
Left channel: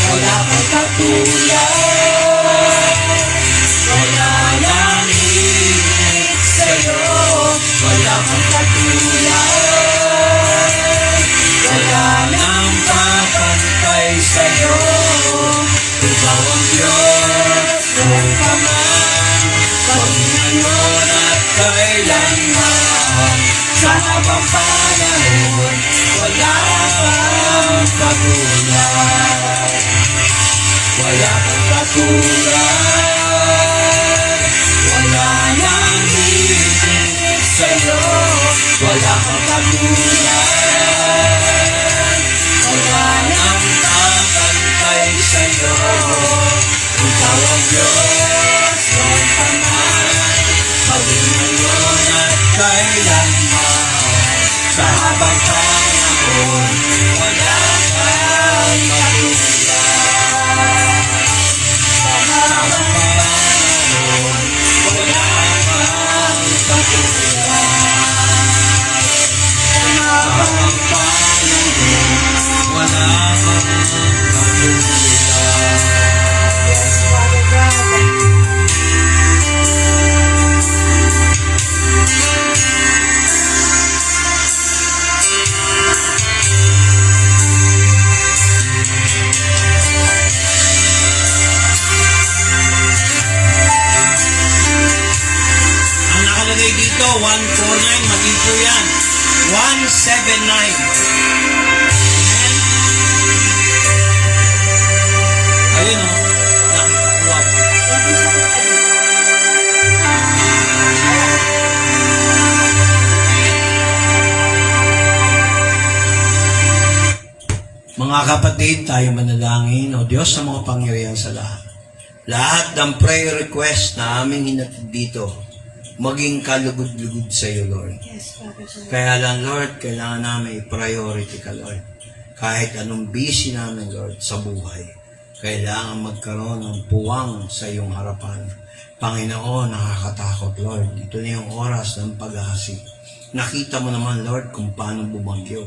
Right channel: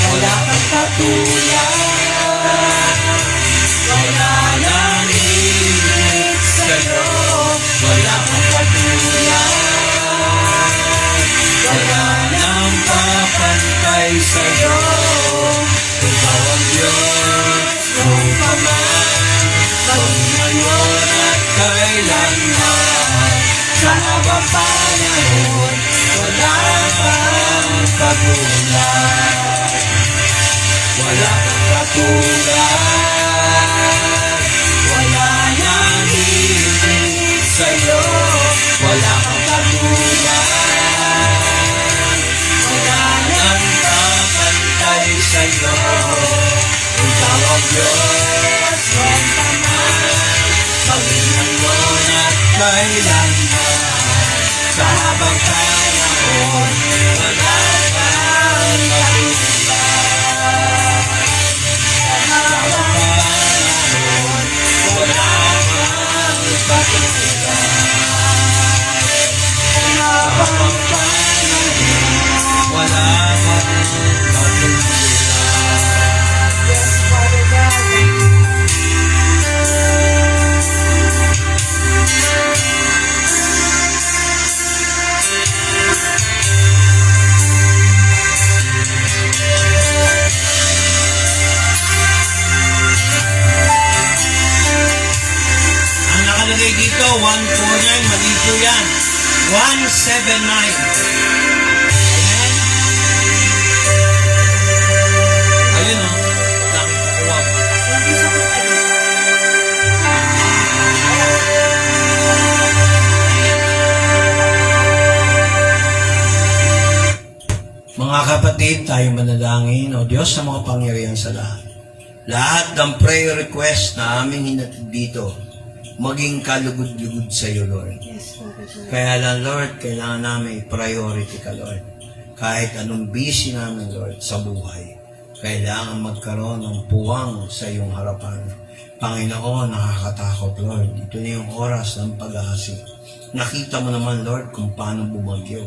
Wala kang katulad. Wala nang higit sa'yo. Wala kang katulad. Wala nang kapantay sa'yo. Ikaw ang Diyos noong pa man, maging ngayon at kailanman. Sa habang panahon, wala kang katulad. Wala kang katulad. Wala nang higit sa'yo. Wala kang katulad. Wala nang kakantay sa'yo. Ikaw ang Diyos noong pa man, maging ngayon at kailanman. Sa habang panahon, wala kang katulad. Sa habang panahon, wala kang katulad. Sa habang panahon, wala kang ang nakalagay dito, 149, mali po yan. 179. Ayun o, nakita ko ako. Mga kapatid, tayo manalangin, O Diyos sa mga pangyarihan sa lahat. Lahat ng prayer request na aming hinatid dito, maging kalugod-lugod sa iyo, Lord. Kaya lang, Lord, kailangan namin i-priority ka, Lord. Kahit anong busy namin, Lord, sa buhay, kailangan magkaroon ng puwang sa iyong harapan. Panginoon, nakakatakot, Lord. Ito na yung oras ng pag-aasik. Nakita mo naman, Lord, kung paano bumagyo.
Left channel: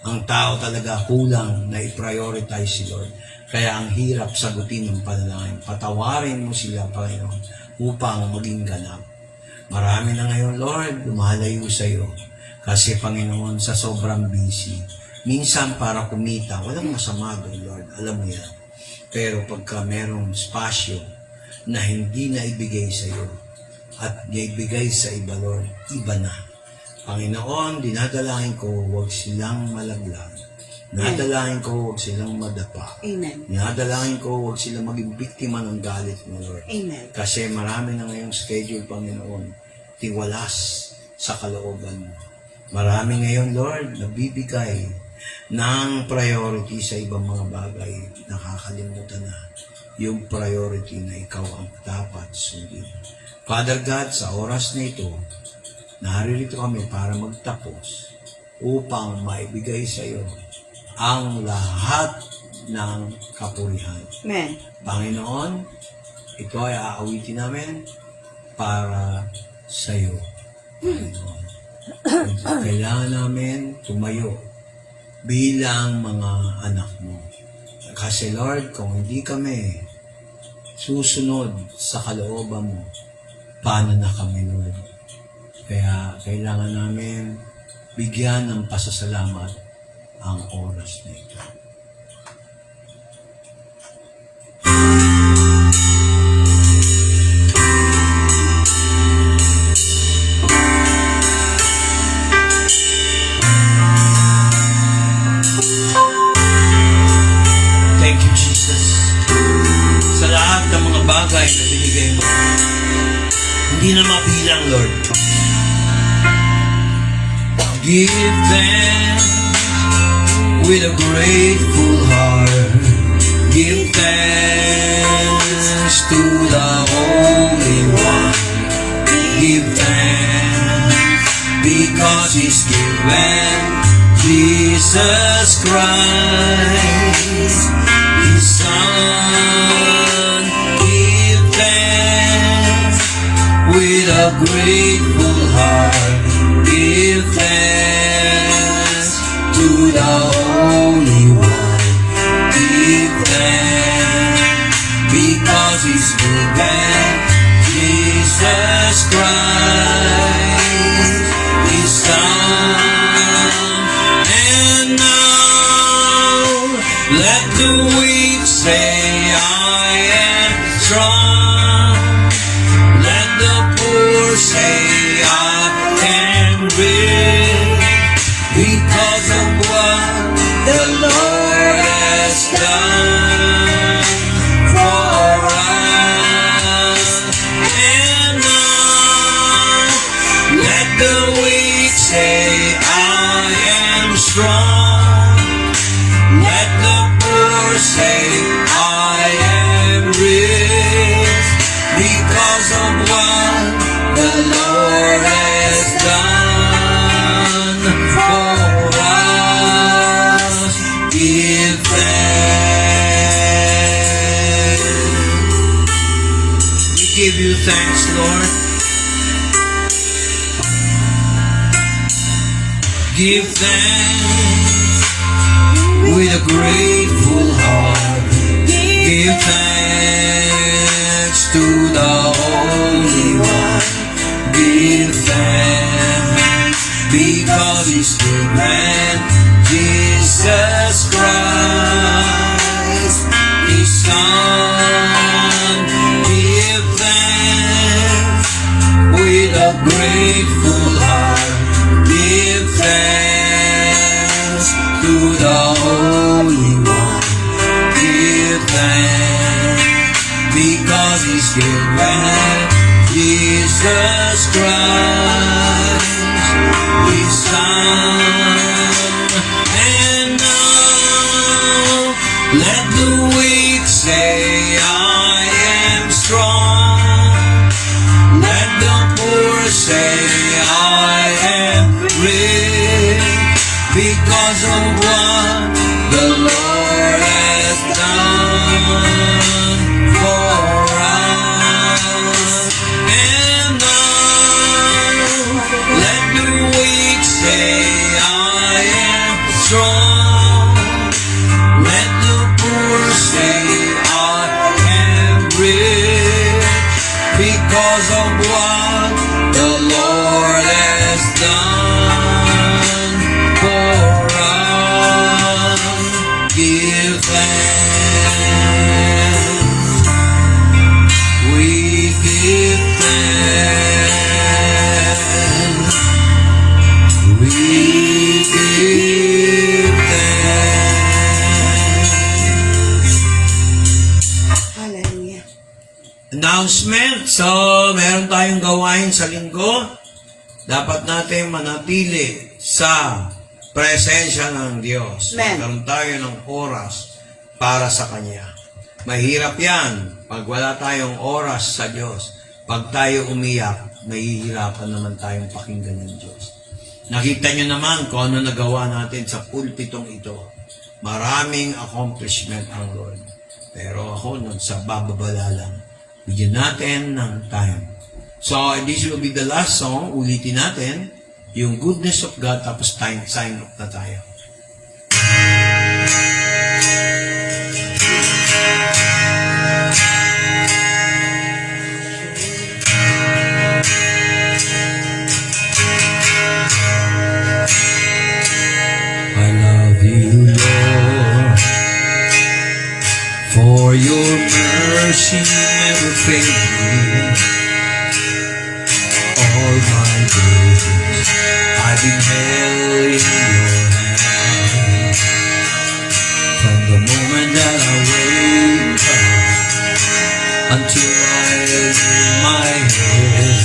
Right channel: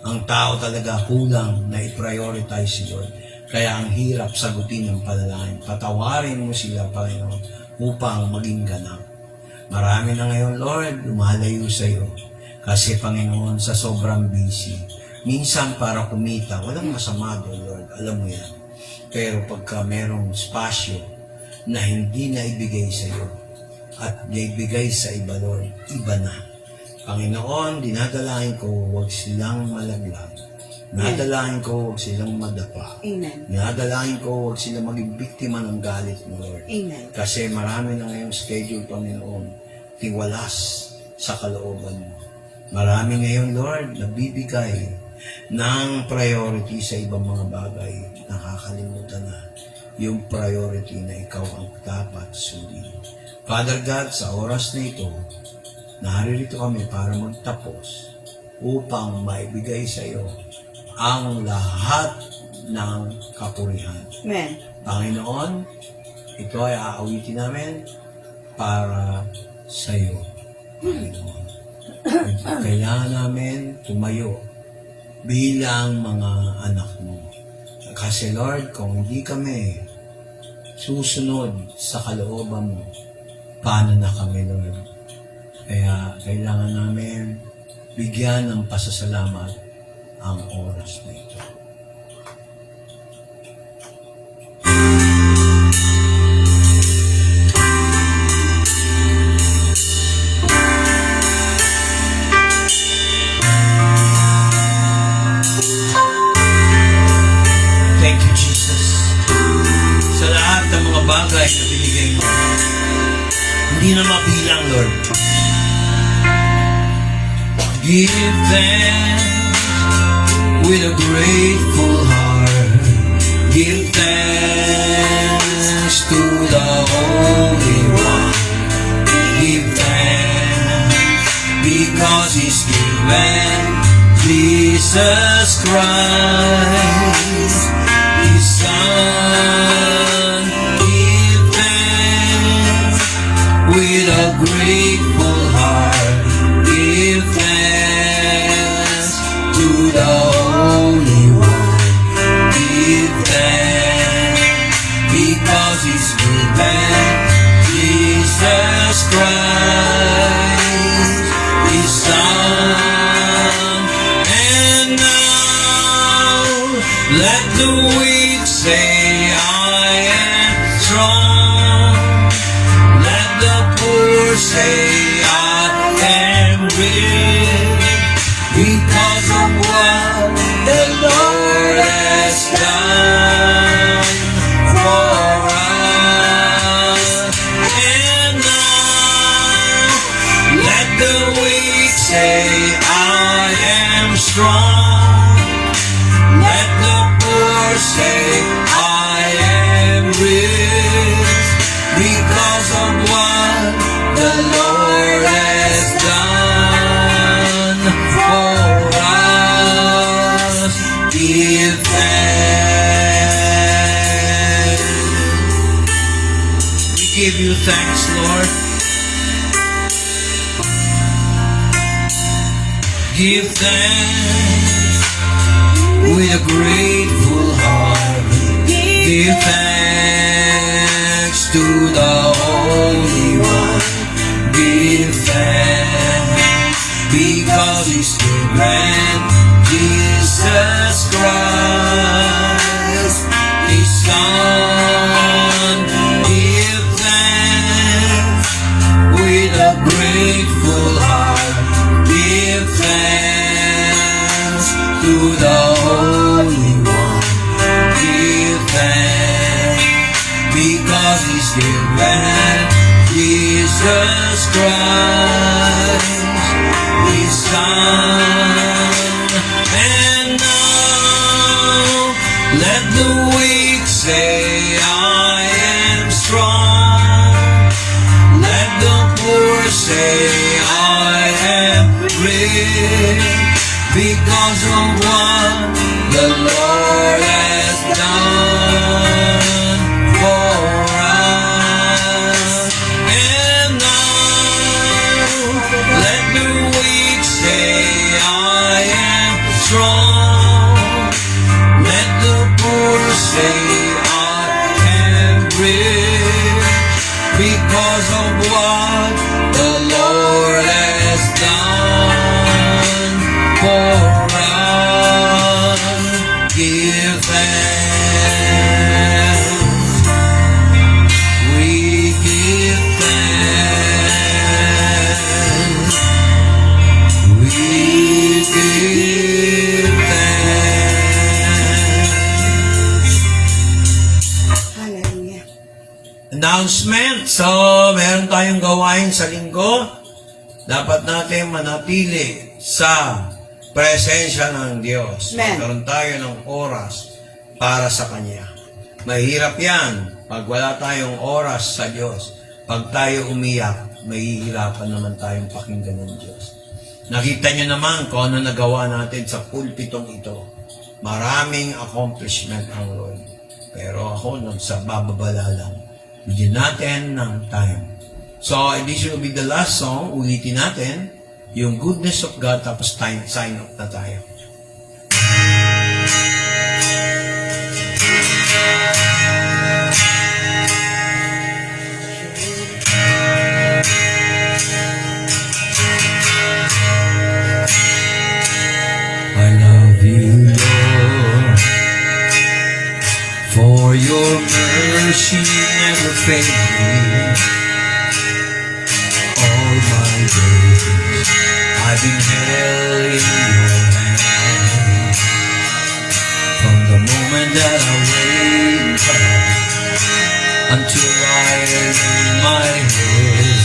Ang tao talaga kulang na i-prioritize si Lord. Kaya ang hirap sagutin ng panalangin. Patawarin mo sila, Panginoon, upang maging ganap. Marami na ngayon, Lord, lumalayo sa iyo. Kasi, Panginoon, sa sobrang busy, minsan para kumita, walang masama doon, Lord. Alam mo yan. Pero pagka merong spasyo na hindi na ibigay sa iyo at naibigay sa iba, Lord, iba na. Panginoon, dinadalangin ko, huwag silang malaglag. Dinadalangin ko, huwag silang madapa. Amen. Dinadalangin ko, huwag silang maging biktima ng galit mo, Lord. Amen. Kasi marami na ngayong schedule, Panginoon, tiwalas sa kalooban mo. Marami ngayon, Lord, nabibigay ng priority sa ibang mga bagay. Nakakalimutan na yung priority na ikaw ang dapat sundin. Father God, sa oras na ito, naririto kami para magtapos upang maibigay sa iyo ang lahat ng kapurihan. Amen. Panginoon, ito ay aawitin namin para sa iyo. Panginoon, kailangan namin tumayo bilang mga anak mo. Kasi Lord, kung hindi kami susunod sa kalooban mo, paano na kami, Lord? Kaya kailangan namin bigyan ng pasasalamat ang oras na ito. Thank you, Jesus. Sa lahat ng mga bagay na binigay mo, hindi na mabilang, Lord. Give thanks with a grateful heart. Give thanks to the Holy One. Give thanks because He's given Jesus Christ, His His Son. Give thanks with a grateful heart. Give thanks to the Holy One. Give thanks because He's good and Jesus Christ, His Son. And now let the weak say, I am strong. Let the poor say, I am rich, because of what the Lord has done for us. And now let the weak say, I am strong. Let the poor say, I am rich, because of what the Lord has done for us. Give thanks. We give you thanks, Lord. Give thanks with a grateful heart. Give thanks to the Holy One. Give thanks because He's good and Jesus Christ, His Son. Give thanks with a grateful heart. Give thanks to the Holy One. Give thanks because He's good and Jesus Christ, His Son. And now let the weak say, I am strong. Let the poor say, I am rich, because of what the Lord has done for us. And now let the weak say, I am strong. Let the poor say, I am rich, because of what the Lord has done for us. Give thanks. We give thanks. We give thanks. Hallelujah. Announcement. So, meron tayong gawain sa linggo. Dapat natin manatili sa presensya ng Diyos. Amen. Magkaroon tayo ng oras para sa Kanya. Mahirap yan pag wala tayong oras sa Diyos. Pag tayo umiyak, mahihirapan naman tayong pakinggan ng Diyos. Nakita nyo naman kung ano nagawa natin sa pulpitong ito. Maraming accomplishment ang Lord. Pero ako, sa bababala lang. Bigyan natin ng time. So, this will be the last song. Ulitin natin yung goodness of God, tapos sign off na tayo. I love you, Lord, for your mercy never fails me. All my days I've been held in your hand. From the moment that I wake up until I lay my head,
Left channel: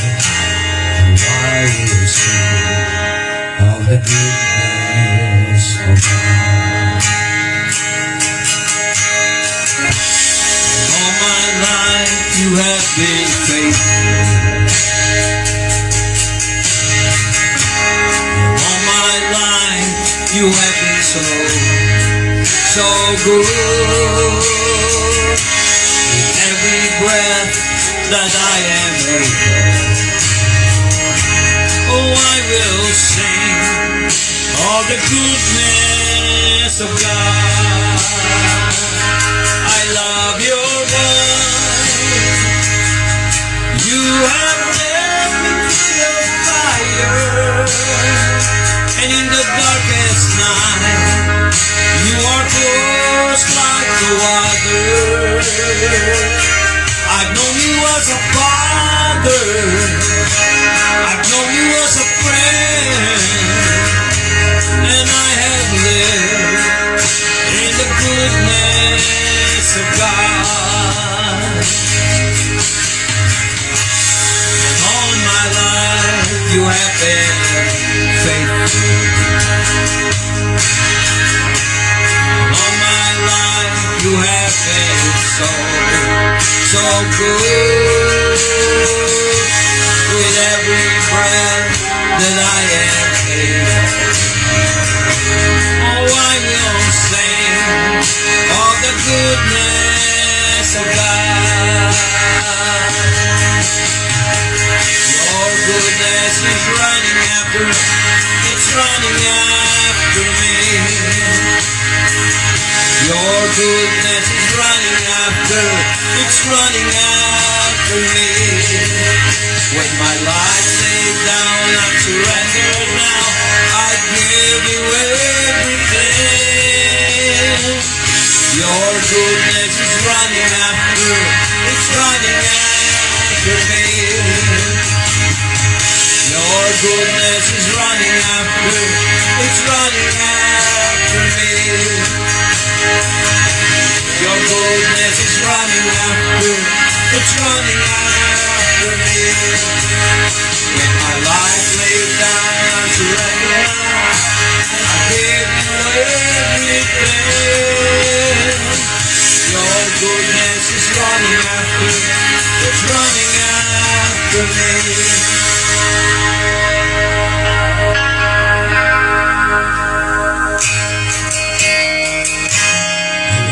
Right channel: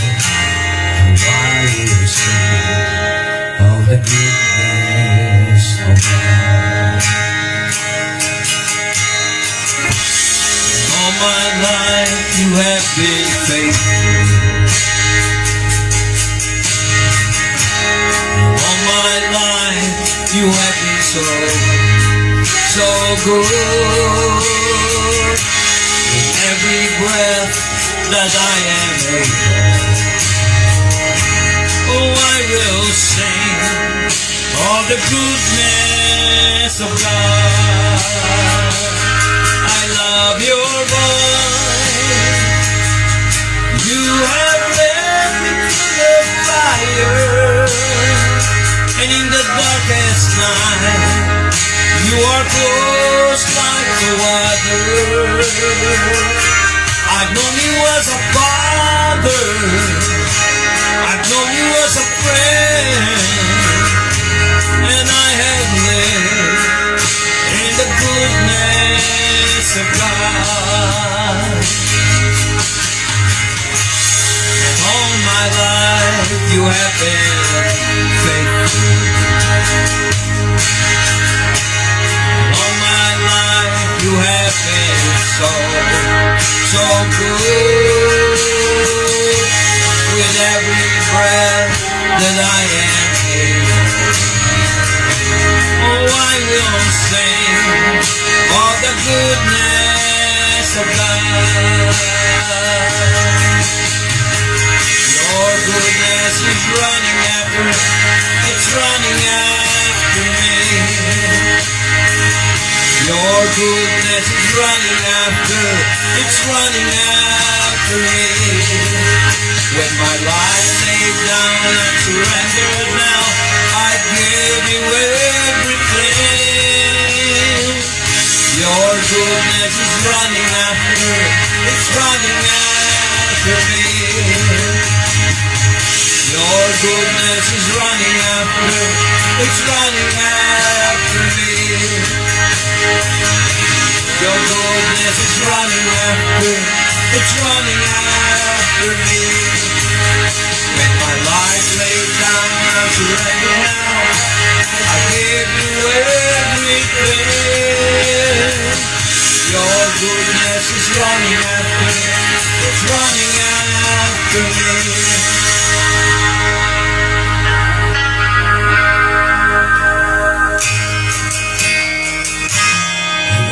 I will sing of the goodness of God. All my life you have been faithful. All my life you have been so good. that I am able. Oh, I will sing all the goodness of God. I love your voice. You have led me through the fire, and in the darkest night, you are close like no other. I've known you as a father, I've known you as a friend, and I have lived in the goodness of God. All my life you have been faithful. All my life you have been so good. With every breath that I am able, oh, I will sing all the goodness of God. Your goodness is running after, it's running after me. Your goodness is running after, it's running after me. When my life laid down, I surrender now. I give you everything. Your goodness is running after, it's running after me. Your goodness is running after, it's running after me. Your goodness is running after, it's running after me. When my life laid down, I surrender now. I give you everything. Your goodness is running after, it's running after me.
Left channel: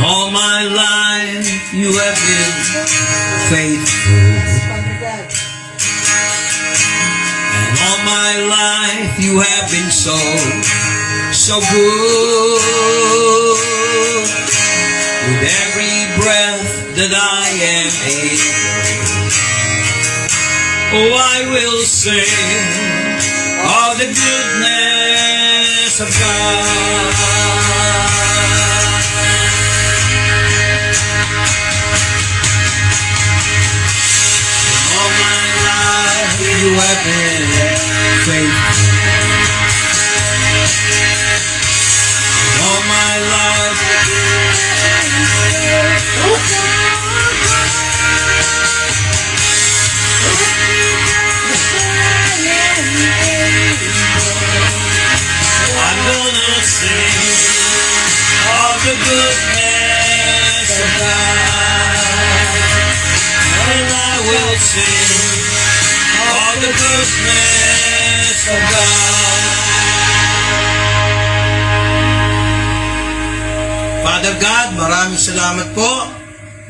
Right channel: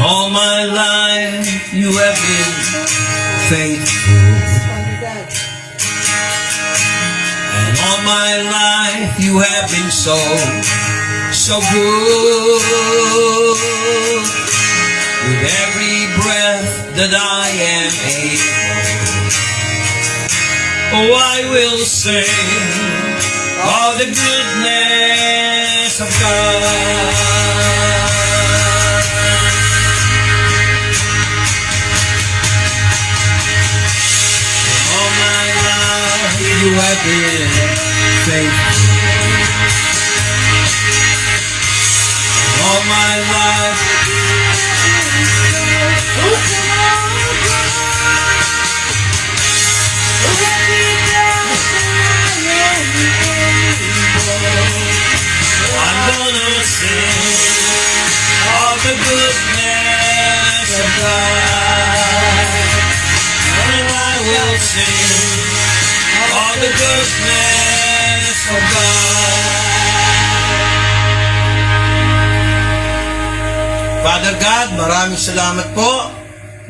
All my life you have been faithful. And all my life you have been so good. With every breath that I am able, oh, I will sing all the goodness of God. You have been faithful. All my life I'm gonna sing all the goodness of God. And I will sing all the goodness of God. Father God, maraming salamat po.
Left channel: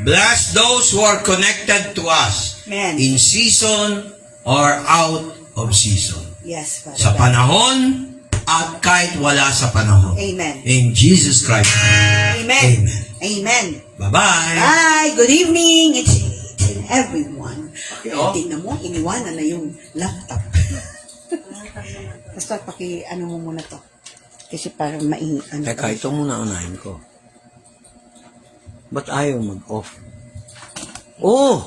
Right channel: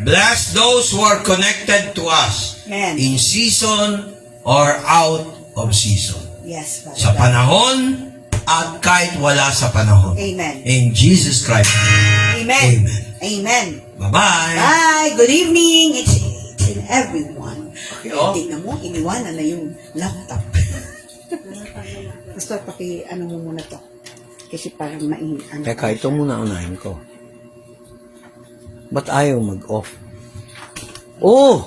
Bless those who are connected to us Amen. in season or out of season. Yes, Father. Sa panahon at kahit wala sa panahon. Amen. In Jesus Christ. Amen. Amen. Amen. Bye-bye. Hi, good evening. It's in everyone. Yo. Tingnan mo, iniwanan na yung laptop. Basta ano mo muna to. Kasi parang ano. Teka, ito muna unahin ko. Ba't ayaw mag-off? Oh!